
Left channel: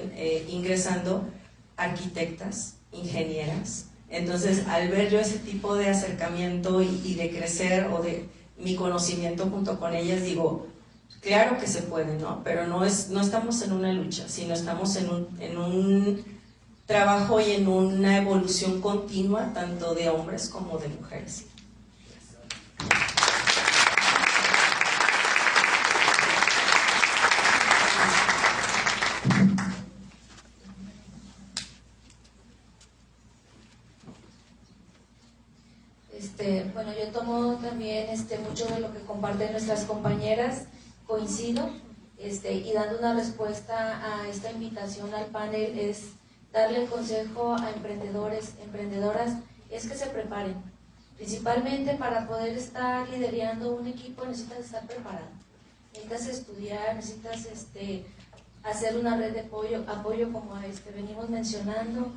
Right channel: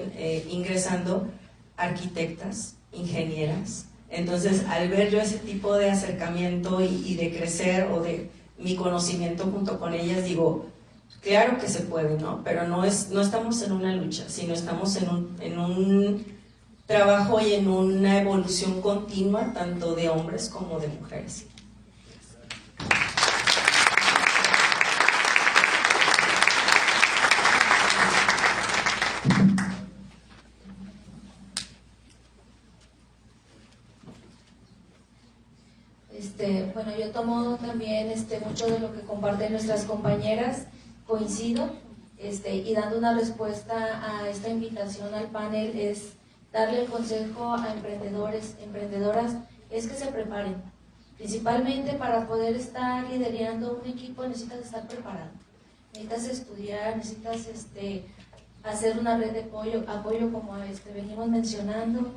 ingresando arquitectas, ingenieras. Entonces, al ver yo ese tipo de acercamiento y de crecer, o de mi conocimiento junto con ellas, digo, claro que se puede, ¿no? Pero no estamos en una lucha, sino estamos en un trabajo y en una evolución continua, tanto de hombres como de mujeres. Bueno, yo tomo también mucho de lo que comparten nuestras compañeras, coincido, y dando una respuesta a esta invitación al panel es darle el consejo a emprendedores, emprendedoras, es que se preparen. Principalmente para poder estar liderando un equipo necesitas estar preparado. Necesitas estudiar, necesitas hacer una red de apoyo como venimos mencionando,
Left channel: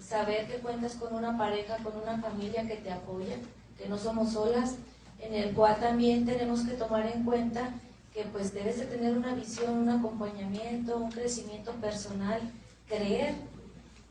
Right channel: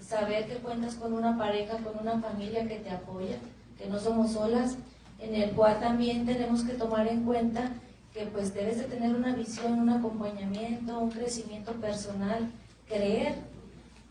saber que cuentas con una pareja, con una familia que te apoya, que no somos solas, en el cual también tenemos que tomar en cuenta que pues debes de tener una visión, un acompañamiento, un crecimiento personal, creer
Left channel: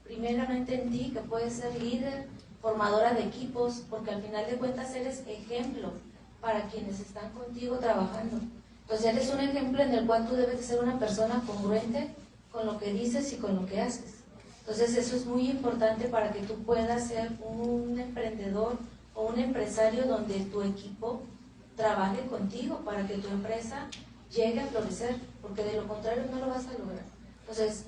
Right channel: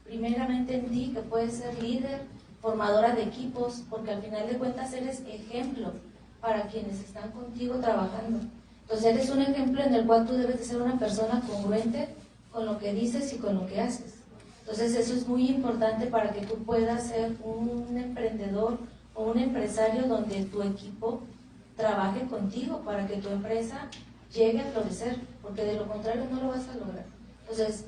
primeramente en ti, que puedes ser líder, formadora de equipos, porque al final de cuentas eres ejemplo para quienes están contigo trabajando. Entonces eres un ejemplo en el cual tú debes de ser una persona congruente con lo que dices y con lo que haces. Entonces eso es muy importante para que tú puedas ser un emprendedor o un empresario donde tu equipo trabaje contigo para que tu empresa llegue a florecer, porque de lo contrario no lo vas a lograr. Entonces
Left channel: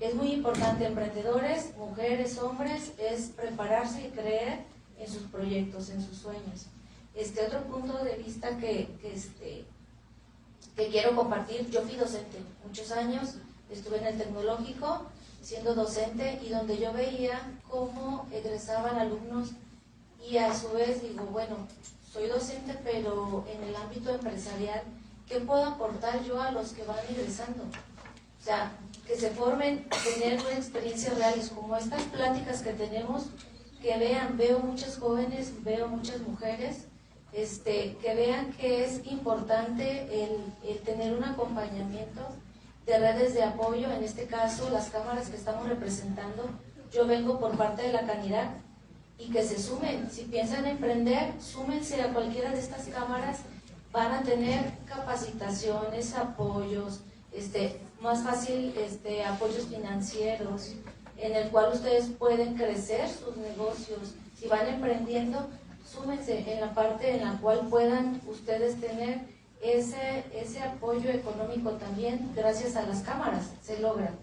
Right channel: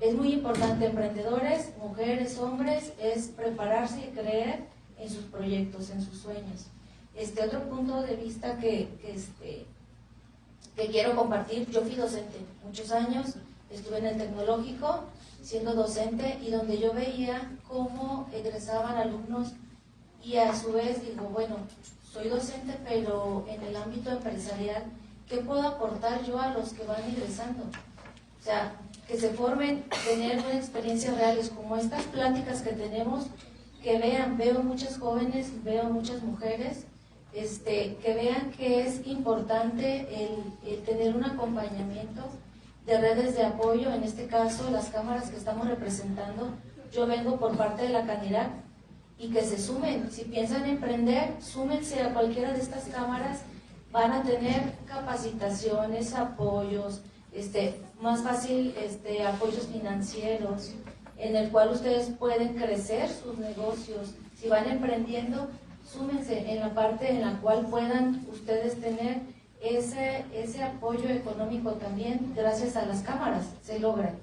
es muy importante, emprendedores, mujeres, hombres, es prepararse y creer en sus proyectos, en sus sueños. Otro punto de vista que quiero compartir, yo fui docente muchos años, estuve en el tecnológico siendo docente y donde yo veía cómo egresaban alumnos y a su vez digo, bueno, soy docente pero en el ámbito empresarial, ¿qué puedo aportar yo a los que van ingresando? O sea, que se formen, tener una experiencia reales como estas pláticas que tenemos, que vean, veo muchas jóvenes, veo muchas mujeres, que vean que es importante el tener un acompañamiento de redes de apoyo, en este caso las cámaras que estamos representando, yo vengo por parte de la Canirac, y que se sumen, si piensan emprender, súmense a cualquiera de estas cámaras, van a tener capacitaciones, apoyos, más fácil apoyos financieros, en el cual ustedes pueden crecer sus negocios, si van emprendiendo, súmense en la parte en la cual puedan ustedes tener ese apoyo económico también, gracias a las cámaras, se logra.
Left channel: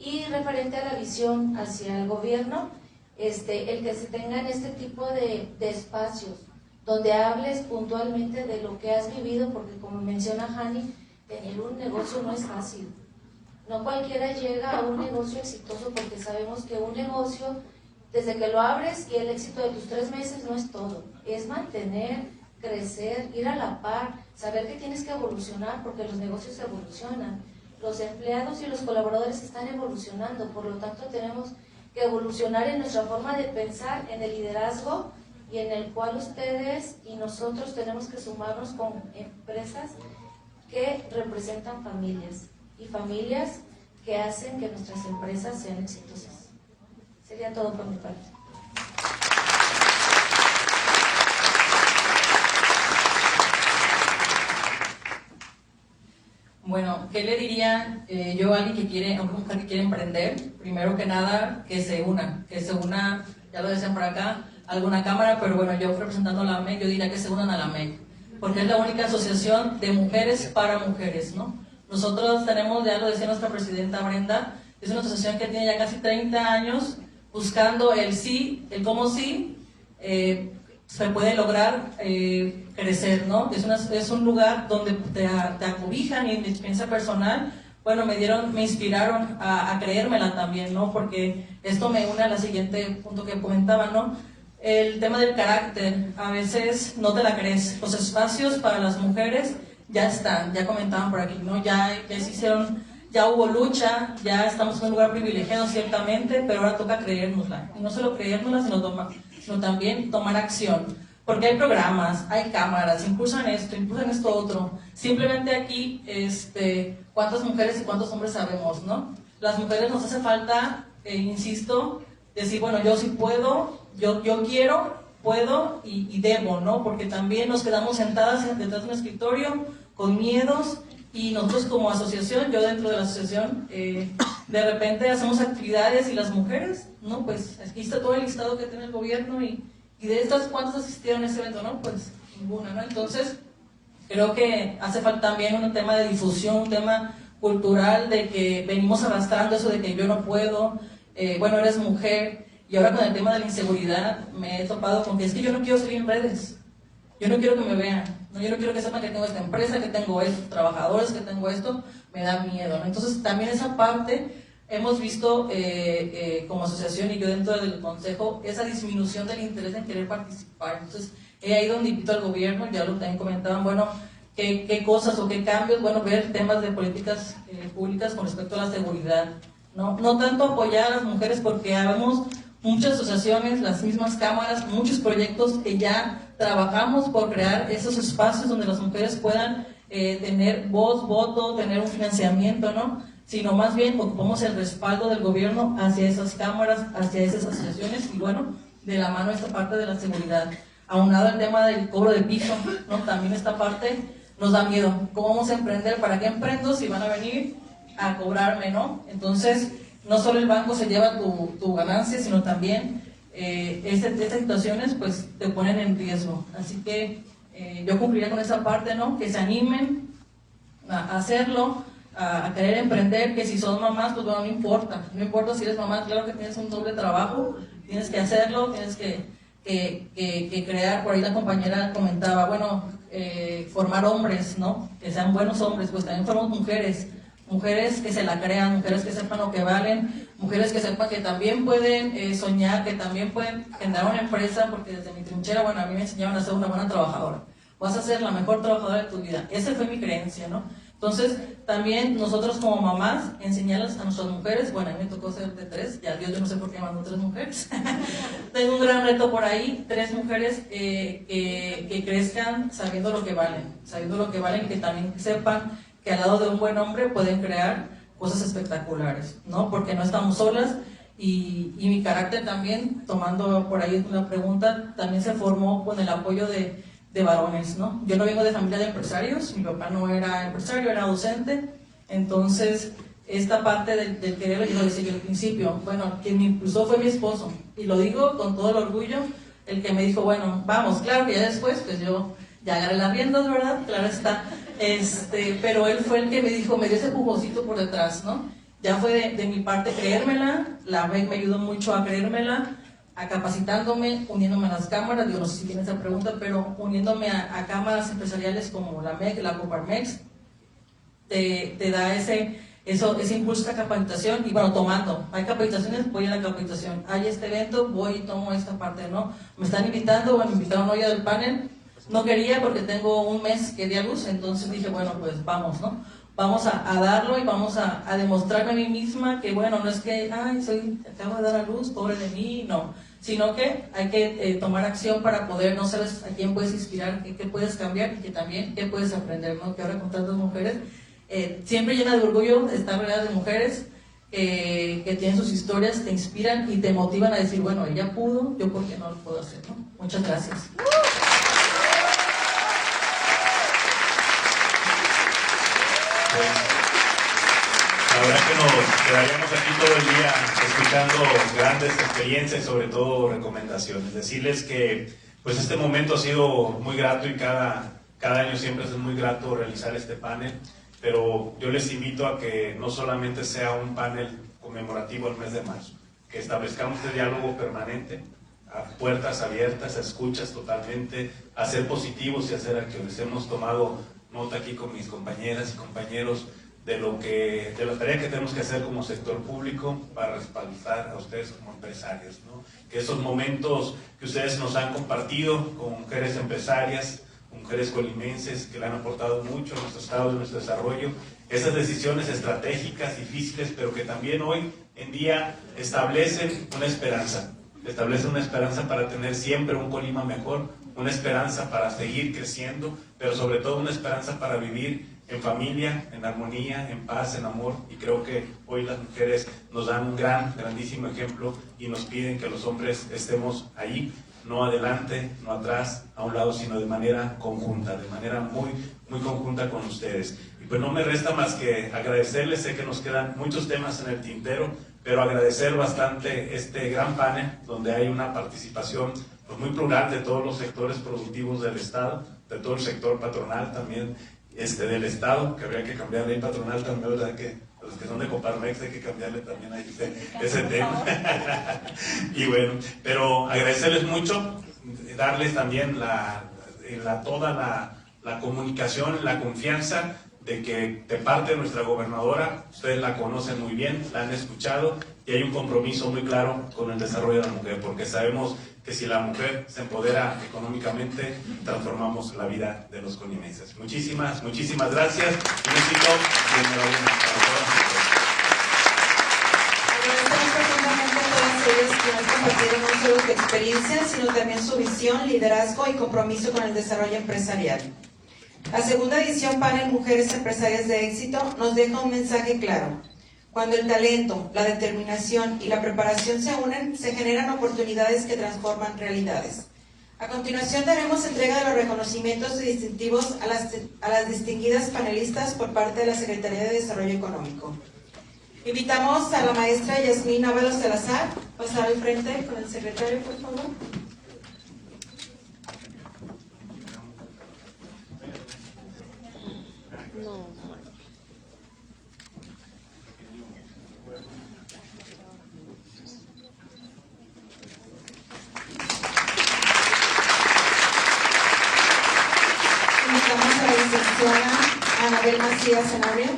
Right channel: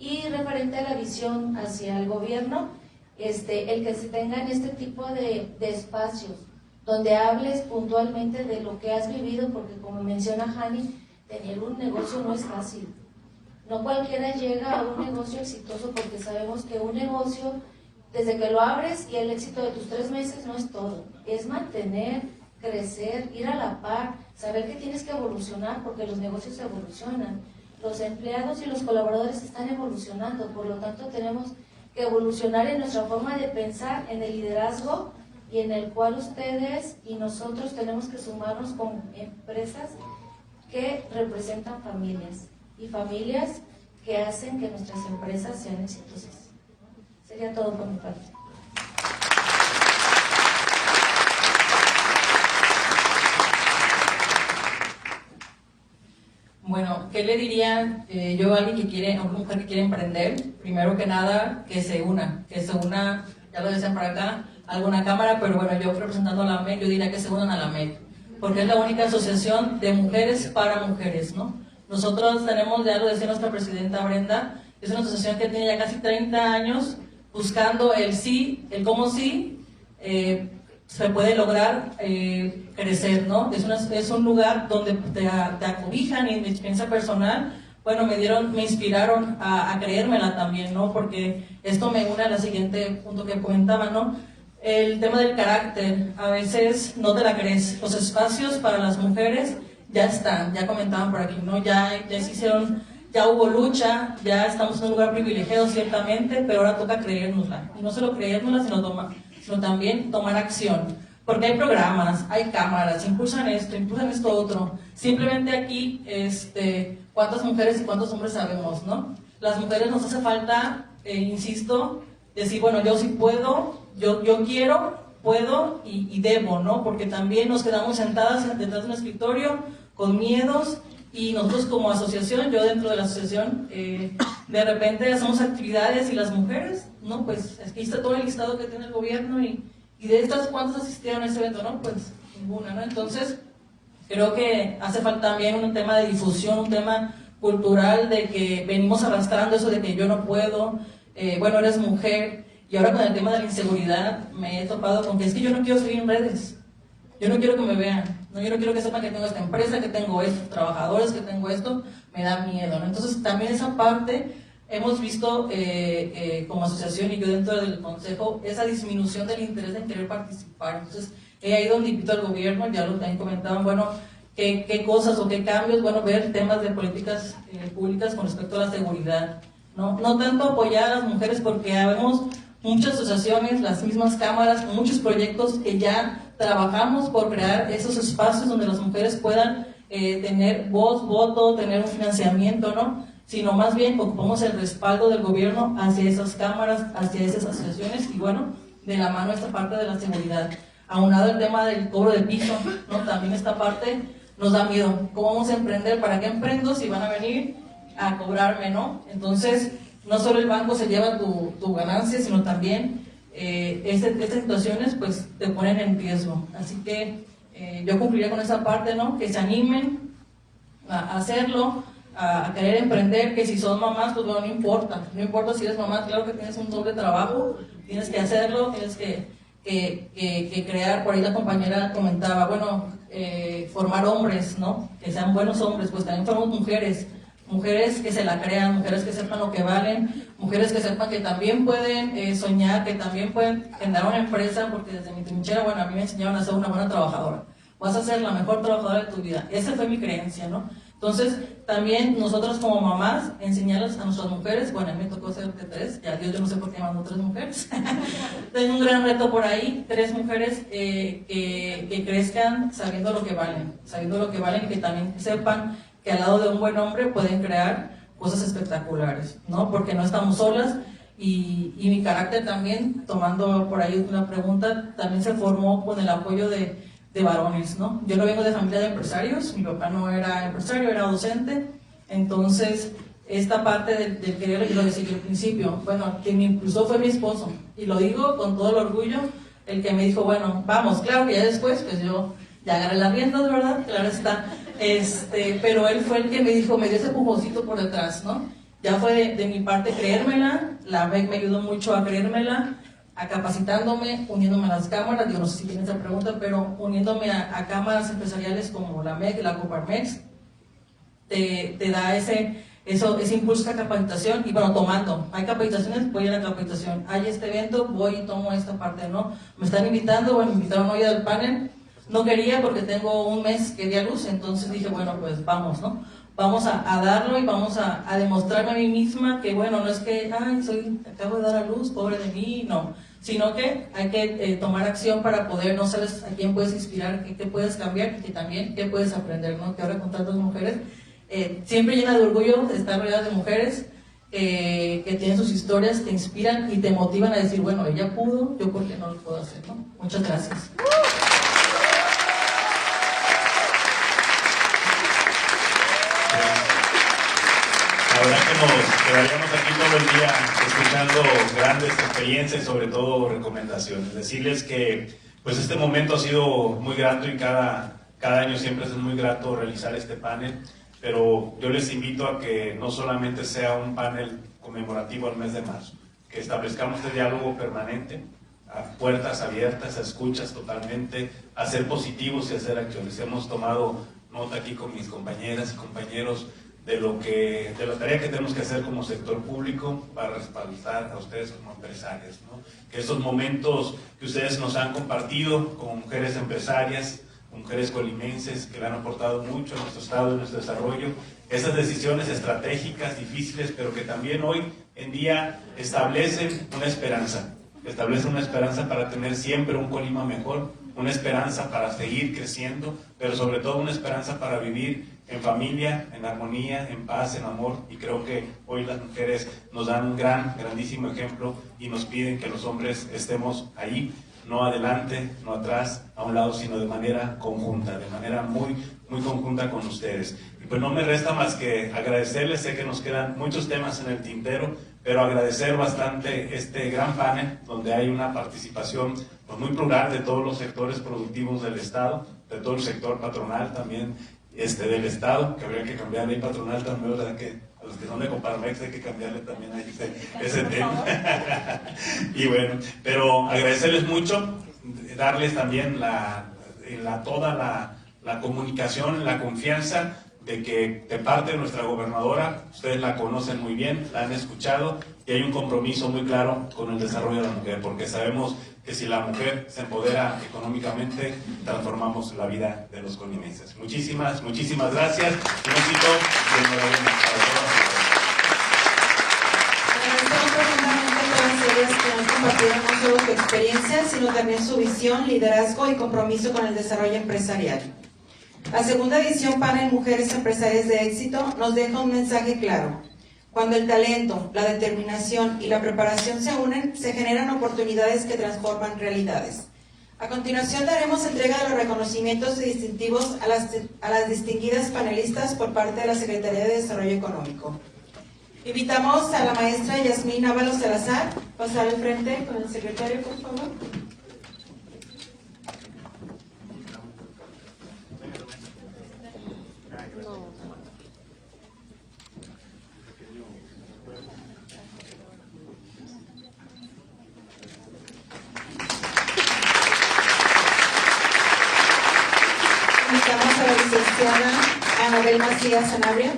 Y referente a la visión hacia el gobierno, el que se tengan este tipo de espacios, donde hables puntualmente de lo que has vivido, porque como menciona Hani, tener un negocio no es fácil. No cualquiera llega a un negocio exitoso, porque sabemos que un negocio, desde que lo abres y el éxito de tus 3 meses no es todo, es mantener, crecer, ir a la par, saber que tienes que evolucionar, porque los negocios evolucionan, los empleados y los colaboradores están evolucionando, por lo tanto tenemos que evolucionar en nuestra forma de pensar, en el liderazgo, y en el cual ustedes y nosotros tenemos que sumarnos con empresas que representan familias, y familias que hacen que nuestras empresas sean exitosas. Sería todo por mi parte. Bueno, ¿qué le diría yo a alguien que quiere, a una mujer que quiere emprender? Primero que nada, que se una, ya lo decían por acá, alguna cámara, pero bueno, yo representando a la MEC, yo diría que se unan a la MEC, porque es la única asociación de mujeres para mujeres, ¿no? Nosotros tenemos, ya lo decía nuestra presidenta Brenda, es una asociación que tiene ya casi 30 años buscando el sí, el cómo sí, se puede lograr crecer, ¿no? Es un lugar donde te acobijan y en mi experiencia personal, bueno, me inspiraron a creérmela también, ¿no? Porque esto me une al siguiente punto que comentaba, ¿no? El tema del carácter, a veces no te la crees. Los espacios para las mujeres ya están, ya comentaban por aquí, ¿no? Ya se hicieron, ya hubo lucha, ya estamos en un lugar privilegiado ciertamente, pero ahora toca creérnosla. Y no solo creérnosla, sino también tomar acción. Porque hay programas, hay cámaras, impulsan esto otro. Simplemente aquí, cuántas mujeres y cuántos hombres sabemos, ¿no? Las mujeres nos hace falta, insisto, decir, bueno, yo sí puedo, yo quiero, puedo y debo, ¿no? Porque también nos quedamos sentadas detrás de un escritorio con miedos, y nosotros como asociación, yo dentro de la asociación, de repente hacemos actividades y las mujeres, no, pues aquí está todo el listado que tiene el gobierno y de estas, ¿cuántas asistieron a ese evento? No, pues ninguna, ¿no? Entonces, creo que hace falta también un tema de difusión, un tema cultural de que venimos arrastrando eso de que yo no puedo, bueno, eres mujer, y ahora con el tema de la inseguridad me he topado con que es que yo no quiero salir en redes, yo no quiero que me vean, no, yo no quiero que sepan que tengo esta empresa, que tengo estos trabajadores, que tengo esto, me da miedo, ¿no? Entonces también esa parte hemos visto como asociación y yo dentro del consejo esa disminución del interés en querer participar. Entonces ahí donde invito al gobierno, ya lo también comentaban, bueno, qué cosas o qué cambios, bueno, ver temas de políticas públicas con respecto a la seguridad, no tanto apoyar a las mujeres, porque vemos muchas asociaciones, las mismas cámaras, muchos proyectos que ya trabajamos por crear esos espacios donde las mujeres puedan tener voz, voto, tener un financiamiento, ¿no? Sino más bien ocupamos el respaldo del gobierno hacia esas cámaras, hacia esas asociaciones y bueno, de la mano esta parte de la seguridad. Aunado el tema del cobro de piso, ¿no? También esta parte nos da miedo. ¿Cómo vamos a emprender? ¿Para qué emprendo si van a venir a cobrarme, no? Entonces, no solo el banco se lleva tu ganancia, sino también estas situaciones pues te ponen en riesgo. Así que yo cumpliría con esa parte, ¿no? Que se animen a hacerlo, a querer emprender, que si son mamás, pues bueno, no importa si eres mamá, claro que tienes un doble trabajo, tienes que hacerlo, tienes que crear. Por ahí la compañera comentaba, bueno, formar hombres, ¿no? Que sean buenos hombres, pues también formamos mujeres que se la crean, mujeres que sepan lo que valen, mujeres que sepan que también pueden soñar, que también pueden generar una empresa, porque desde mi trinchera, bueno, a mí me enseñaron a ser una buena trabajadora. Vas a ser la mejor trabajadora de tu vida. Esa fue mi creencia, ¿no? Entonces, también nosotros como mamás, enseñarles a nuestras mujeres, bueno, a mí me tocó ser de 3, ya Dios, yo no sé por qué me mandó 3 mujeres. Tengo un gran reto por ahí, 3 mujeres que crezcan sabiendo lo que valen y que también sepan que al lado de un buen hombre pueden crear cosas espectaculares, ¿no? Porque no estamos solas y mi carácter también, tomando por ahí una pregunta, también se formó con el apoyo de varones, ¿no? Yo no vengo de familia de empresarios, mi papá no era empresario, era docente, entonces esta parte del querer, yo lo decía al principio, bueno, quien me impulsó fue mi esposo, y lo digo con todo el orgullo, el que me dijo, bueno, vamos, claro que ya después, pues yo ya agarré las riendas, ¿verdad? Claro está, pero él fue el que me dijo, me dio ese pujoncito por detrás, ¿no? Ya fue de mi parte creérmela, la MEC me ayudó mucho a creérmela, a capacitándome, uniéndome a las cámaras, yo no sé si tienen esa pregunta, pero uniéndome a cámaras empresariales como la MEC, la Coparmex, te da ese impulso a capacitación, y bueno, tomando, hay capacitaciones, voy a la capacitación, hay este evento, voy y tomo esta parte, ¿no? Me están invitando, bueno, me invitaron hoy al panel, no quería porque tengo un mes que di a luz, entonces dije, bueno, pues vamos, ¿no? Vamos a darlo y vamos a demostrarme a mí misma que, bueno, no es que, tengo que dar a luz, pobre de mí, no, sino que hay que tomar acción para poder, no sabes a quién puedes inspirar, qué puedes cambiar y que también qué puedes aprender, ¿no? Que ahora con tantas mujeres, siempre llena de orgullo estar rodeada de mujeres que tienen sus historias, te inspiran y te motivan a decir, bueno, ella pudo, yo por qué no lo puedo hacer, ¿no? Muchas gracias. La verdad que nos quedaríamos aquí todo el día escuchando grandes experiencias y sobre todo recomendaciones. Decirles que pues este momento ha sido muy grato y cada año siempre es muy grato realizar este panel, pero yo les invito a que no solamente sea un panel conmemorativo al mes de marzo, que establezcamos este diálogo permanente, a puertas abiertas, a escuchas totalmente, a ser positivos y a hacer acciones. Hemos tomado nota aquí con mis compañeras y compañeros de la tarea que tenemos que hacer como sector público para respaldar a ustedes como empresarios, ¿no? Que esos momentos que ustedes nos han compartido con mujeres empresarias, con mujeres colimenses que le han aportado mucho a nuestro estado y nuestro desarrollo, esas decisiones estratégicas, difíciles, pero que también hoy en día establecen una esperanza para tener siempre un Colima mejor, una esperanza para seguir creciendo, pero sobre todo una esperanza para vivir en familia, en armonía, en paz, en amor, y creo que hoy las mujeres nos dan un grandísimo ejemplo y nos piden que los hombres estemos ahí no adelante, no atrás, a un lado, sino de manera conjunta, de manera muy conjunta con ustedes. Y pues no me resta más que agradecerles, sé que nos quedan muchos temas en el tintero, pero agradecer bastante este gran panel, donde hay una participación pues, muy plural de todos los sectores productivos del Estado, de todo el sector patronal también del Estado, que habría que cambiar ley patronal también, ¿verdad? Que a los que son de Coparmex hay que cambiarle también ahí ese tema. Y bueno, pero agradecerles mucho, darles también toda la comunicación, la confianza de que de parte de nuestra gobernadora, ustedes la conocen muy bien, la han escuchado y hay un compromiso muy claro con el desarrollo de la mujer, porque sabemos que si la mujer se empodera económicamente, transformamos la vida de los colimenses. Muchísimas gracias. Un besito y enhorabuena. Agradecemos profundamente a todas ellas que han compartido no solo su experiencia, sino también su visión, liderazgo y compromiso con el desarrollo empresarial. La segunda edición Panel Mujeres Empresarias de Éxito nos deja un mensaje claro. Cuando el talento, la determinación y la preparación se unen, se generan oportunidades que transforman realidades. A continuación daremos entrega de los reconocimientos y distintivos a las distinguidas panelistas por parte de la Secretaría de Desarrollo Económico. Invitamos a la maestra Yasmín Ábalos Salazar, pasar al frente con el secretario, por favor. Invitamos a la licenciada Anabel Macías Sanabria.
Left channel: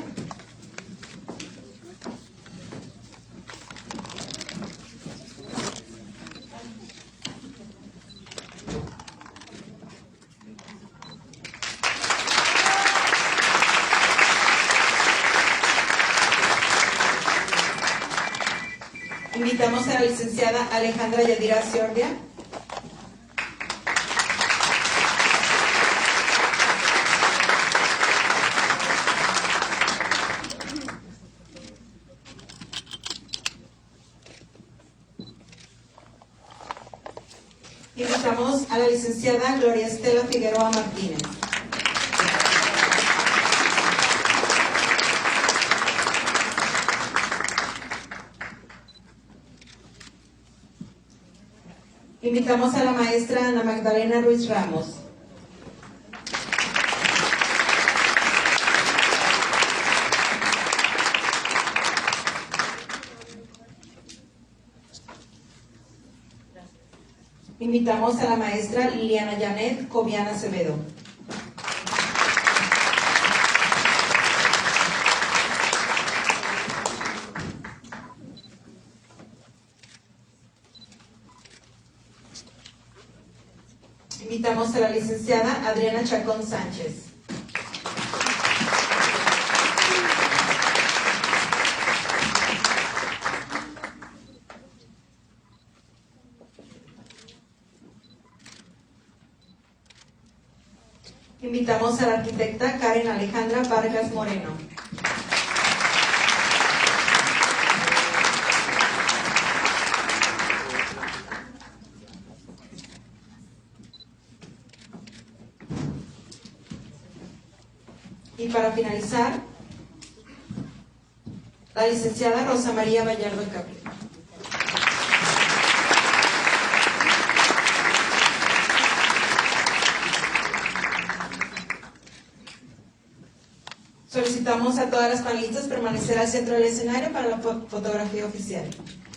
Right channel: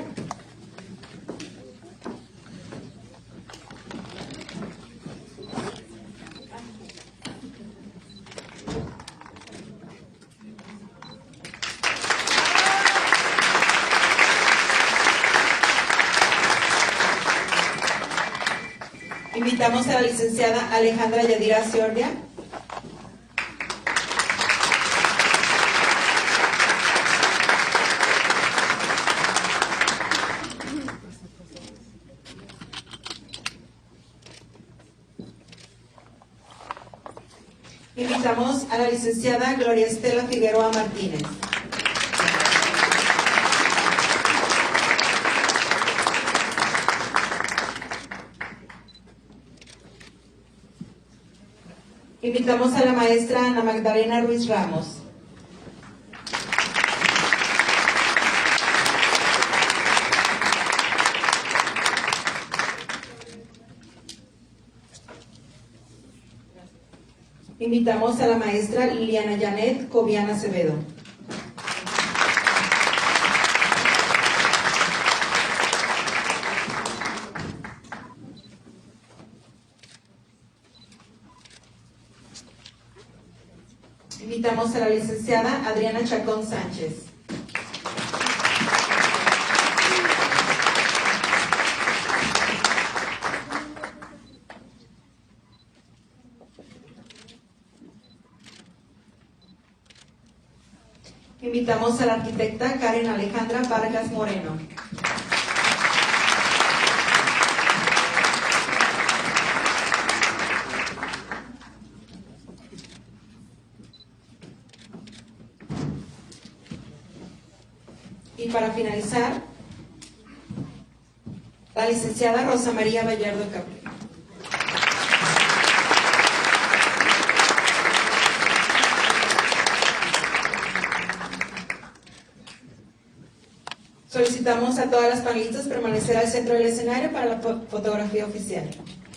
Invitamos a la licenciada Alejandra Yadira Ciordia. Invitamos a la licenciada Gloria Estela Figueroa Martínez. Invitamos a la maestra Ana Magdalena Ruiz Ramos. Invitamos a la maestra Liliana Janet Cobiana Acevedo. Invitamos a la licenciada Adriana Chacón Sánchez. Invitamos a la arquitecta Karen Alejandra Vargas Moreno. Y para finalizar, la licenciada Rosa María Vallardo Cabrera. Solicitamos a todas las panelistas permanecer al centro del escenario para la fotografía oficial.